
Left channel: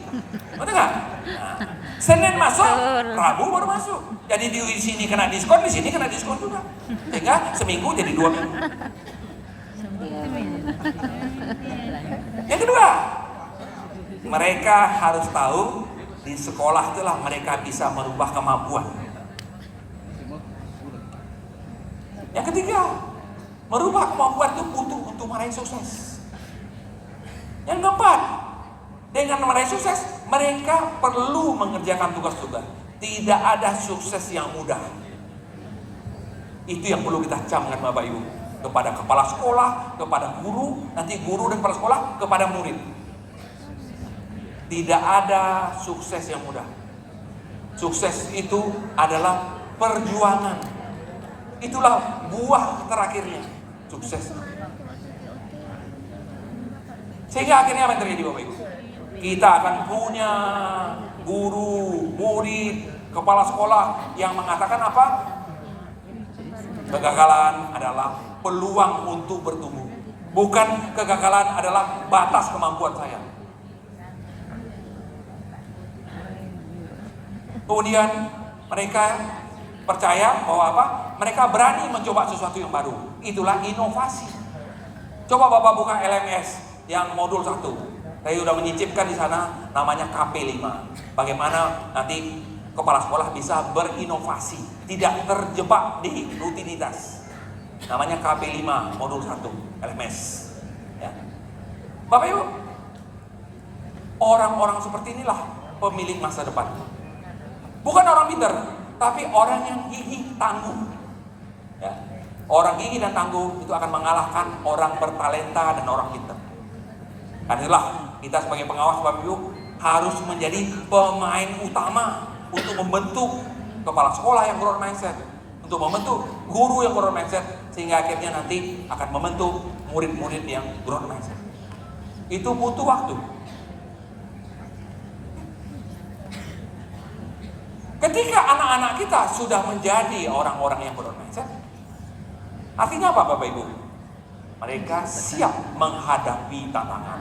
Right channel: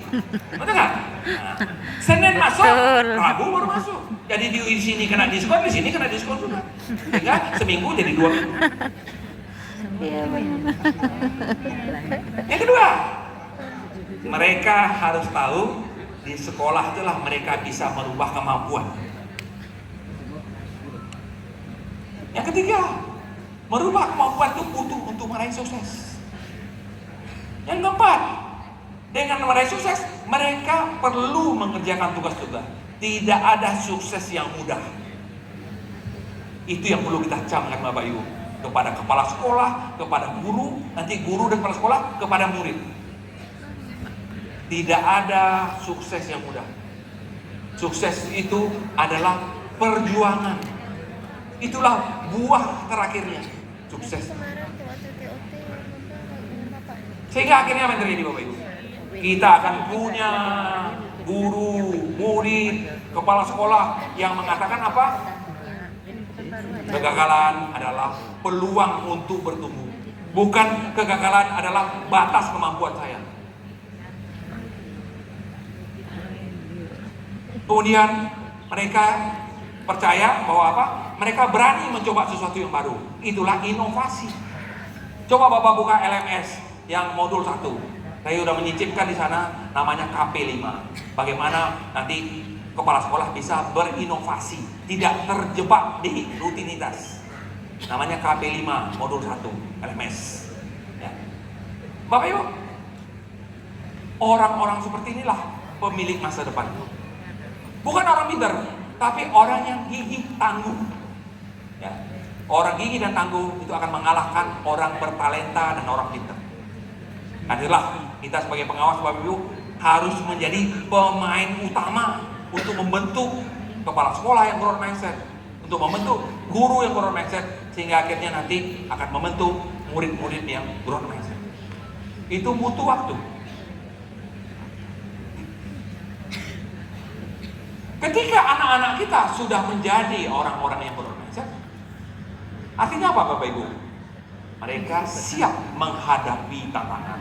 Betul nggak? Nah, Senin masuk, Rabu baru masuk. Jadi di sini kena diskon, di sini kena diskon juga. Sehingga seminggu jadi 2 minggu. Yang kedua, mereka harus tahu di sekolah itulah mereka bisa merubah kemampuan. Yang ketiga, merubah kemampuan itu butuh untuk meraih sukses. Yang keempat, dengan meraih sukses, mereka perlu mengerjakan tugas-tugas. Tidak ada sukses yang mudah. Itu yang perlu kita camkan Bapak Ibu. Kepada kepala sekolah, kepada guru, nanti guru dan kepala sekolah, kepada murid. Tidak ada sukses yang mudah. Sukses itu adalah perjuangan. Itulah buah terakhirnya. Sukses. Sehingga akhirnya apa yang terjadi Bapak Ibu? Kita akan punya guru, murid, kepala sekolah yang mengatakan apa? Kegagalan adalah peluang untuk bertumbuh. Bukan kegagalan adalah batas kemampuan saya. Kemudian mereka percaya bahwa apa? Mereka berani mencoba sesuatu yang baru. Itulah inovasi. Coba Bapak buka LMS yang modul 1. Saya sudah menyicipkan di sana, namanya KP5. Bagaimana nanti kepala sekolah bisa berinovasi, tidak terjebak di rutinitas. Namanya KP5 modul 1 LMS. Ya. Bapak Ibu, orang-orang seperti inilah pemilik masa depan. Bukan orang pintar, tapi orang yang gigih tangguh. Ya. Orang gigih dan tangguh itu akan mengalahkan orang bertalenta dan orang pintar. Dan itulah kita sebagai pengawas Bapak Ibu harus menjadi pemain utama untuk membentuk kepala sekolah yang growth mindset, untuk membentuk guru yang growth mindset, sehingga akhirnya nanti akan membentuk murid-murid yang growth mindset. Itu butuh waktu. Ketika anak-anak kita sudah menjadi orang-orang yang growth mindset, artinya apa Bapak Ibu? Mereka siap menghadapi tantangan.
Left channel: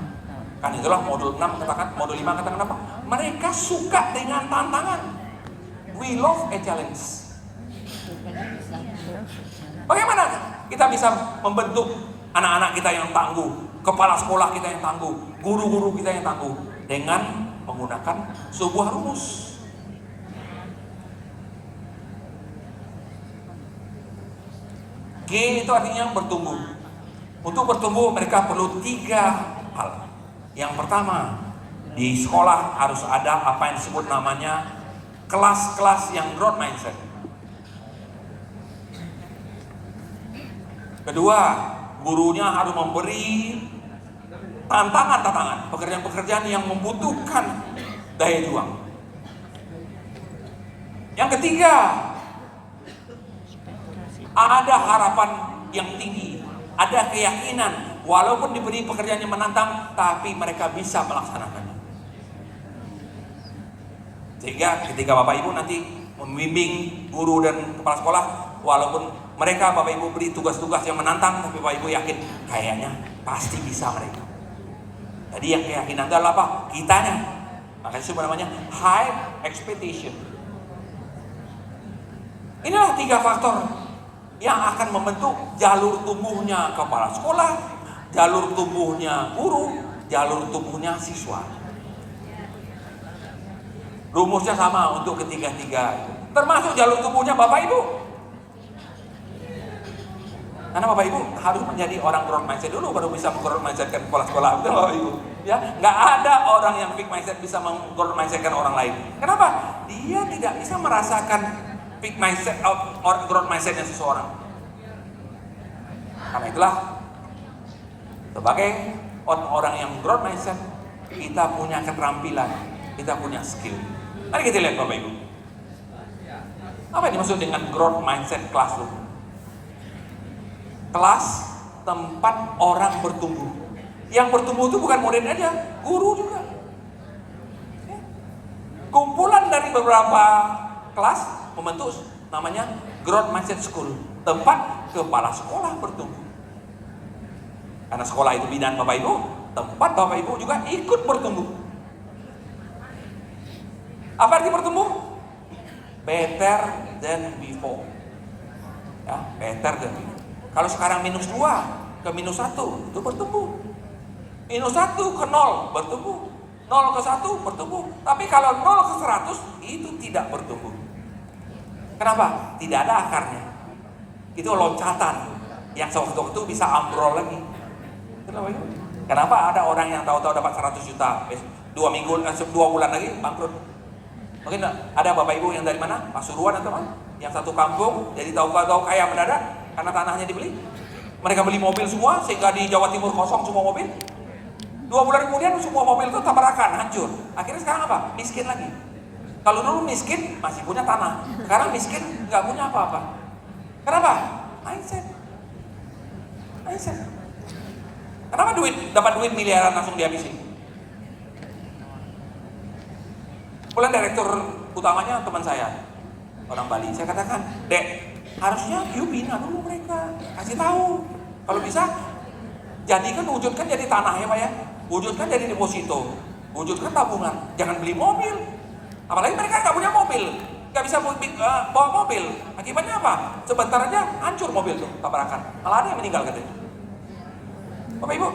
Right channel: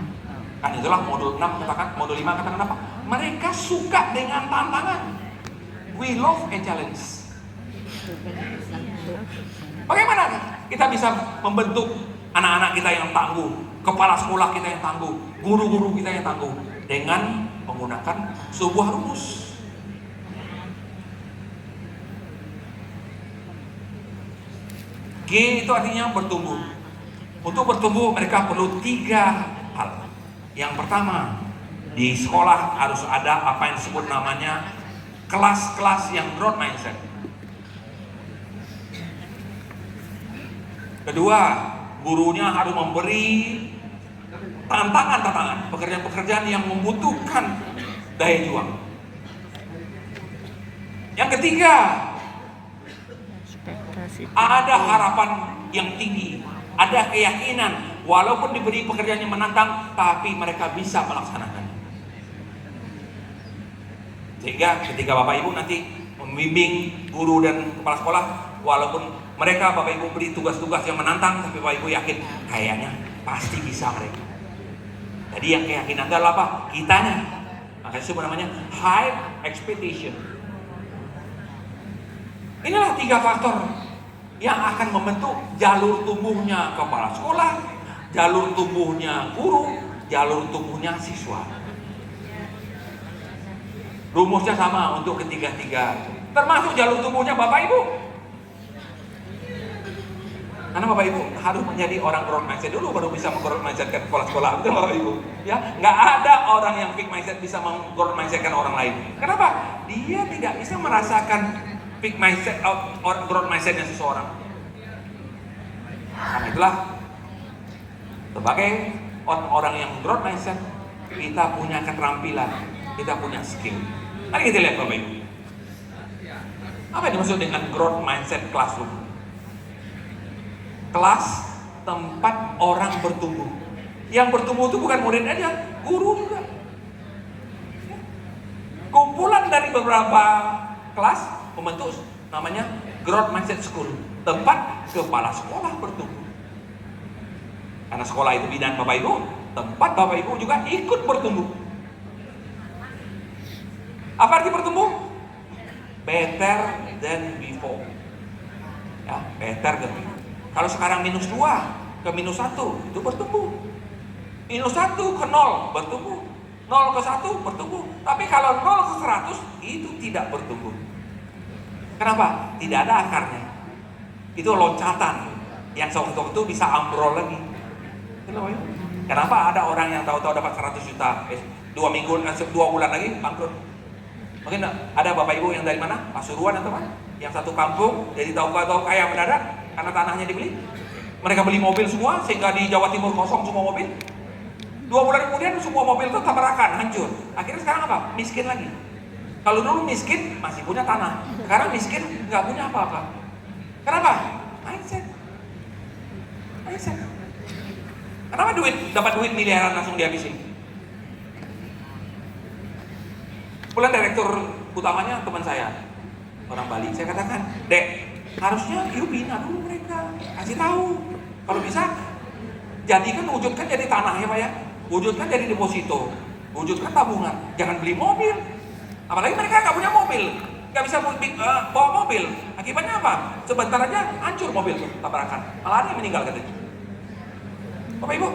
Kan itulah modul 6 katakan, modul 5 katakan apa? Mereka suka dengan tantangan. We love a challenge. Bagaimana kita bisa membentuk anak-anak kita yang tangguh, kepala sekolah kita yang tangguh, guru-guru kita yang tangguh, dengan menggunakan sebuah rumus. G itu artinya bertumbuh. Untuk bertumbuh mereka perlu 3 hal. Yang pertama, di sekolah harus ada apa yang disebut namanya kelas-kelas yang growth mindset. Kedua, gurunya harus memberi tantangan-tantangan, pekerjaan-pekerjaan yang membutuhkan daya juang. Yang ketiga, ada harapan yang tinggi, ada keyakinan walaupun diberi pekerjaan yang menantang, tapi mereka bisa melaksanakannya. Sehingga ketika Bapak Ibu nanti membimbing guru dan kepala sekolah, walaupun mereka Bapak Ibu beri tugas-tugas yang menantang, tapi Bapak Ibu yakin kayaknya pasti bisa mereka. Jadi yang keyakinan itu adalah apa? Kitanya. Makanya itu namanya high expectation. Inilah 3 faktor yang akan membentuk jalur tumbuhnya kepala sekolah, jalur tumbuhnya guru, jalur tumbuhnya siswa. Rumusnya sama untuk ketiga-tiga, termasuk jalur tumbuhnya Bapak Ibu. Karena Bapak Ibu harus menjadi orang growth mindset dulu, baru bisa meng-growth mindsetkan kepala sekolah, betul Bapak Ibu? Ya, nggak ada orang yang fixed mindset bisa meng-growth mindsetkan orang lain. Kenapa? Dia tidak bisa merasakan fixed mindset or growth mindsetnya seseorang. Karena itulah sebagai orang-orang yang growth mindset, kita punya keterampilan, kita punya skill. Mari kita lihat Bapak Ibu. Apa yang dimaksud dengan growth mindset classroom? Kelas tempat orang bertumbuh. Yang bertumbuh itu bukan murid aja, guru juga. Kumpulan dari beberapa kelas membentuk namanya growth mindset school, tempat kepala sekolah bertumbuh. Karena sekolah itu bidan Bapak Ibu, tempat Bapak Ibu juga ikut bertumbuh. Apa arti bertumbuh? Better than before. Ya, better than before. Kalau sekarang -2 ke -1 itu bertumbuh. -1 ke 0 bertumbuh. 0 ke 1 bertumbuh. Tapi kalau 0 ke 100 itu tidak bertumbuh. Kenapa? Tidak ada akarnya. Itu loncatan yang sewaktu-waktu bisa ambrol lagi. Kenapa ada orang yang tahu-tahu dapat 100 juta 2 bulan lagi bangkrut? Mungkin ada Bapak Ibu yang dari mana? Pasuruan atau mana? Yang satu kampung jadi tahu-tahu kaya mendadak karena tanahnya dibeli. Mereka beli mobil semua sehingga di Jawa Timur kosong semua mobil. 2 bulan kemudian semua mobil itu tabrakan, hancur. Akhirnya sekarang apa? Miskin lagi. Kalau dulu miskin masih punya tanah, sekarang miskin nggak punya apa-apa. Kenapa? Mindset. Kenapa dapat duit miliaran langsung dihabisin? Kemudian direktur utamanya teman saya, orang Bali. Saya katakan, Dek, harusnya you bina dulu mereka, kasih tahu. Kalau bisa, jadikan, wujudkan jadi tanah ya Pak ya. Wujudkan jadi deposito, wujudkan tabungan. Jangan beli mobil. Apalagi mereka nggak punya mobil, nggak bisa bawa mobil. Akibatnya apa? Sebentar aja hancur mobil tuh, tabrakan. Malah ada yang meninggal katanya. Bapak Ibu,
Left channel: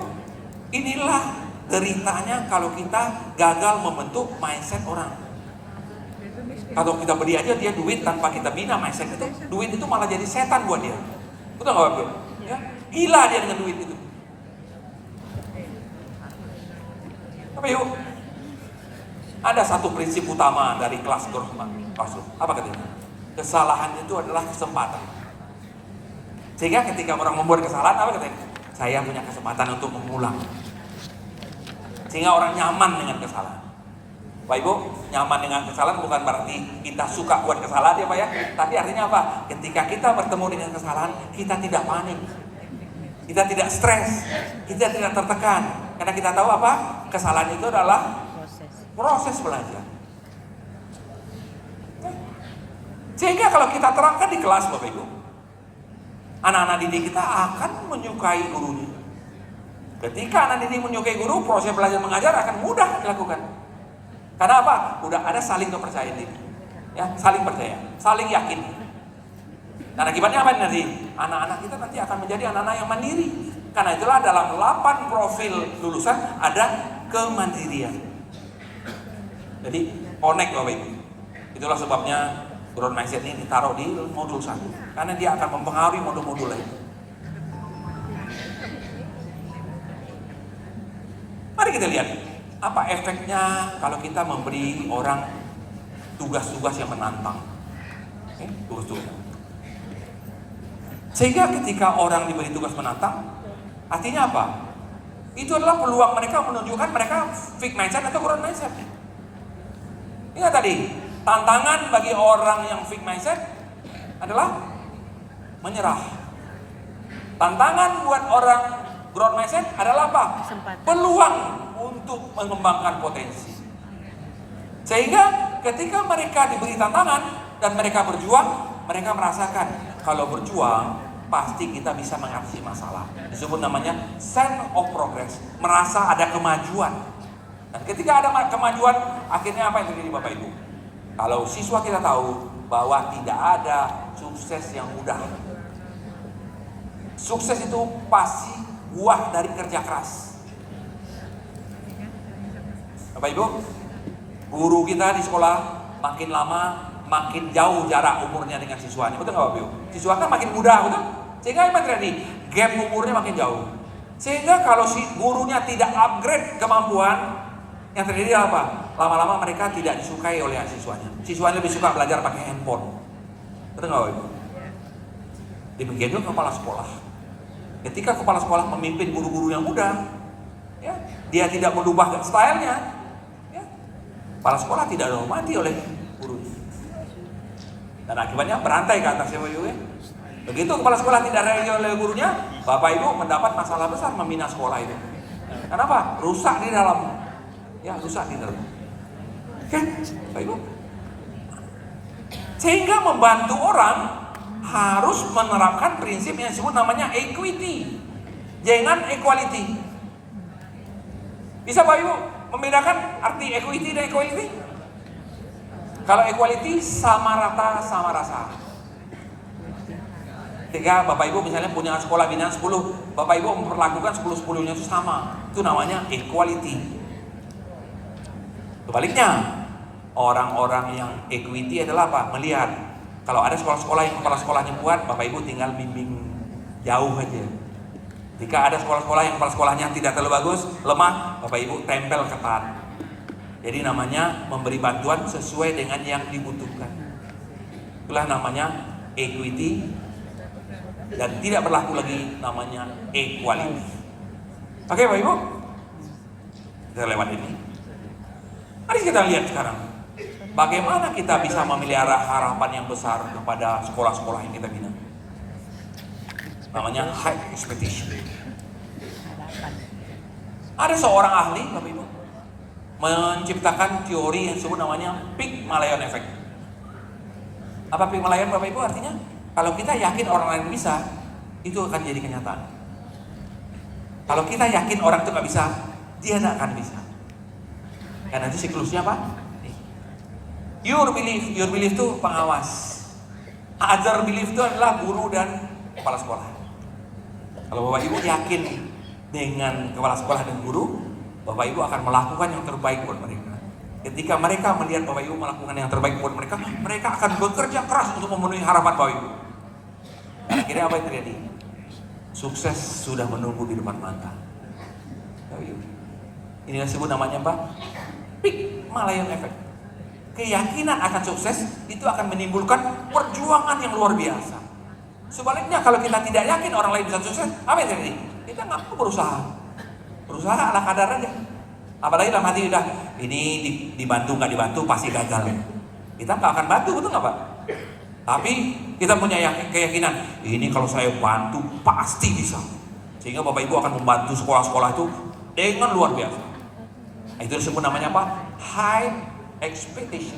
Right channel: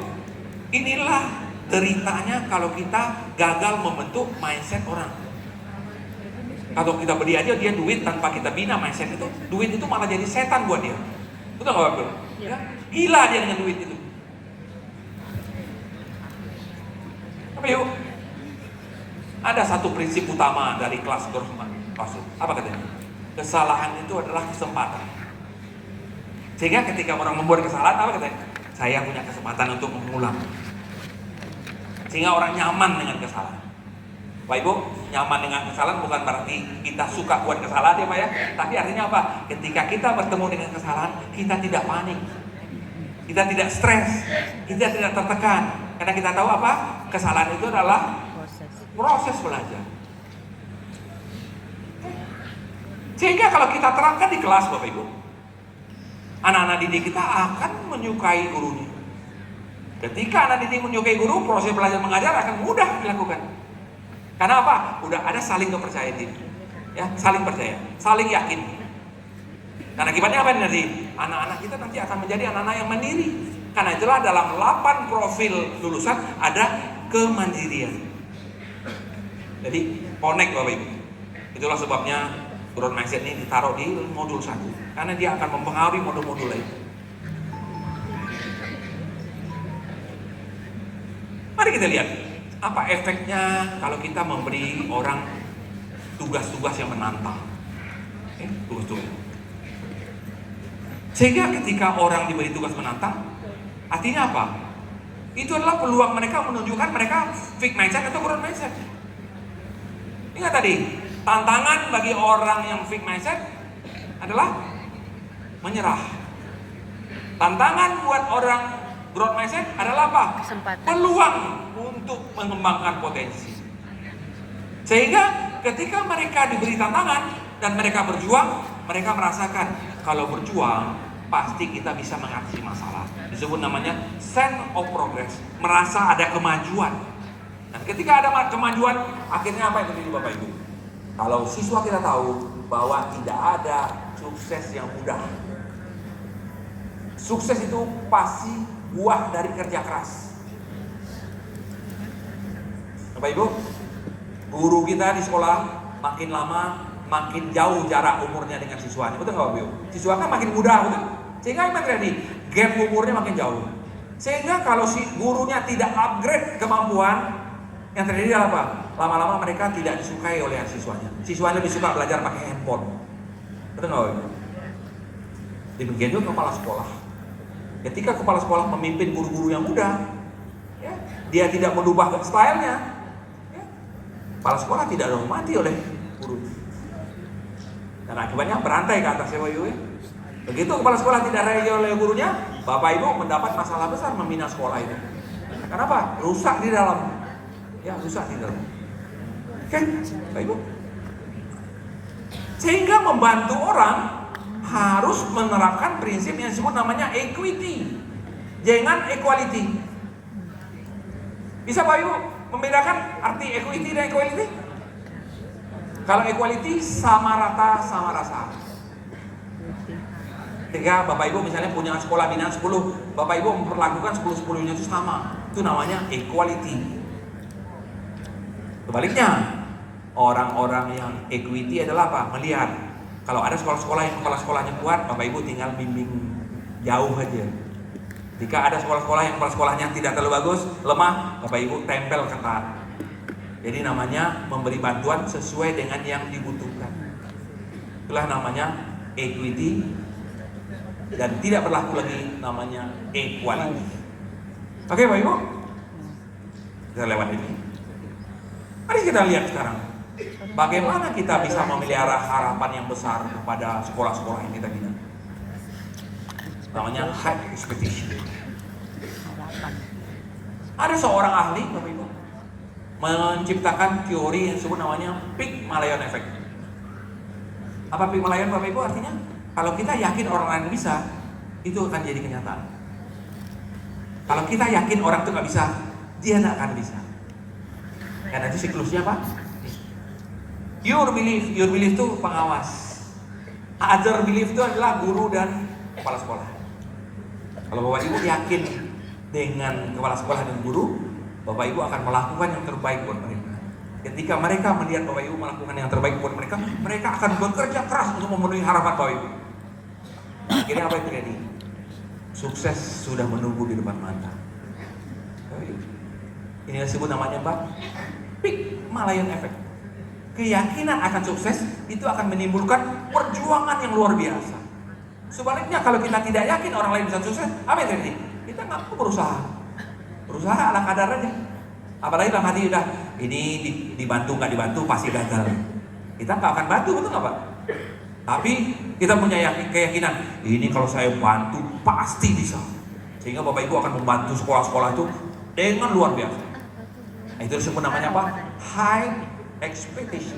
inilah deritanya kalau kita gagal membentuk mindset orang. Kalau kita beli aja dia duit tanpa kita bina mindset itu, duit itu malah jadi setan buat dia. Betul nggak Bapak Ibu? Ya? Gila dia dengan duit itu. Bapak Ibu, ada satu prinsip utama dari kelas Dorfman. Apa katanya? Kesalahan itu adalah kesempatan. Sehingga ketika orang membuat kesalahan, apa katanya? Saya punya kesempatan untuk mengulang. Sehingga orang nyaman dengan kesalahan. Bapak Ibu, nyaman dengan kesalahan bukan berarti kita suka buat kesalahan ya Pak ya. Tapi artinya apa? Ketika kita bertemu dengan kesalahan, kita tidak panik. Kita tidak stres. Kita tidak tertekan. Karena kita tahu apa? Kesalahan itu adalah proses belajar. Sehingga kalau kita terangkan di kelas Bapak Ibu, anak-anak didik kita akan menyukai gurunya. Ketika anak didik menyukai guru, proses belajar mengajar akan mudah dilakukan. Karena apa? Udah ada saling kepercayaan diri. Ya, saling percaya, saling yakin. Dan akibatnya apa nanti? Anak-anak kita nanti akan menjadi anak-anak yang mandiri. Karena itulah dalam 8 profil lulusan ada kemandirian. Jadi connect Bapak Ibu. Itulah sebabnya growth mindset ini ditaruh di modul 1. Karena dia akan mempengaruhi modul-modul lain. Mari kita lihat apa efeknya kalau kita memberi orang tugas-tugas yang menantang. Tugas-tugas. Sehingga ketika orang diberi tugas menantang, artinya apa? Itu adalah peluang mereka menunjukkan mereka fixed mindset atau growth mindset. Ingat tadi, tantangan bagi orang yang fixed mindset adalah menyerah. Tantangan buat orang growth mindset adalah apa? Kesempatan. Peluang untuk mengembangkan potensi. Sehingga ketika mereka diberi tantangan dan mereka berjuang, mereka merasakan kalau berjuang pasti kita bisa mengatasi masalah. Disebut namanya sense of progress, merasa ada kemajuan. Dan ketika ada kemajuan, akhirnya apa yang terjadi Bapak Ibu? Kalau siswa kita tahu bahwa tidak ada sukses yang mudah. Sukses itu pasti buah dari kerja keras. Bapak Ibu, guru kita di sekolah makin lama makin jauh jarak umurnya dengan siswanya, betul nggak Bapak Ibu? Siswa kan makin muda, betul? Sehingga apa terjadi? Gap umurnya makin jauh. Sehingga kalau si gurunya tidak upgrade kemampuan, yang terjadi adalah apa? Lama-lama mereka tidak disukai oleh siswanya. Siswanya lebih suka belajar pakai handphone, betul nggak Bapak Ibu? Demikian juga kepala sekolah. Ketika kepala sekolah memimpin guru-guru yang muda, ya, dia tidak merubah stylenya, ya, kepala sekolah tidak dihormati oleh gurunya. Dan akibatnya berantai ke atas ya Bapak Ibu ya. Begitu kepala sekolah tidak dihormati oleh gurunya, Bapak Ibu mendapat masalah besar membina sekolah itu. Kenapa? Rusak di dalam. Ya, rusak di dalam. Oke, Bapak Ibu. Sehingga membantu orang harus menerapkan prinsip yang disebut namanya equity. Jangan equality. Bisa Bapak Ibu membedakan arti equity dan equality? Kalau equality sama rata sama rasa. Ketika Bapak Ibu misalnya punya sekolah binaan 10, Bapak Ibu memperlakukan 10-10-nya itu sama. Itu namanya equality. Sebaliknya, orang-orang yang equity adalah apa? Melihat kalau ada sekolah-sekolah yang kepala sekolahnya kuat, Bapak Ibu tinggal bimbing jauh aja. Jika ada sekolah-sekolah yang kepala sekolahnya tidak terlalu bagus, lemah, Bapak Ibu tempel ketat. Jadi namanya memberi bantuan sesuai dengan yang dibutuhkan. Itulah namanya equity dan tidak berlaku lagi namanya equality. Oke Bapak Ibu, kita lewat ini. Mari kita lihat sekarang bagaimana kita bisa memelihara harapan yang besar kepada sekolah-sekolah yang kita bina. Namanya high expectation. Ada seorang ahli Bapak Ibu menciptakan teori yang disebut namanya Pygmalion Effect. Apa Pygmalion Bapak Ibu artinya? Kalau kita yakin orang lain bisa, itu akan jadi kenyataan. Kalau kita yakin orang itu nggak bisa, dia nggak akan bisa. Dan nanti siklusnya apa? Your belief itu pengawas. Other belief itu adalah guru dan kepala sekolah. Kalau Bapak Ibu yakin dengan kepala sekolah dan guru, Bapak Ibu akan melakukan yang terbaik buat mereka. Ketika mereka melihat Bapak Ibu melakukan yang terbaik buat mereka, mereka akan bekerja keras untuk memenuhi harapan Bapak Ibu. Akhirnya apa yang terjadi? Sukses sudah menunggu di depan mata. Ini disebut namanya apa? Pygmalion Effect. Keyakinan akan sukses itu akan menimbulkan perjuangan yang luar biasa. Sebaliknya kalau kita tidak yakin orang lain bisa sukses, apa yang terjadi? Kita nggak perlu berusaha ala kadar aja. Apalagi dalam hati udah ini dibantu nggak dibantu pasti gagal. Kita nggak akan bantu, betul nggak Pak? Tapi kita punya keyakinan ini kalau saya bantu pasti bisa. Sehingga Bapak Ibu akan membantu sekolah-sekolah itu dengan luar biasa. Nah, itu disebut namanya apa? High expectation.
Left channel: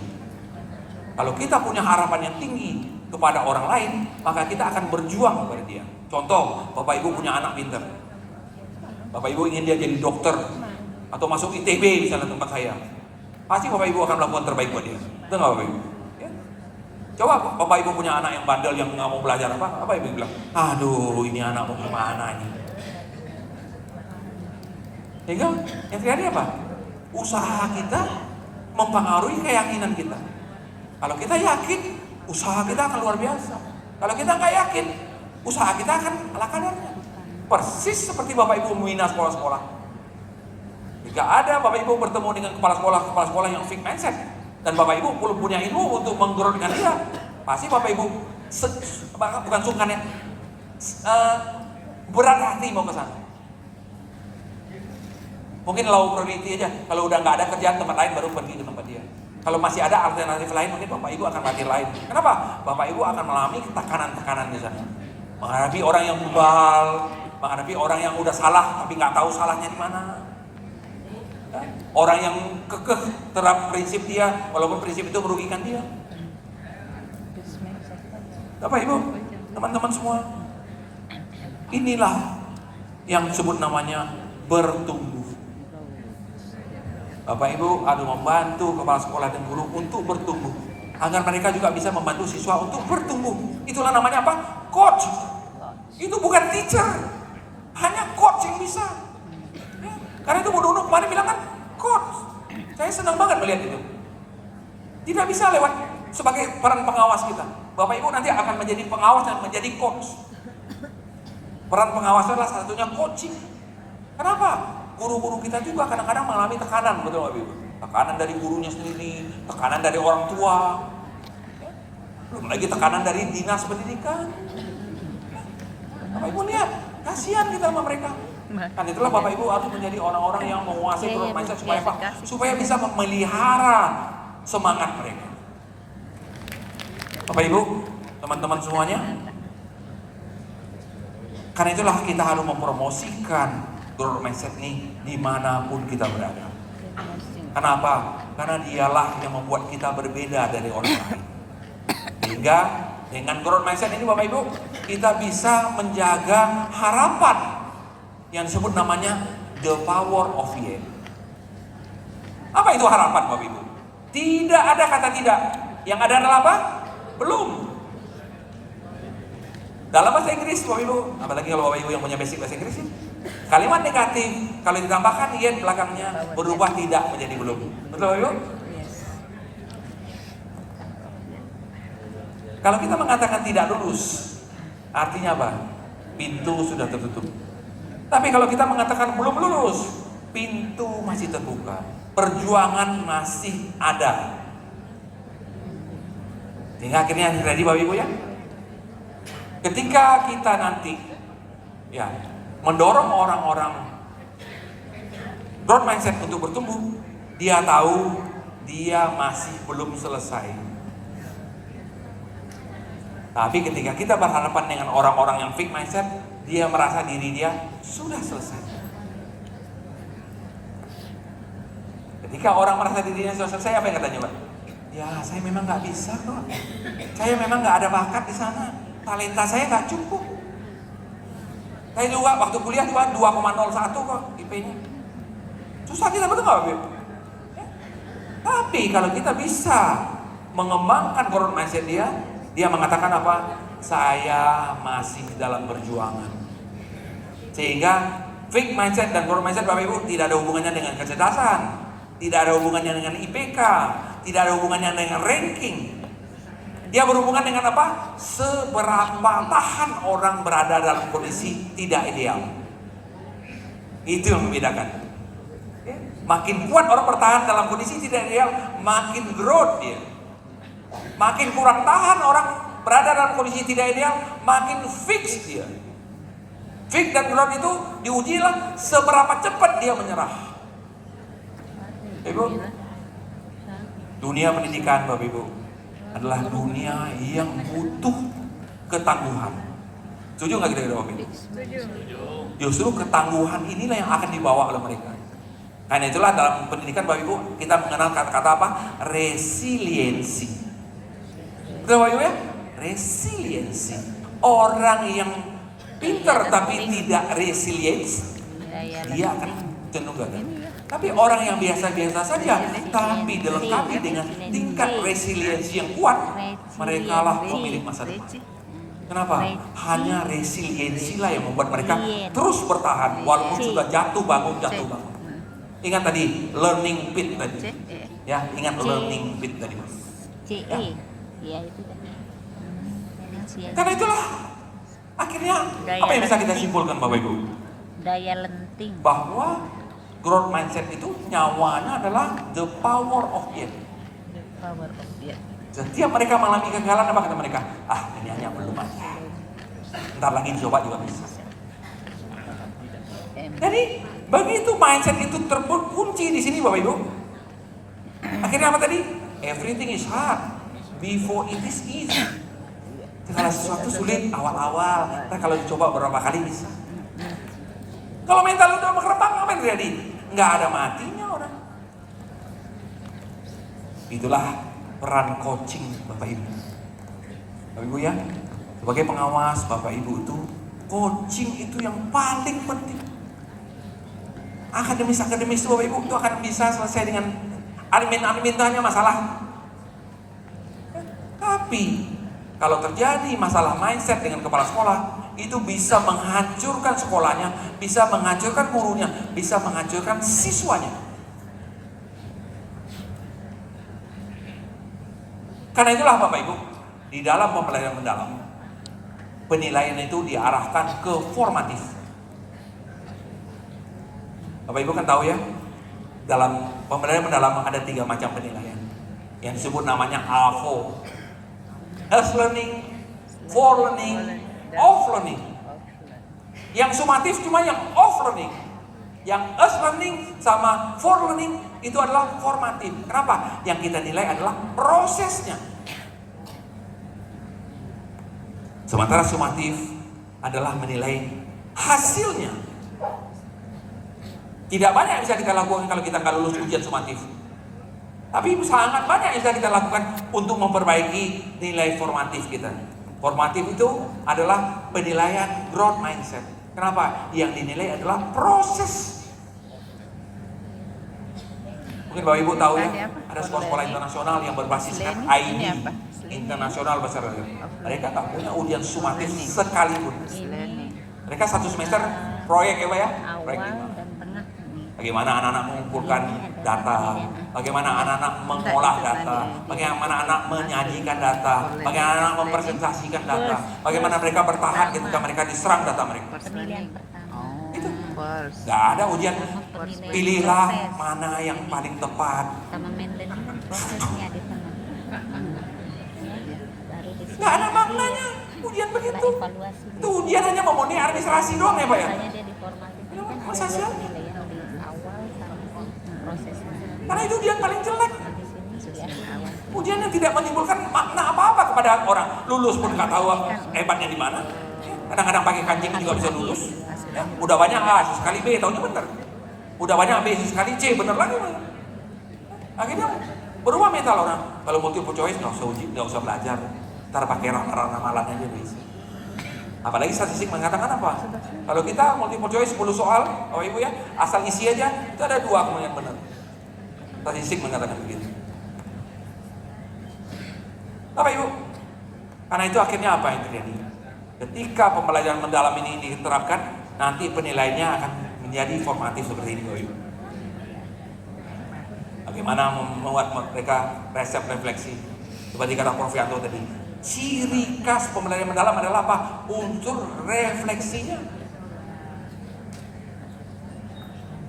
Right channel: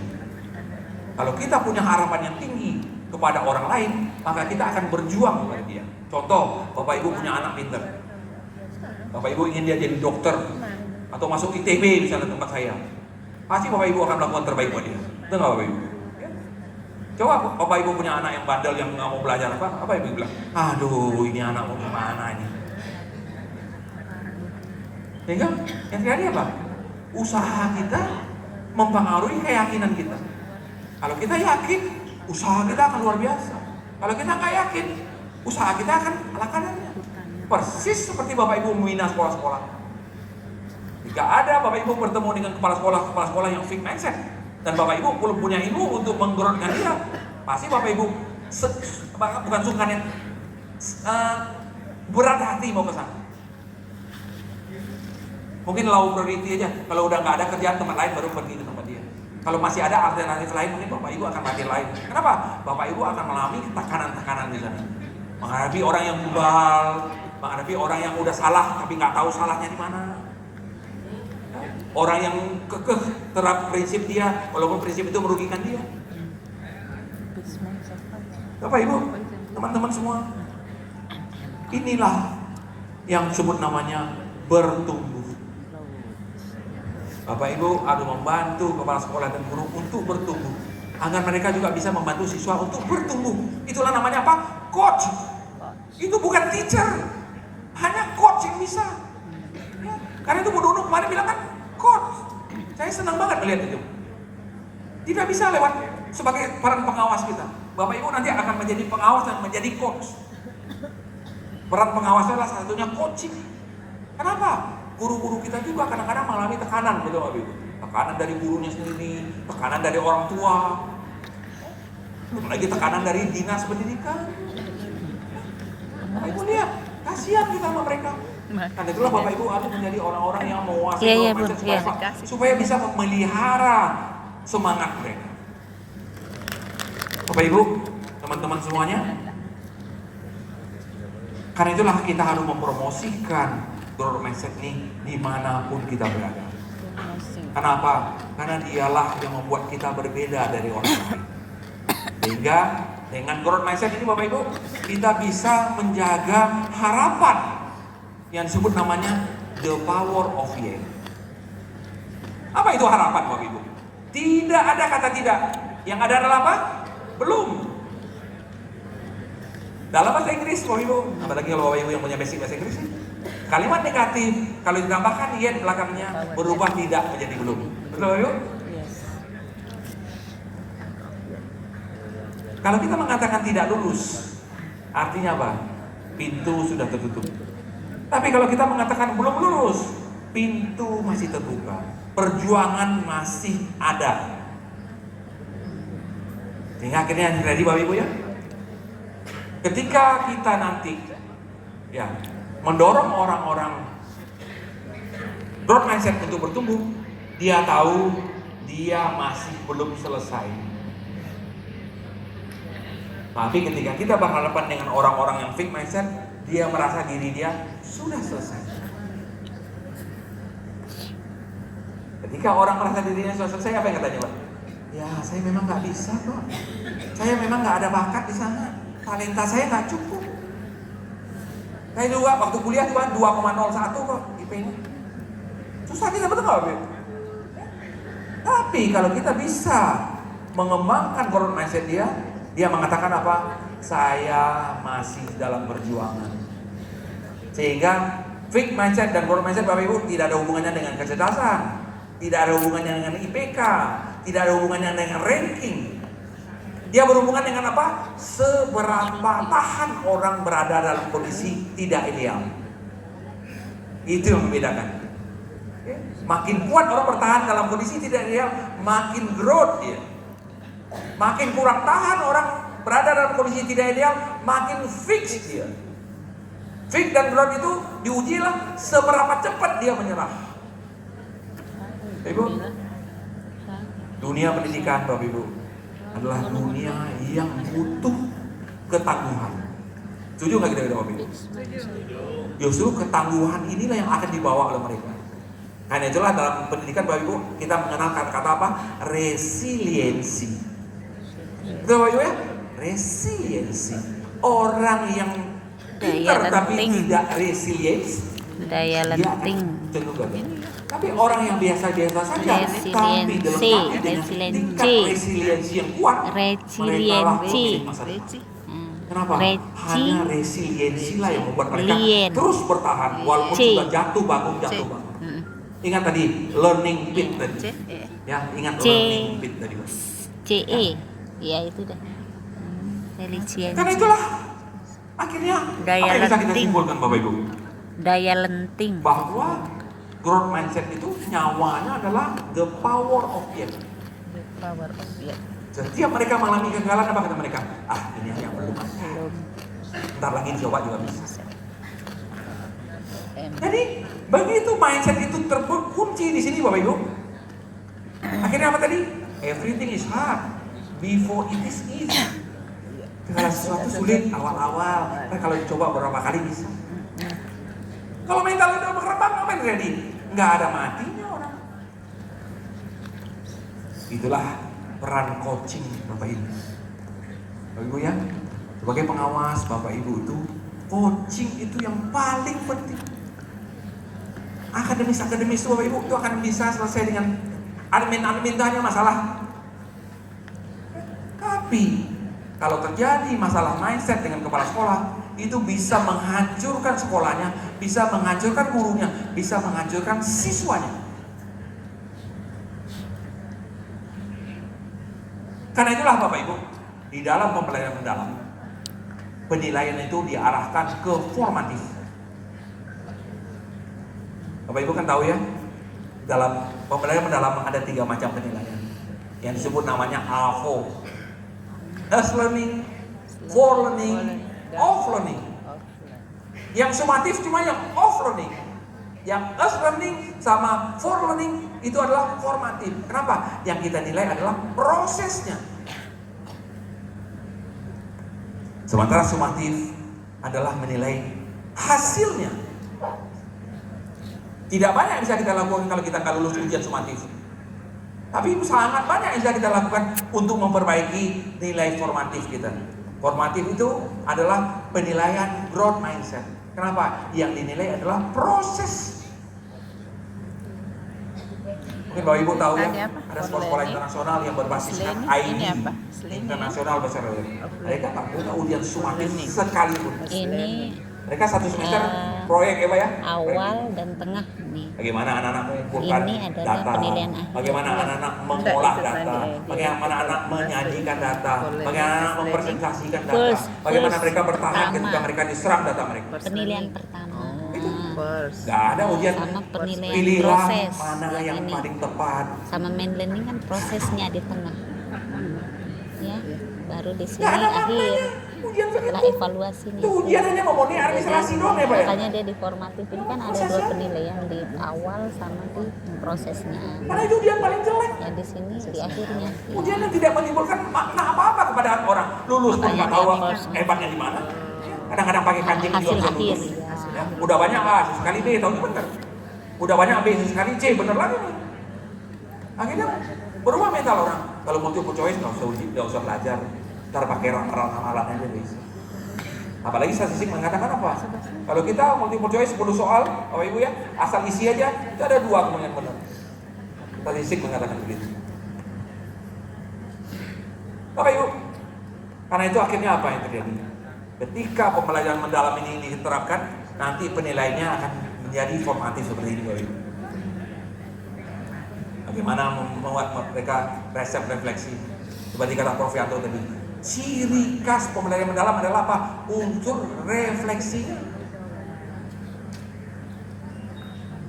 Kalau kita punya harapan yang tinggi kepada orang lain, maka kita akan berjuang kepada dia. Contoh, Bapak Ibu punya anak pintar. Bapak Ibu ingin dia jadi dokter atau masuk ITB misalnya tempat saya. Pasti Bapak Ibu akan melakukan terbaik buat dia. Betul nggak Bapak Ibu? Coba Bapak Ibu punya anak yang bandel yang nggak mau belajar apa Ibu bilang? Aduh, ini anak mau gimana ini? Sehingga yang terjadi apa? Usaha kita mempengaruhi keyakinan kita. Kalau kita yakin, usaha kita akan luar biasa. Kalau kita nggak yakin, usaha kita akan ala kadarnya. Persis seperti Bapak Ibu membina sekolah-sekolah. Jika ada Bapak Ibu bertemu dengan kepala sekolah yang fixed mindset, dan Bapak Ibu belum punya ilmu untuk menggerakkan dia, pasti Bapak Ibu bukan sungkan ya, berat hati mau ke sana. Mungkin low priority aja. Kalau udah nggak ada kerjaan tempat lain baru pergi ke tempat dia. Kalau masih ada alternatif lain, mungkin Bapak Ibu akan mati lain. Kenapa? Bapak Ibu akan mengalami tekanan-tekanan di sana. Menghadapi orang yang bebal, menghadapi orang yang udah salah tapi nggak tahu salahnya di mana. Orang yang kekeh terhadap prinsip dia, walaupun prinsip itu merugikan dia. Bapak Ibu, teman-teman semua, inilah yang disebut namanya bertumbuh. Bapak Ibu harus membantu kepala sekolah dan guru untuk bertumbuh, agar mereka juga bisa membantu siswa untuk bertumbuh. Itulah namanya apa? Coach. Itu bukan teacher, hanya coach yang bisa. Ya, karena itu Bu Nunu kemarin bilang kan, coach. Saya senang banget melihat itu. Tidak bisa lewat sebagai peran pengawas kita. Bapak Ibu nanti akan menjadi pengawas dan menjadi coach. Peran pengawas adalah salah satunya coaching. Kenapa? Guru-guru kita juga kadang-kadang mengalami tekanan, betul Bapak Ibu? Tekanan dari gurunya sendiri, tekanan dari orang tua, belum lagi tekanan dari dinas pendidikan. Bapak Ibu lihat, kasihan kita sama mereka. Dan itulah Bapak Ibu harus menjadi orang-orang yang menguasai mindset supaya apa? Supaya bisa memelihara semangat mereka. Bapak Ibu, teman-teman semuanya, karena itulah kita harus mempromosikan growth mindset ini dimanapun kita berada. Kenapa? Karena dialah yang membuat kita berbeda dari orang lain. Sehingga dengan growth mindset ini Bapak Ibu, kita bisa menjaga harapan yang disebut namanya the power of yes. Apa itu harapan Bapak Ibu? Tidak ada kata tidak. Yang ada adalah apa? Belum. Dalam bahasa Inggris Bapak Ibu, apalagi kalau Bapak Ibu yang punya basic bahasa Inggris, kalimat negatif kalau ditambahkan yes belakangnya berubah tidak menjadi belum. Betul Bapak Ibu? Kalau kita mengatakan tidak lulus, artinya apa? Pintu sudah tertutup. Tapi kalau kita mengatakan belum lulus, pintu masih terbuka. Perjuangan masih ada. Sehingga akhirnya yang terjadi Bapak Ibu ya, ketika kita nanti ya mendorong orang-orang growth mindset untuk bertumbuh, dia tahu dia masih belum selesai. Tapi ketika kita berhadapan dengan orang-orang yang fixed mindset, dia merasa diri dia sudah selesai. Ketika orang merasa dirinya sudah selesai, apa yang katanya Pak? Ya saya memang nggak bisa kok. Saya memang nggak ada bakat di sana. Talenta saya nggak cukup. Saya juga waktu kuliah cuma 2,01 kok IP-nya. Susah kita, betul nggak Bapak? Tapi kalau kita bisa mengembangkan growth mindset dia mengatakan apa? Saya masih dalam perjuangan. Sehingga fixed mindset dan growth mindset Bapak Ibu tidak ada hubungannya dengan kecerdasan, tidak ada hubungannya dengan IPK, tidak ada hubungannya dengan ranking. Dia berhubungan dengan apa? Seberapa tahan orang berada dalam kondisi tidak ideal. Itu yang membedakan. Makin kuat orang bertahan dalam kondisi tidak ideal, makin growth dia. Makin kurang tahan orang berada dalam kondisi tidak ideal, makin fix dia. Fix dan growth itu diujilah seberapa cepat dia menyerah. Ibu, dunia pendidikan Bapak Ibu adalah dunia yang butuh ketangguhan. Setuju nggak kita Bapak Ibu? Justru ketangguhan inilah yang akan dibawa oleh mereka. Karena itulah dalam pendidikan Bapak Ibu kita mengenal kata-kata apa? Resiliensi. Betul Bapak Ibu ya? Resiliensi. Orang yang pintar tapi tidak resiliensi, Daya dia akan lenting. cenderung gagal. Tapi orang yang biasa-biasa saja, tapi dilengkapi dengan tingkat resiliensi yang kuat, mereka lah pemilik masa depan. Kenapa? Hanya resiliensi lah yang membuat mereka terus bertahan walaupun sudah jatuh bangun. Ingat tadi learning pit tadi, ya ingat learning pit tadi. CE. Ya itu dah. Resiliensi. Karena itulah akhirnya apa yang bisa kita simpulkan Bapak Ibu? Daya lenting. Bahwa growth mindset itu nyawanya adalah the power of death. Power of death. Setiap mereka mengalami kegagalan, apa kata mereka? Ah, ini hanya belum aja. Ntar lagi coba juga bisa. Jadi begitu mindset itu terkunci di sini Bapak Ibu. Akhirnya apa tadi? Everything is hard before it is easy. Segala sesuatu sulit awal-awal, kalau dicoba beberapa kali bisa. Kalau mental udah berkembang, apa yang terjadi? Nggak ada matinya orang. Itulah peran coaching Bapak Ibu. Bapak Ibu ya, sebagai pengawas Bapak Ibu itu, coaching itu yang paling penting. Akademis itu Bapak Ibu itu akan bisa selesai dengan admin hanya masalah. Tapi kalau terjadi masalah mindset dengan kepala sekolah, itu bisa menghancurkan sekolahnya, bisa menghancurkan gurunya, bisa menghancurkan siswanya. Karena itulah Bapak Ibu, di dalam pembelajaran mendalam, penilaian itu diarahkan ke formatif. Bapak Ibu kan tahu ya, dalam pembelajaran mendalam ada 3 macam penilaian yang disebut namanya AFO. As learning, for learning, off learning. Yang sumatif cuma yang off learning. Yang as learning sama for learning itu adalah formatif. Kenapa? Yang kita nilai adalah prosesnya. Sementara sumatif adalah menilai hasilnya. Tidak banyak yang bisa kita lakukan kalau kita nggak lulus ujian sumatif. Tapi sangat banyak yang bisa kita lakukan untuk memperbaiki nilai formatif kita. Formatif itu adalah penilaian growth mindset. Kenapa? Yang dinilai adalah proses. Mungkin Bapak Ibu tahu ya, ada sekolah-sekolah internasional yang berbasiskan ID, internasional besar. Mereka tak punya ujian sumatif sekalipun. Mereka 1 semester proyek ya Pak ya? Awal dan tengah nih. Bagaimana anak-anak mengumpulkan data, bagaimana anak-anak mengolah data, bagaimana anak menyajikan data, bagaimana anak mempresentasikan data, bagaimana mereka bertahan ketika mereka diserang data mereka. Penilaian pertama. Itu nggak ada ujian. Pilihlah mana yang paling tepat. Sama main learning kan prosesnya di tengah. Ya, baru di sini Nggak ada akhir. maknanya ujian Setelah begitu. evaluasi nih. Itu ujian hanya memenuhi administrasi doang ya Pak ya. Makanya dia di formatif ini kan ada 2 penilaian di awal sama di prosesnya. Karena itu ujian paling jelek. Ya di sini di akhirnya. Ujian yang tidak menimbulkan makna apa-apa kepada orang. Lulus pun nggak tahu hebatnya di mana. Kadang-kadang pakai kancing juga bisa lulus. Udah banyak A sekali B, tahunya bener. Udah banyak B sekali C, bener lagi. Akhirnya berubah mental orang. Kalau multiple choice nggak usah belajar, ntar pakai ramalan aja bisa. Apalagi statistik mengatakan apa? Kalau kita multiple choice 10 soal, Bapak Ibu ya, asal isi aja, itu ada 2 kemungkinan benar. Statistik mengatakan begitu. Bapak Ibu, karena itu akhirnya apa yang terjadi? Ketika pembelajaran mendalam ini diterapkan, nanti penilaiannya akan menjadi formatif seperti ini, Bapak Ibu. Bagaimana membuat mereka resep refleksi, seperti kata Prof. Yanto tadi. Ciri khas pembelajaran mendalam adalah apa? Unsur refleksinya.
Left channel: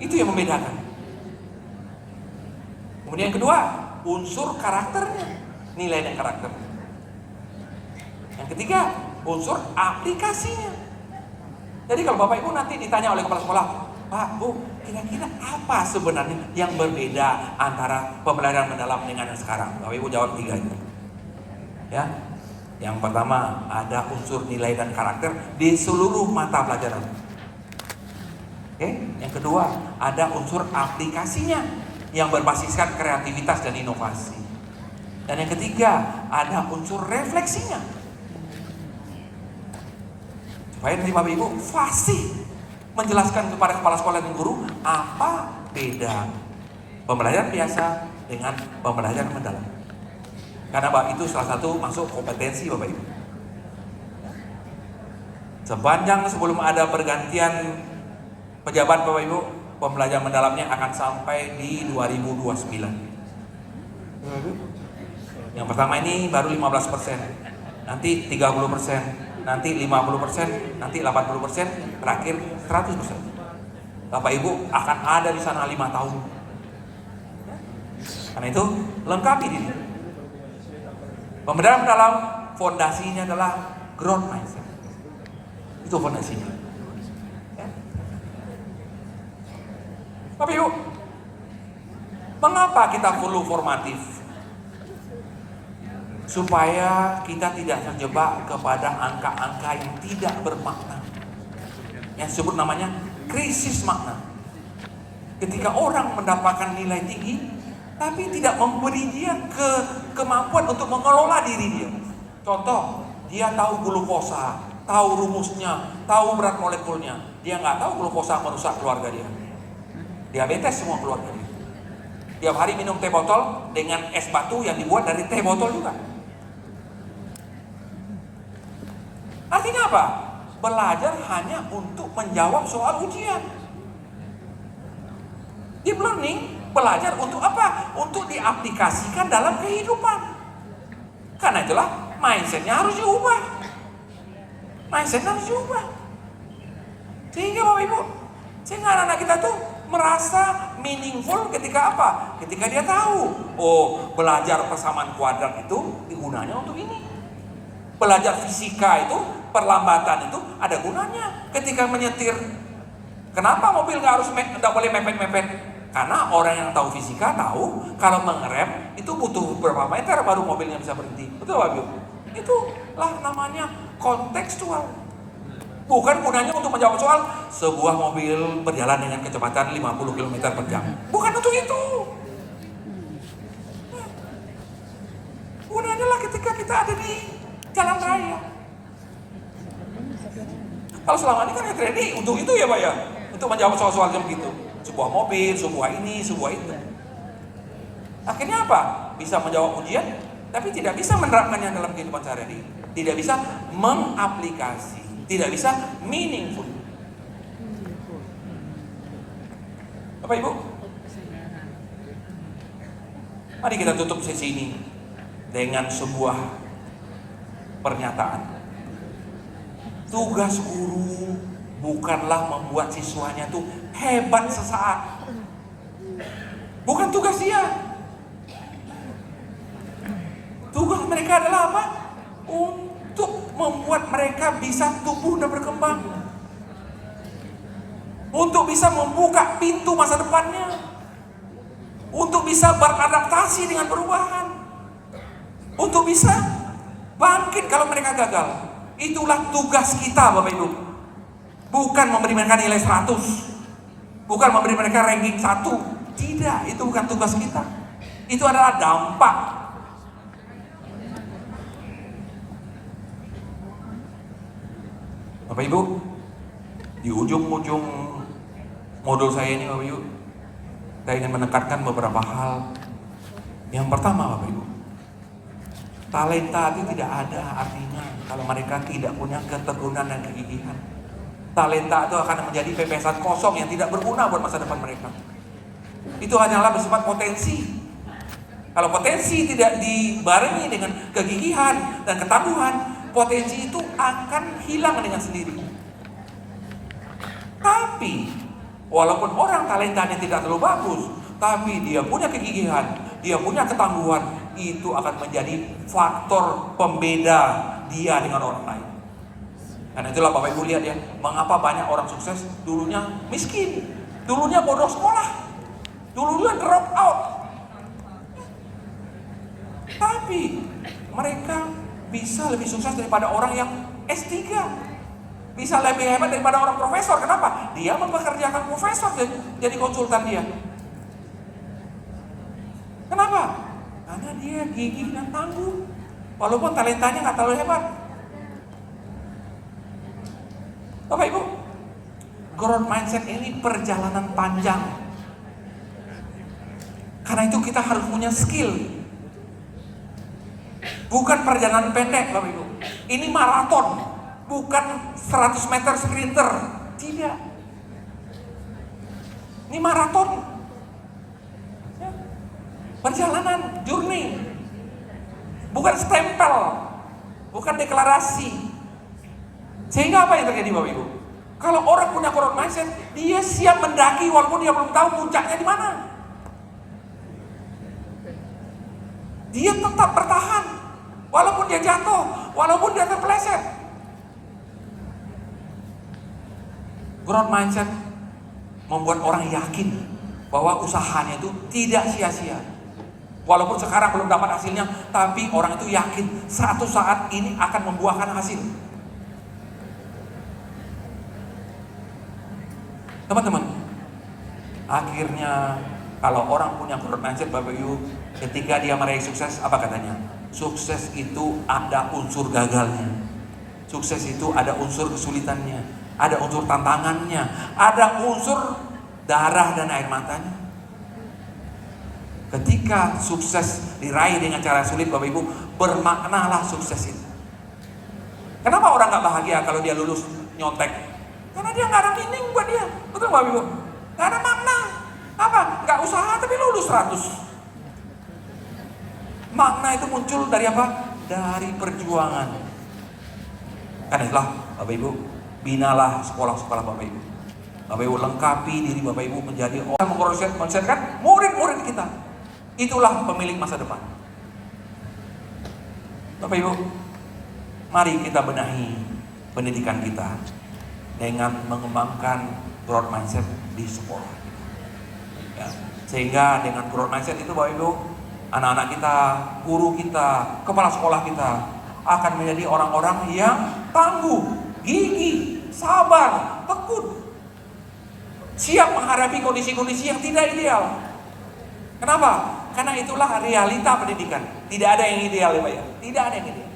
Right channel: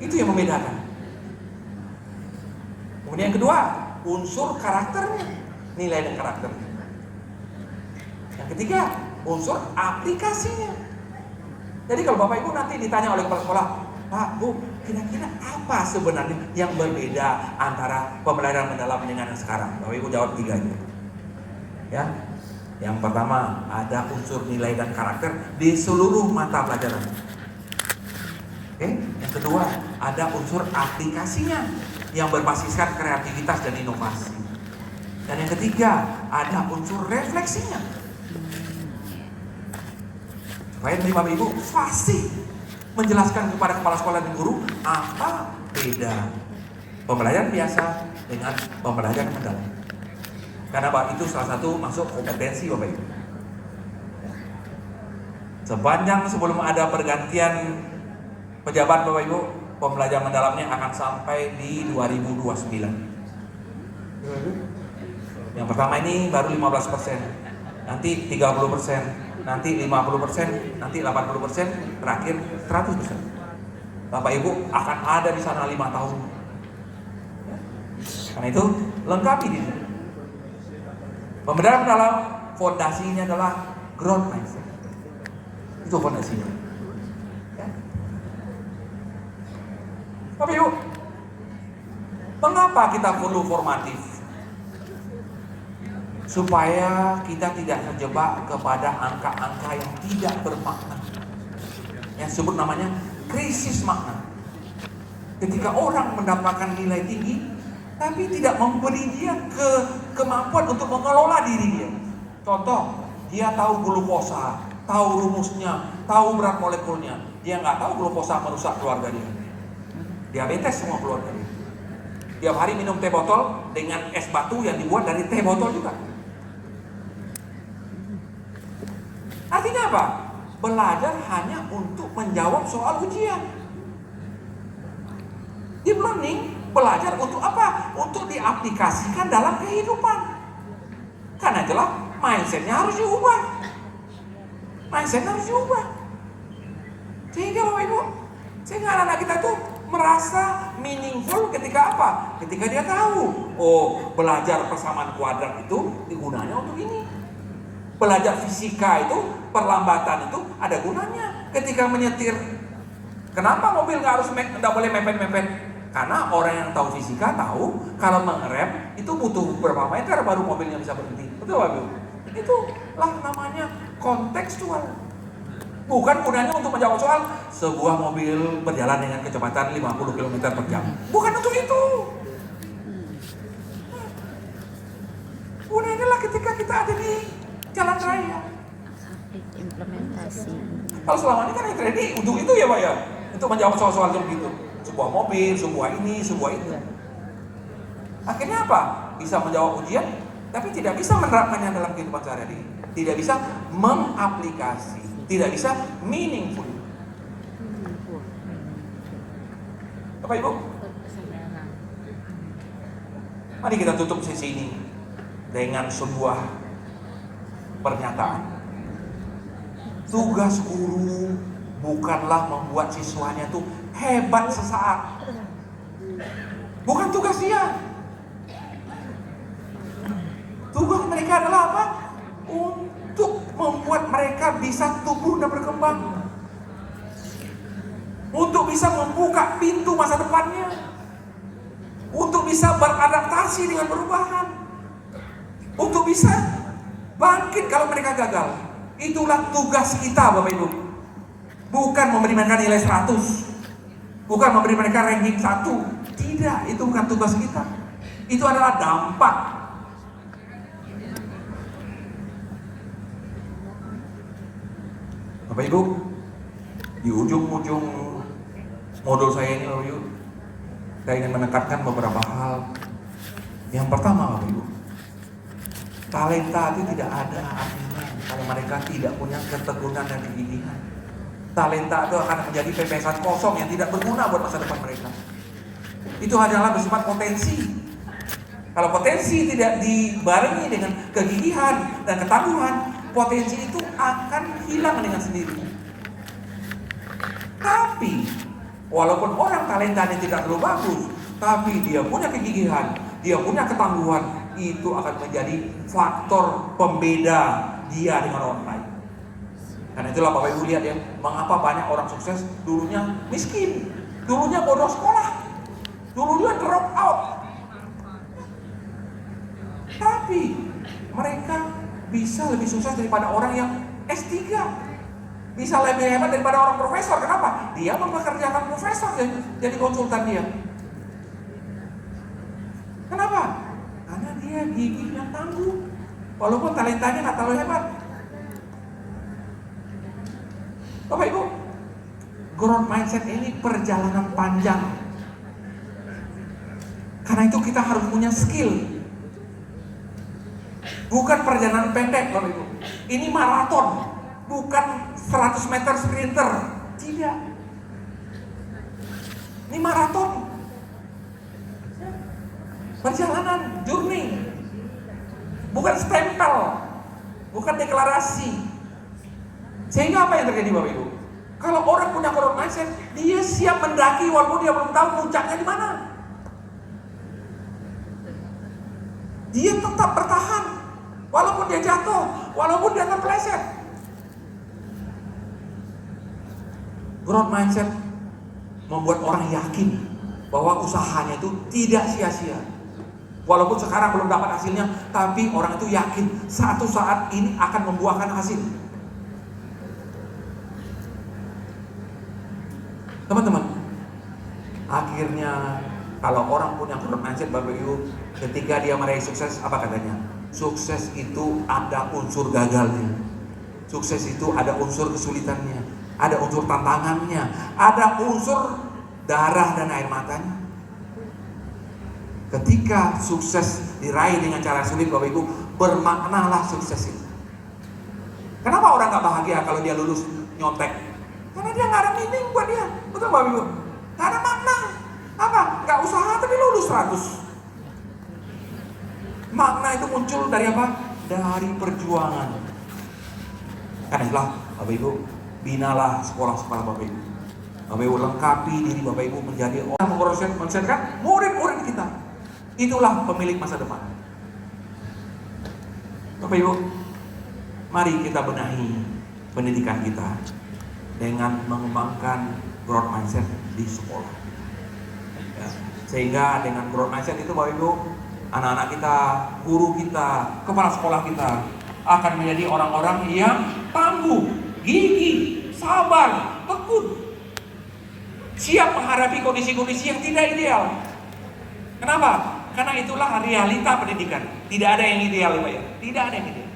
Itu yang membedakan. Kemudian yang kedua, unsur karakternya, nilai dan karakternya. Yang ketiga, unsur aplikasinya. Jadi kalau Bapak Ibu nanti ditanya oleh kepala sekolah, Pak, Bu, kira-kira apa sebenarnya yang berbeda antara pembelajaran mendalam dengan yang sekarang? Bapak Ibu jawab 3 itu. Ya. Yang pertama, ada unsur nilai dan karakter di seluruh mata pelajaran. Oke. Yang kedua, ada unsur aplikasinya yang berbasiskan kreativitas dan inovasi. Dan yang ketiga, ada unsur refleksinya. Supaya nanti Bapak Ibu fasih menjelaskan kepada kepala sekolah dan guru apa beda pembelajaran biasa dengan pembelajaran mendalam. Karena itu salah satu masuk kompetensi Bapak Ibu. Sepanjang sebelum ada pergantian pejabat Bapak Ibu, pembelajaran mendalamnya akan sampai di 2029. Yang pertama ini baru 15%, nanti 30%, nanti 50%, nanti 80%, terakhir 100%. Bapak Ibu akan ada di sana 5 tahun. Karena itu lengkapi ini. Pembelajaran mendalam fondasinya adalah growth mindset. Itu fondasinya. Bapak Ibu, mengapa kita perlu formatif? Supaya kita tidak terjebak kepada angka-angka yang tidak bermakna, yang disebut namanya krisis makna. Ketika orang mendapatkan nilai tinggi tapi tidak memberi dia kemampuan untuk mengelola diri dia. Contoh, dia tahu glukosa, tahu rumusnya, tahu berat molekulnya. Dia nggak tahu glukosa merusak keluarga dia. Diabetes semua keluarga dia. Tiap hari minum teh botol dengan es batu yang dibuat dari teh botol juga. Artinya apa? Belajar hanya untuk menjawab soal ujian. Deep learning belajar untuk apa? Untuk diaplikasikan dalam kehidupan. Karena itulah mindsetnya harus diubah. Mindsetnya harus diubah. Sehingga Bapak Ibu, sehingga anak-anak kita tuh merasa meaningful ketika apa? Ketika dia tahu, oh belajar persamaan kuadrat itu gunanya untuk ini. Belajar fisika itu, perlambatan itu ada gunanya ketika menyetir. Kenapa mobil nggak boleh mepet-mepet? Karena orang yang tahu fisika tahu kalau mengerem itu butuh berapa meter baru mobilnya bisa berhenti. Betul Bapak Ibu? Itulah namanya kontekstual. Bukan gunanya untuk menjawab soal sebuah mobil berjalan dengan kecepatan 50 km per jam. Bukan untuk itu. Gunanya lah ketika kita ada di jalan raya. Kalau selama ini kan ready untuk itu ya Pak ya, untuk menjawab soal-soal yang begitu. Sebuah mobil, sebuah ini, sebuah itu. Akhirnya apa? Bisa menjawab ujian, tapi tidak bisa menerapkannya dalam kehidupan sehari-hari. Tidak bisa mengaplikasi, tidak bisa meaningful. Bapak Ibu, mari kita tutup sesi ini dengan sebuah pernyataan. Tugas guru bukanlah membuat siswanya itu hebat sesaat. Bukan tugas dia. Tugas mereka adalah apa? Untuk membuat mereka bisa tumbuh dan berkembang. Untuk bisa membuka pintu masa depannya. Untuk bisa beradaptasi dengan perubahan. Untuk bisa bangkit kalau mereka gagal. Itulah tugas kita Bapak Ibu. Bukan memberi mereka nilai 100. Bukan memberi mereka ranking 1. Tidak, itu bukan tugas kita. Itu adalah dampak. Bapak Ibu, di ujung-ujung modul saya ini Bapak Ibu, saya ingin menekankan beberapa hal. Yang pertama Bapak Ibu, talenta itu tidak ada artinya kalau mereka tidak punya ketekunan dan kegigihan. Talenta itu akan menjadi pepesan kosong yang tidak berguna buat masa depan mereka. Itu hanyalah bersifat potensi. Kalau potensi tidak dibarengi dengan kegigihan dan ketangguhan, potensi itu akan hilang dengan sendiri. Tapi walaupun orang talentanya tidak terlalu bagus, tapi dia punya kegigihan, dia punya ketangguhan, itu akan menjadi faktor pembeda dia dengan orang lain. Karena itulah Bapak Ibu lihat ya, mengapa banyak orang sukses dulunya miskin, dulunya bodoh sekolah, dulunya drop out. Tapi mereka bisa lebih sukses daripada orang yang S3. Bisa lebih hebat daripada orang profesor. Kenapa? Dia mempekerjakan profesor jadi konsultan dia. Kenapa? Karena dia gigih dan tangguh. Walaupun talentanya nggak terlalu hebat. Bapak Ibu, growth mindset ini perjalanan panjang. Karena itu kita harus punya skill. Bukan perjalanan pendek Bapak Ibu. Ini maraton, bukan 100 meter sprinter. Tidak. Ini maraton. Perjalanan, journey. Bukan stempel, bukan deklarasi. Sehingga apa yang terjadi Bapak Ibu? Kalau orang punya growth mindset, dia siap mendaki walaupun dia belum tahu puncaknya di mana. Dia tetap bertahan walaupun dia jatuh, walaupun dia terpeleset. Growth mindset membuat orang yakin bahwa usahanya itu tidak sia-sia. Walaupun sekarang belum dapat hasilnya, tapi orang itu yakin satu saat ini akan membuahkan hasil. Teman-teman, akhirnya kalau orang punya growth mindset Bapak Ibu, ketika dia meraih sukses, apa katanya? Sukses itu ada unsur gagalnya. Sukses itu ada unsur kesulitannya, ada unsur tantangannya, ada unsur darah dan air matanya. Ketika sukses diraih dengan cara sulit Bapak Ibu, bermaknalah sukses itu. Kenapa orang gak bahagia kalau dia lulus nyontek? Karena dia gak ada meaning buat dia. Betul Bapak Ibu? Gak ada makna. Apa? Gak usaha tapi lulus 100. Makna itu muncul dari apa? Dari perjuangan. Karena itulah Bapak Ibu, binalah sekolah-sekolah Bapak Ibu. Bapak Ibu lengkapi diri Bapak Ibu menjadi orang mengkonsepkan murid-murid kita. Itulah pemilik masa depan. Bapak Ibu, mari kita benahi pendidikan kita dengan mengembangkan growth mindset di sekolah. Ya, sehingga dengan growth mindset itu Bapak Ibu, anak-anak kita, guru kita, kepala sekolah kita akan menjadi orang-orang yang tangguh, gigih, sabar, tekun, siap menghadapi kondisi-kondisi yang tidak ideal. Kenapa? Karena itulah realita pendidikan. Tidak ada yang ideal ya Pak ya. Tidak ada yang ideal.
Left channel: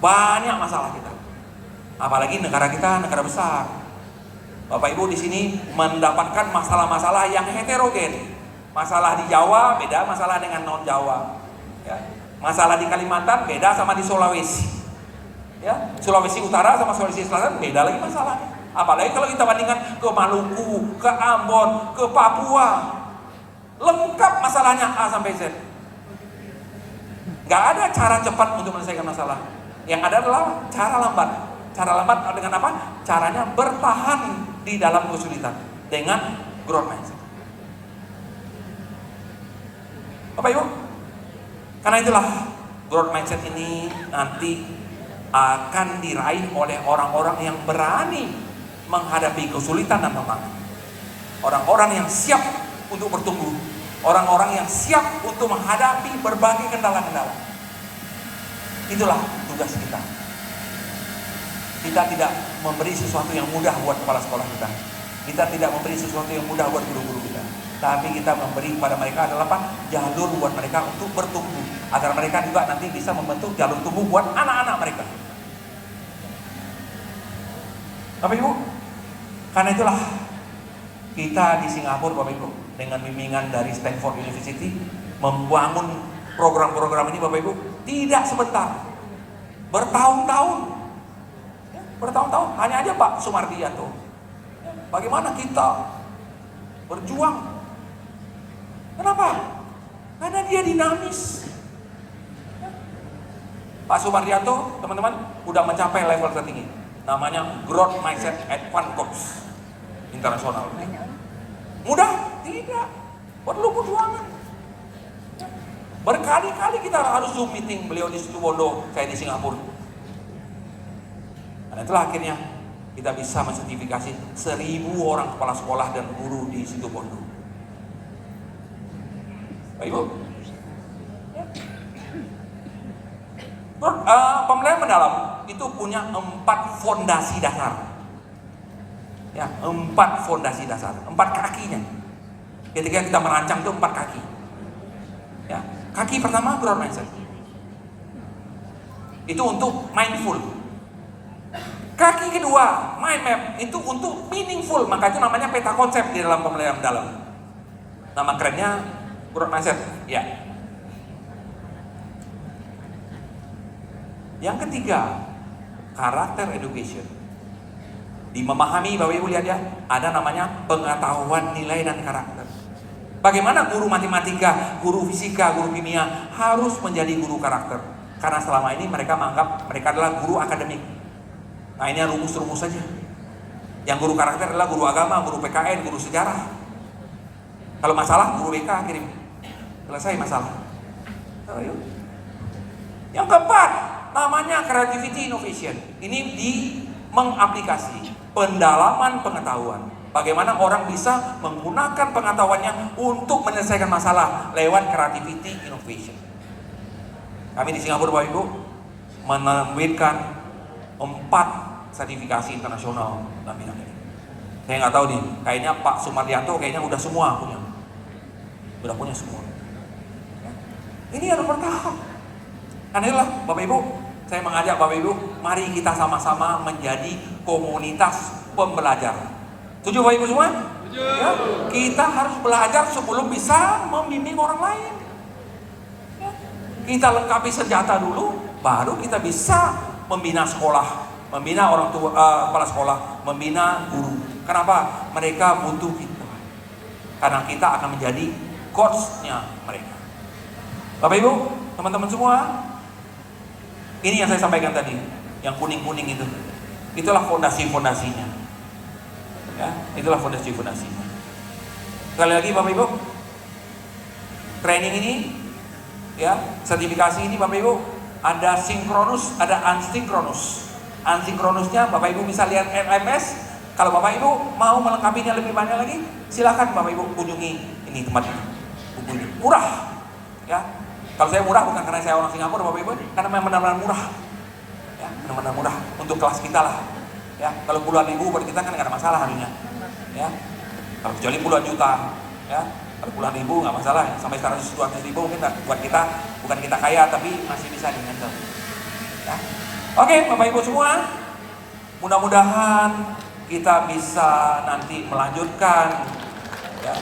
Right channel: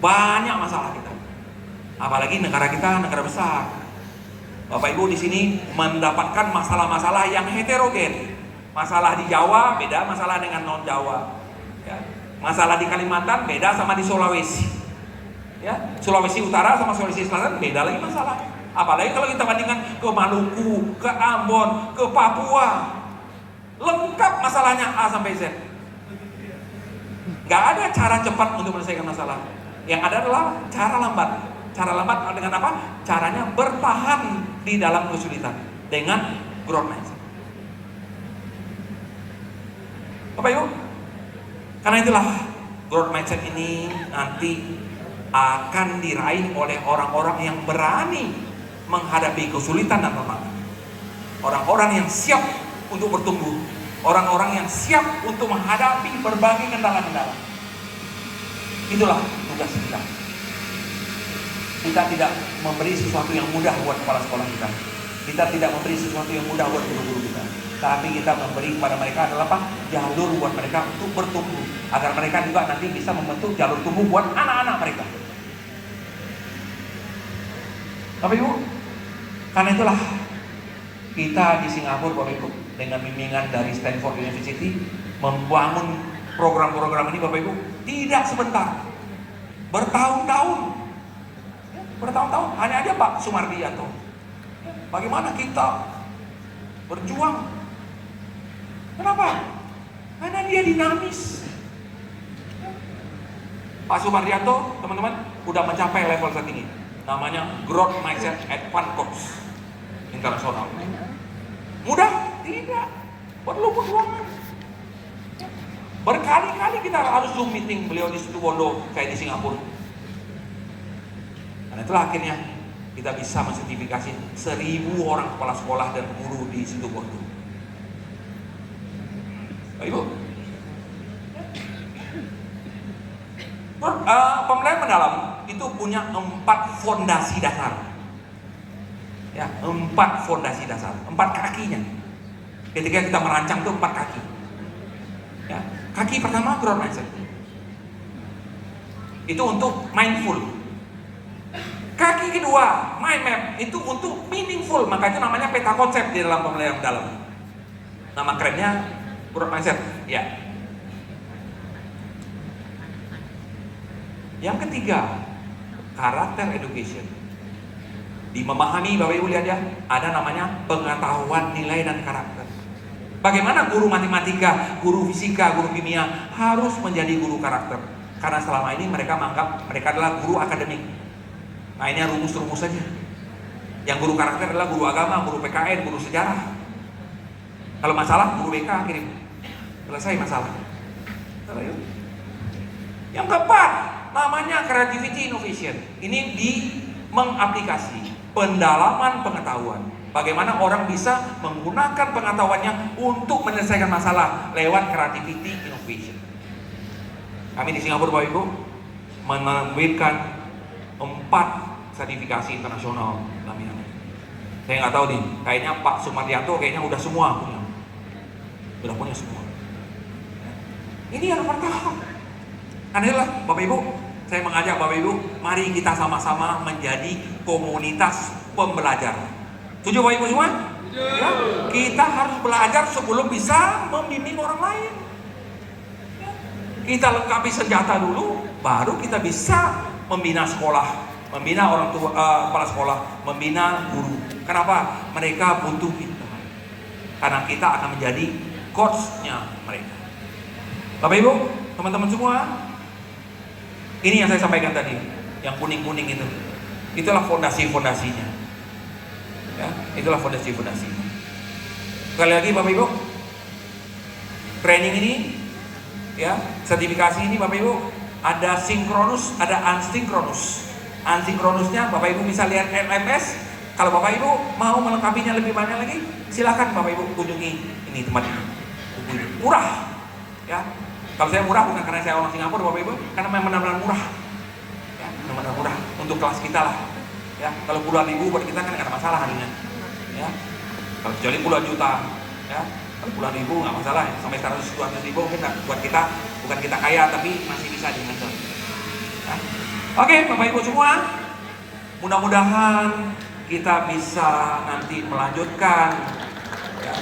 Banyak masalah kita. Apalagi negara kita negara besar. Bapak Ibu di sini mendapatkan masalah-masalah yang heterogen. Masalah di Jawa beda masalah dengan non Jawa. Ya. Masalah di Kalimantan beda sama di Sulawesi. Ya, Sulawesi Utara sama Sulawesi Selatan beda lagi masalahnya. Apalagi kalau kita bandingkan ke Maluku, ke Ambon, ke Papua, lengkap masalahnya A sampai Z. Gak ada cara cepat untuk menyelesaikan masalah. Yang ada adalah cara lambat. Cara lambat dengan apa? Caranya bertahan di dalam kesulitan dengan growth mindset. Bapak Ibu, karena itulah growth mindset ini nanti akan diraih oleh orang-orang yang berani menghadapi kesulitan dan tantangan. Orang-orang yang siap untuk bertumbuh, orang-orang yang siap untuk menghadapi berbagai kendala-kendala. Itulah tugas kita. Kita tidak memberi sesuatu yang mudah buat kepala sekolah kita. Kita tidak memberi sesuatu yang mudah buat guru-guru kita. tapi kita memberi kepada mereka adalah apa? Jalur buat mereka untuk bertumbuh, agar mereka juga nanti bisa membentuk jalur tumbuh buat anak-anak mereka. Bapak Ibu, karena itulah kita di Singapura, Bapak Ibu, dengan bimbingan dari Stanford University membangun program-program ini, Bapak Ibu, tidak sebentar, bertahun-tahun, bertahun-tahun. Hanya aja Pak Sumardianto, bagaimana kita berjuang. Kenapa? Karena dia dinamis. Pak Sumardianto, teman-teman, udah mencapai level tertinggi. Namanya Growth Mindset Advanced Coach Internasional. Mudah? Tidak. Perlu perjuangan. Berkali-kali kita harus Zoom meeting, beliau di Situbondo, saya di Singapura. Karena itulah akhirnya kita bisa mensertifikasi 1.000 orang kepala sekolah dan guru di Situbondo. Baik Ibu. Pembelajaran mendalam itu punya 4 fondasi dasar. Ya, 4 fondasi dasar, 4 kakinya. Ketika kita merancang itu 4 kaki. Ya, kaki pertama growth mindset. Itu untuk mindful. Kaki kedua, mind map, itu untuk meaningful, maka itu namanya peta konsep di dalam pembelajaran mendalam. Nama kerennya growth mindset. Ya. Yang ketiga, karakter education. Di memahami, Bapak Ibu lihat ya, ada namanya pengetahuan nilai dan karakter. Bagaimana guru matematika, guru fisika, guru kimia harus menjadi guru karakter? Karena selama ini mereka menganggap mereka adalah guru akademik. Nah ini rumus-rumus saja. Yang guru karakter adalah guru agama, guru PKN, guru sejarah. Kalau masalah, guru BK kirim. Selesai masalah. Ayo. Yang keempat, namanya creativity innovation. Ini di mengaplikasi pendalaman pengetahuan. Bagaimana orang bisa menggunakan pengetahuannya untuk menyelesaikan masalah lewat creativity innovation. Kami di Singapura, Bapak Ibu, menerbitkan 4 sertifikasi internasional dalam bidang ini. Saya nggak tahu nih, kayaknya Pak Sumardianto kayaknya udah semua punya. Udah punya semua. Ini harus bertahap. Karena itulah Bapak Ibu, saya mengajak Bapak Ibu, mari kita sama-sama menjadi komunitas pembelajar. Setuju Bapak Ibu semua? Ya, kita harus belajar sebelum bisa membimbing orang lain. Ya, kita lengkapi senjata dulu, baru kita bisa membina sekolah, membina orang tua, kepala sekolah, membina guru. Kenapa? Mereka butuh kita. Karena kita akan menjadi coach-nya mereka. Bapak Ibu, teman-teman semua, ini yang saya sampaikan tadi, yang kuning-kuning itu. Itulah fondasi-fondasinya. Ya, itulah fondasi-fondasinya. Sekali lagi Bapak Ibu, training ini, ya, sertifikasi ini Bapak Ibu, ada sinkronus, ada asinkronus. Asinkronusnya Bapak Ibu bisa lihat LMS. Kalau Bapak Ibu mau melengkapinya lebih banyak lagi, silakan Bapak Ibu kunjungi ini tempat ini. Buku ini murah, ya. Kalau saya murah bukan karena saya orang Singapura, Bapak Ibu, karena memang benar-benar murah. Ya, benar-benar murah untuk kelas kita lah. Ya, kalau puluhan ribu buat kita kan nggak ada masalah harganya. Ya, kalau kecuali puluhan juta, ya, kalau puluhan ribu nggak masalah. Sampai 100-200 ribu mungkin buat kita, bukan kita kaya tapi masih bisa di-handle. Ya. Oke, Bapak Ibu semua, mudah-mudahan kita bisa nanti melanjutkan. Ya.